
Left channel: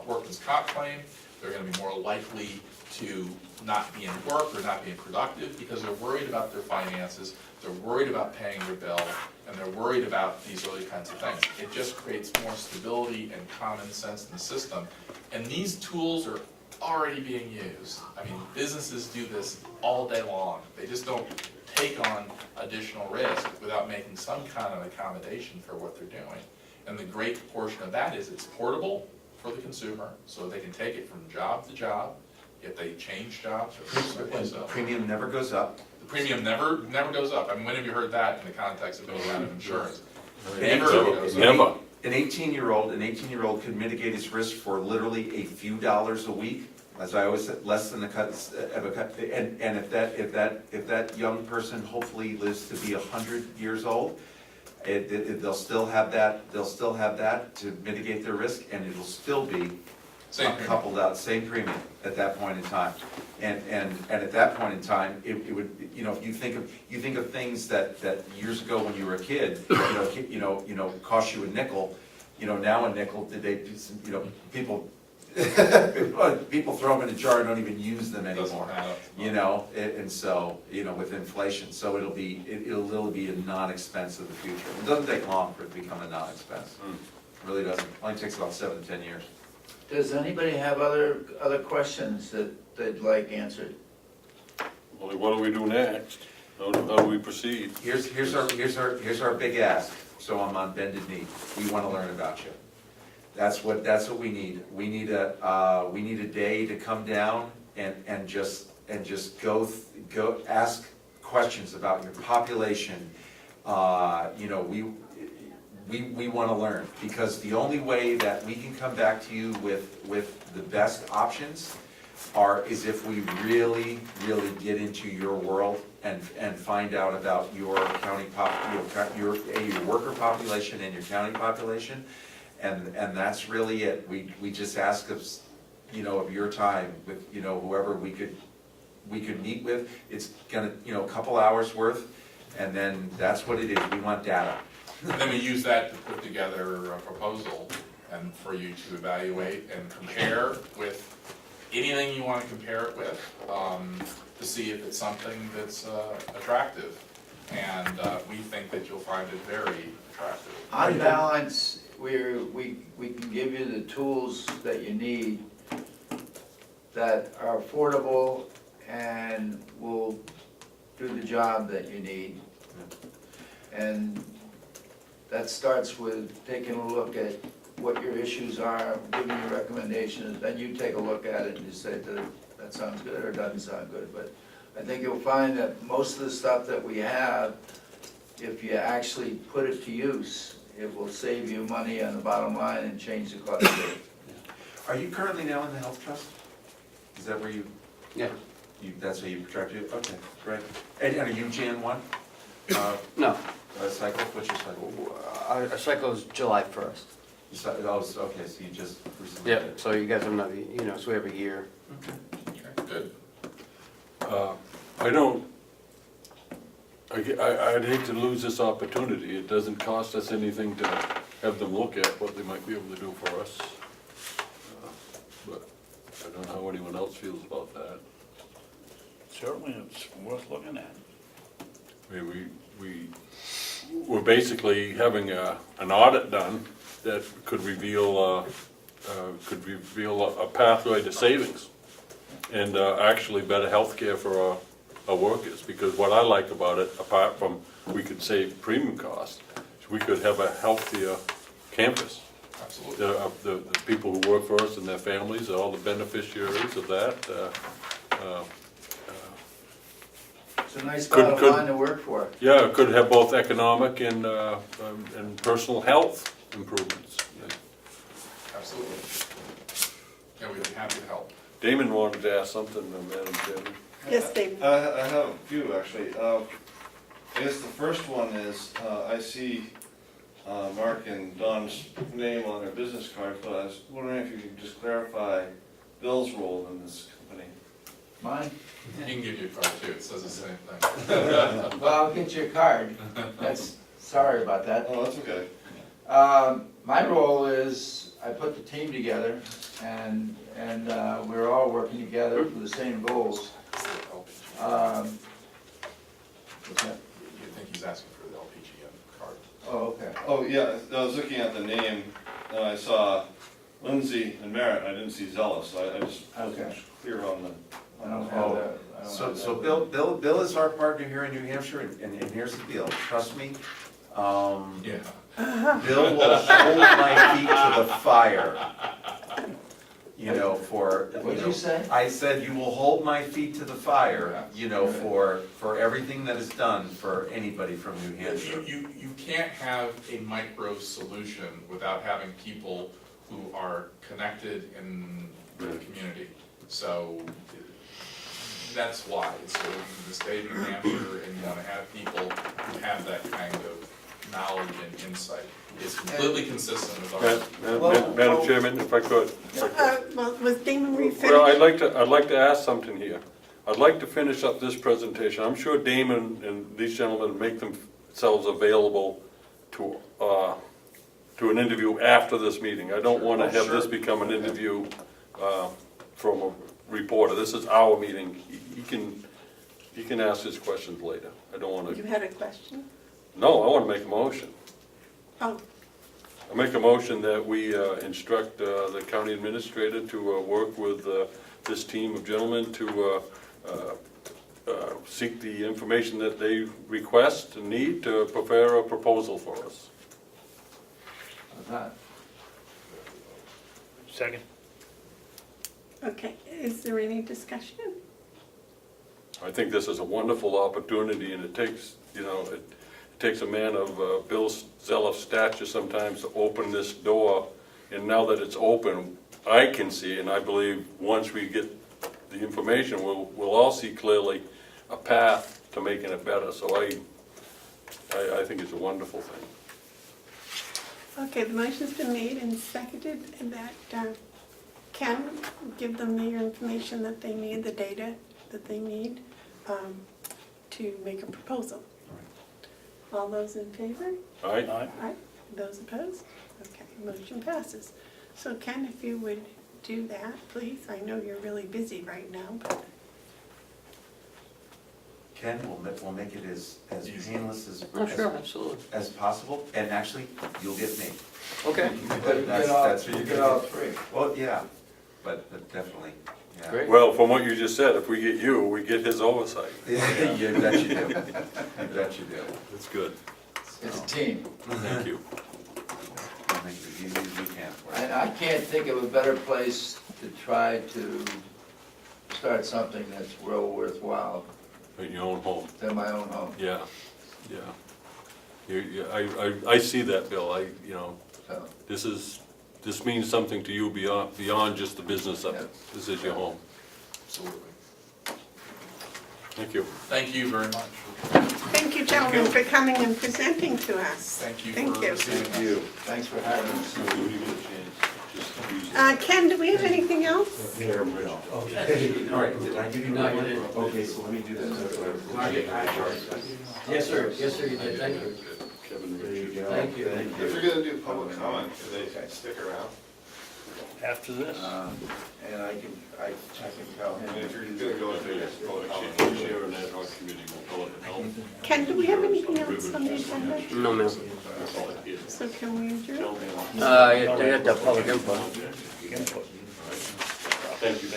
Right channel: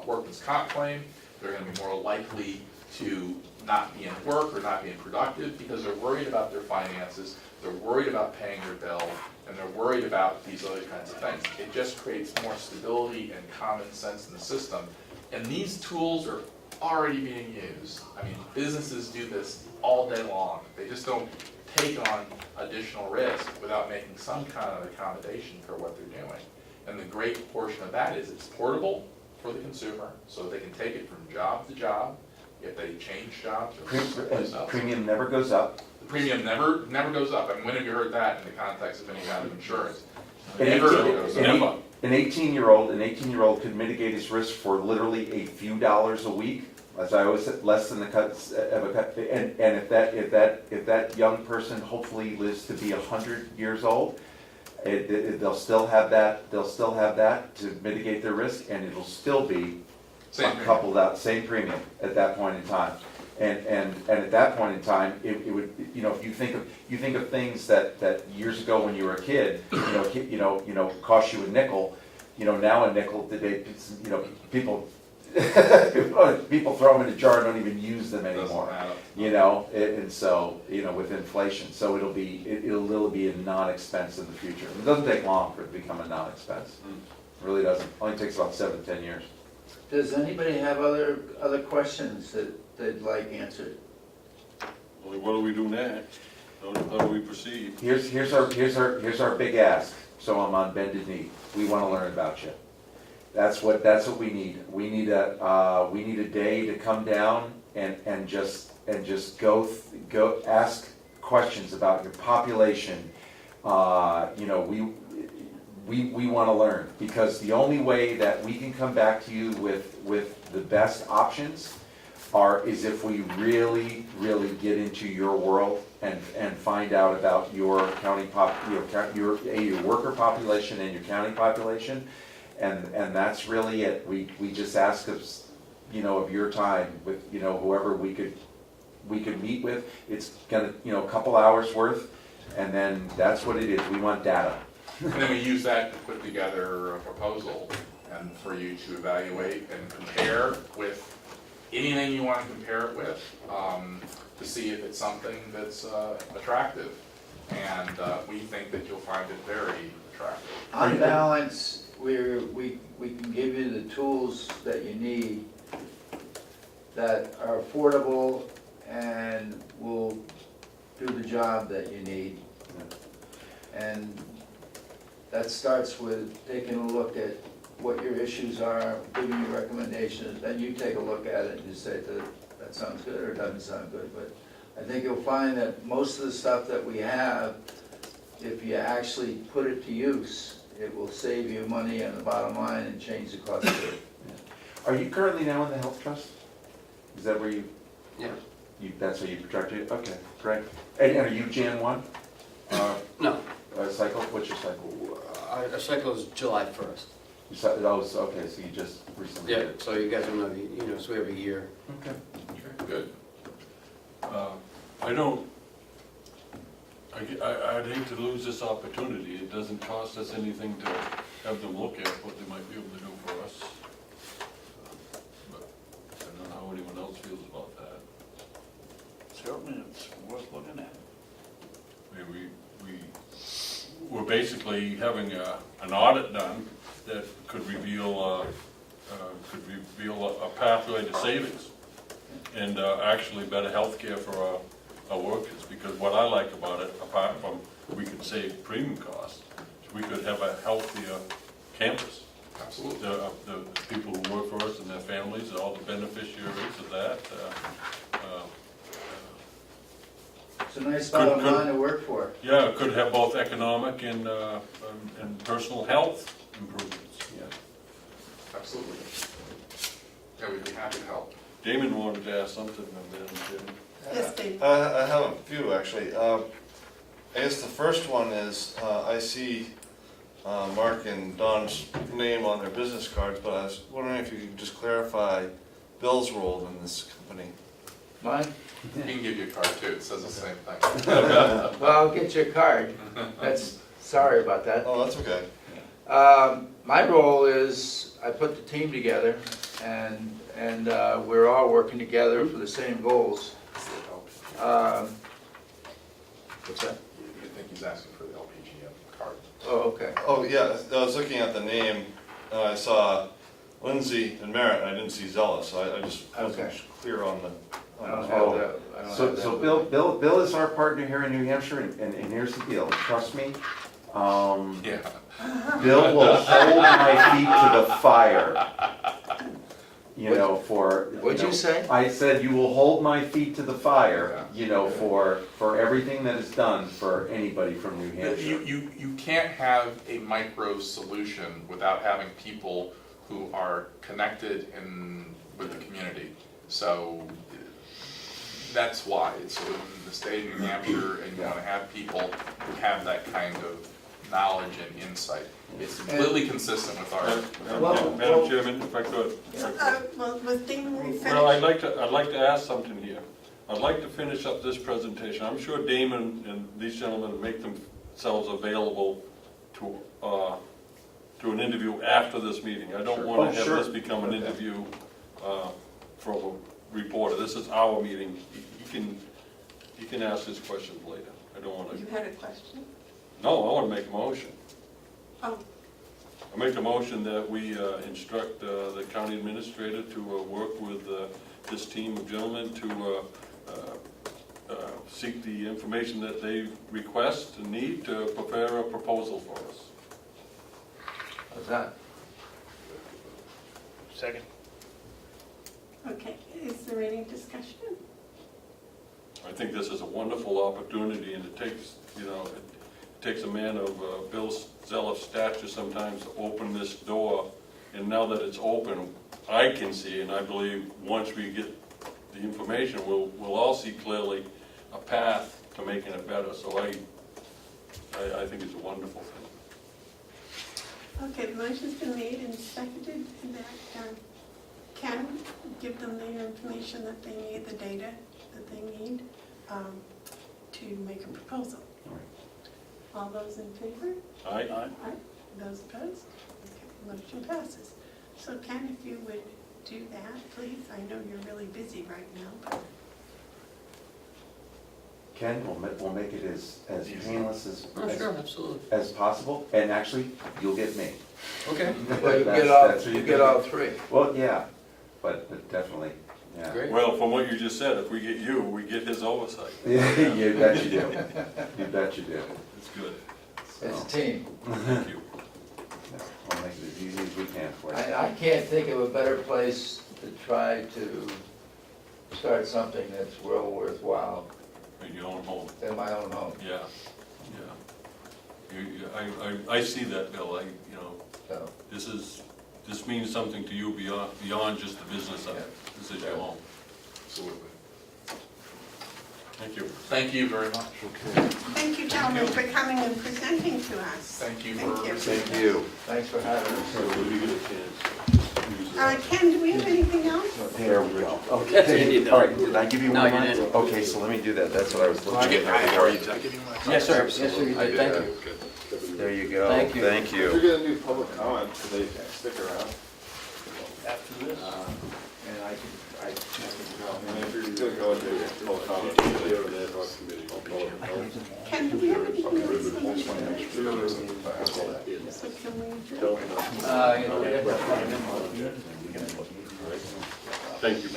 workers' comp claim. They're gonna be more likely to not be in work or not being productive because they're worried about their finances, they're worried about paying their bill, and they're worried about these other kinds of things. It just creates more stability and common sense in the system. And these tools are already being used. I mean, businesses do this all day long. They just don't take on additional risk without making some kind of accommodation for what they're doing. And the great portion of that is it's portable for the consumer, so they can take it from job to job. If they change jobs or someplace else. Premium never goes up. The premium never goes up. I mean, when have you heard that in the context of any kind of insurance? An Never goes up. Never. An 18-year-old could mitigate his risk for literally a few dollars a week, as I always said, less than the cuts of a cut. And if that young person hopefully lives to be 100 years old, they'll still have that to mitigate their risk, and it'll still be coupled out, same premium at that point in time. And at that point in time, it would, you know, if you think of things that years ago when you were a kid, cost you a nickel, now a nickel today, people people throw them in a jar and don't even use them anymore, and so, with inflation, so it'll literally be a non-expense in the future. It doesn't take long for it to become a non-expense. It really doesn't, it only takes about 7 to 10 years. Does anybody have other questions that they'd like answered? Well, what do we do next? How do we proceed? Here's our big ask, so I'm on bended knee. We wanna learn about you. That's what we need. We need a day to come down and just go ask questions about your population. We wanna learn, because the only way that we can come back to you with the best options is if we really get into your world and find out about your county your worker population and your county population, and that's really it. We just ask of your time with whoever we could meet with. It's gonna a couple hours worth, and then that's what it is. We want data. And then we use that to put together a proposal and for you to evaluate and compare with anything you want to compare it with, to see if it's something that's attractive. And we think that you'll find it very attractive. On balance, we can give you the tools that you need that are affordable and will do the job that you need. And that starts with taking a look at what your issues are, giving you recommendations, then you take a look at it and you say that sounds good or doesn't sound good. But I think you'll find that most of the stuff that we have, if you actually put it to use, it will save you money on the bottom line and change the cost of it. Are you currently now in the health trust? Is that where you? Yeah. That's where you projected? Okay, great. And are you Jan 1? No, Cycle? What's your cycle? our cycle is July 1st. Okay, so you just recently Yeah, did. so you guys are maybe, so every year. Okay. Good. I'd hate to lose this opportunity. It doesn't cost us anything to have them look at what they might be able to do for us. But I don't know how anyone else feels about that. Certainly, it's worth looking at. I mean, we're basically having an audit done that could reveal a pathway to savings and actually better health care for our workers. Because what I like about it, apart from we could save premium costs, is we could have a healthier campus. Absolutely. The people who work for us and their families are all the beneficiaries of that. So a nice Could- bottom could- line to work for. Yeah, it could have both economic and personal health improvements. Yeah. Absolutely. Yeah, we'd be happy to help. Damon wanted to ask something, Madam Chairman. Yes, Dave. I have a few, actually. I guess the first one is, I see Mark and Don's name on their business cards, but I was wondering if you could just clarify Bill's role in this company. Mine? He can give you a card too, it says the same thing. Well, I'll get you a card. Sorry about that. Oh, that's okay. My role is, I put the team together, and we're all working together for the same goals. What's that? I think he's asking for the LPGM card. Oh, okay. Oh, yeah, I was looking at the name, and I saw Lindsay and Merritt, I didn't see Zealous, so I just wasn't Okay. clear on the. I don't the have role. that. I don't So, have so that. Bill is our partner here in New Hampshire, and here's the deal, trust me. Yeah. Bill will hold my feet to the fire. You know, for. What'd you say? I said you will hold my feet to the fire, you know, for everything that is done for anybody from New Hampshire. You can't have a micro solution without having people who are connected in with the community. So that's why. So in the state of New Hampshire, and you want to have people who have that kind of knowledge and insight. It's completely consistent with our. Madam Chairman, if I could. Well, was Damon refinished? Well, I'd like to ask something here. I'd like to finish up this presentation. I'm sure Damon and these gentlemen make themselves available to an interview after this meeting. I don't want to have this become an interview from a reporter. This is our meeting. He can ask his questions later. I don't want You to. had a question? No, I want to make a motion. Oh, I make a motion that we instruct the county administrator to work with this team of gentlemen to seek the information that they request and need to prepare a proposal for us. What's that? Second. okay. Is there any discussion? I think this is a wonderful opportunity, and it takes, you know, it takes a man of Bill Zeloff's stature sometimes to open this door, and now that it's open, I can see, and I believe once we get the information, we'll all see clearly a path to making it better. So I think it's a wonderful thing. Okay, the motion's been made and seconded, and that can give them the information that they need, the data that they need to make a proposal. All those in favor? All right? Aye. Those opposed? Okay, motion passes. So Ken, if you would do that, please. I know you're really busy right now. Ken, we'll make it as painless Absolutely. as possible, and actually, you'll get me. Okay. Well, you That's what you you get do. all three. Well, yeah, but definitely, yeah. Great. Well, from what you just said, if we get you, we get his oversight. Yeah, you bet you do, you bet you do. That's good. It's a team. Thank you. We'll make it as easy as we can for you. I can't think of a better place to try to start something that's real worthwhile In your own home. than my own home. Yeah, yeah. I see that, Bill. You know, So, this means something to you beyond just the business of it. This is your home. Absolutely. Thank you. Thank you very much. Thank you, gentlemen, for coming and presenting to us. Thank you Thank for you. receiving Thank you. thanks for having us. So when you get a chance. Ken, do we have anything else? There we go. That's what you Okay, need, all right, did I give you No, one? you didn't. Okay, so let me do that, that's what I was Did looking you at. get my, did I give you my? Yes, sir, you I did, thank you. There you go. Thank you. Thank If you're you. gonna do public comment, can they stick around? After this? And I can tell And him. if you're gonna go into public comment, Usually you're an ad hoc committee, we'll call it health. Ken, do we have anything else on the agenda? No, no. So can we adjourn? You have to have public input. Thank you.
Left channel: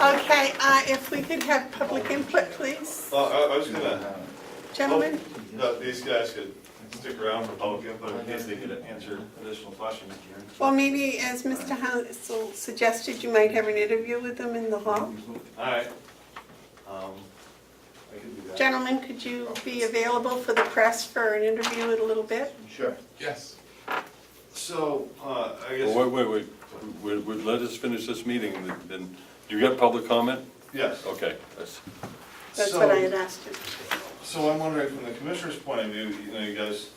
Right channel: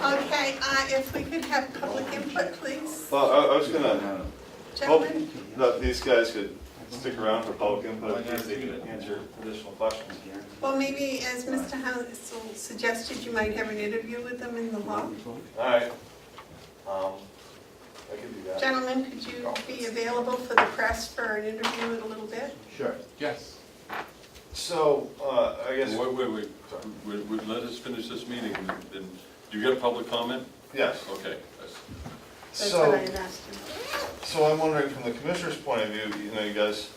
Okay, if we could have public input, please. Well, I was gonna, Gentlemen? that these guys could stick around for public input in case they could answer additional questions. Well, maybe as Mr. Hounsell suggested, you might have an interview with them in the hall. All right. I could do that. Gentlemen, could you be available for the press for an interview in a little bit? Sure. Yes. So, I guess, Wait, let us finish this meeting, and then, do you get public comment? yes. Okay, That's what I had asked you. So I'm wondering, from the commissioner's point of view, you guys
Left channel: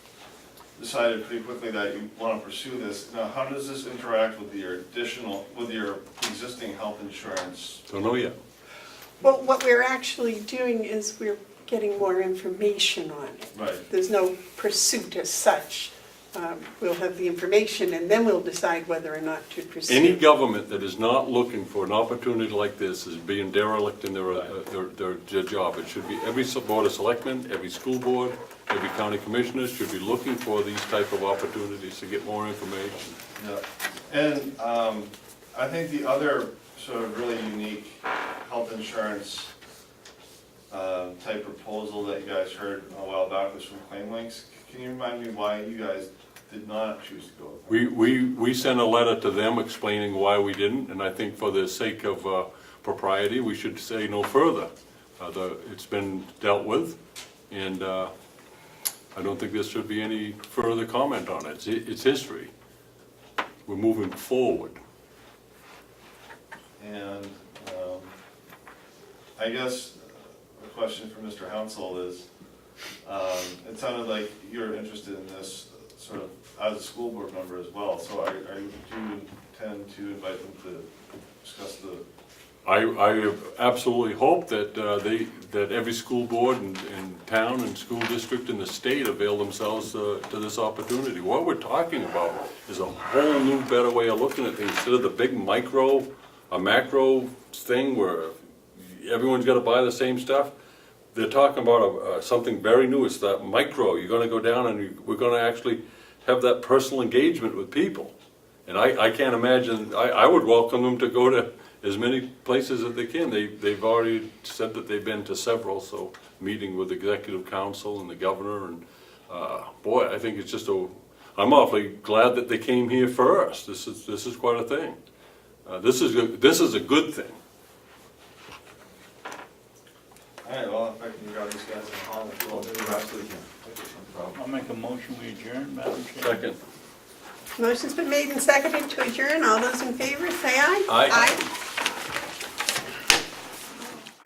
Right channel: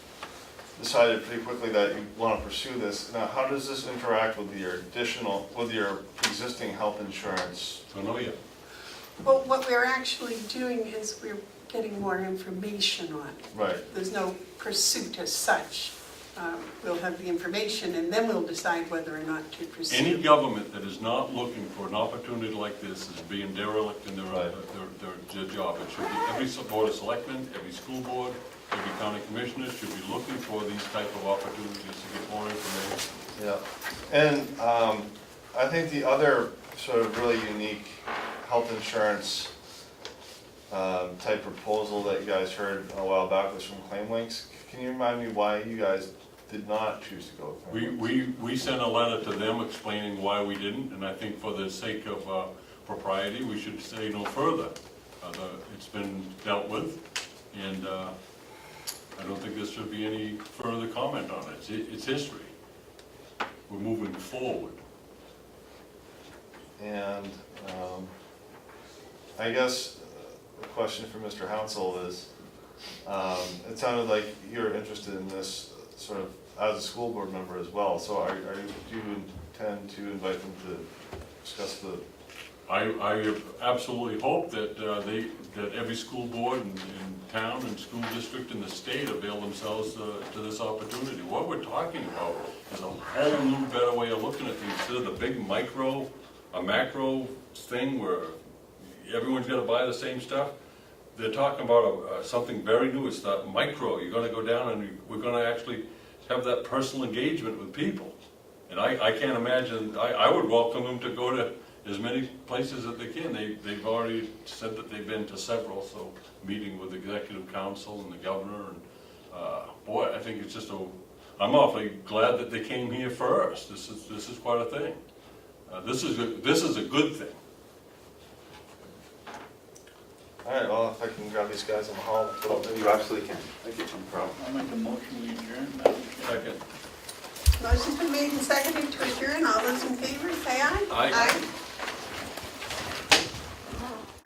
decided pretty quickly that you want to pursue this. Now, how does this interact with your existing health insurance? don't know yet. Well, what we're actually doing is we're getting more information on it. Right. There's no pursuit as such. We'll have the information and then we'll decide whether or not to pursue. Any government that is not looking for an opportunity like this is being derelict in their job. It should be every board of selectmen, every school board, every county commissioner should be looking for these type of opportunities to get more information. Yeah. And I think the other sort of really unique health insurance type proposal that you guys heard a while back was from ClaimLinks. Can you remind me why you guys did not choose to go with them? We sent a letter to them explaining why we didn't, and I think for the sake of propriety, we should say no further. It's been dealt with, and I don't think there should be any further comment on it. It's history. We're moving forward. And I guess the question for Mr. Hounsell is, it sounded like you're interested in this sort of as a school board member as well. So do you intend to invite them to discuss the? I absolutely hope that that every school board in town and school district in the state avail themselves to this opportunity. What we're talking about is a whole new, better way of looking at things. Instead of the big macro thing where everyone's got to buy the same stuff, they're talking about something very new. It's that micro. You're going to go down and we're going to actually have that personal engagement with people. And I can't imagine, I would welcome them to go to as many places as they can. They've already said that they've been to several, so meeting with the executive council and the governor, and boy, I think it's just I'm awfully glad that they came here first. This is quite a thing. This is a good thing. All right, well, if I can grab these guys in the hall. You absolutely can. No problem. I'll make a motion we adjourn, Madam Chair. Second. Motion's been made and seconded to adjourn. All those in favor, say aye. Aye.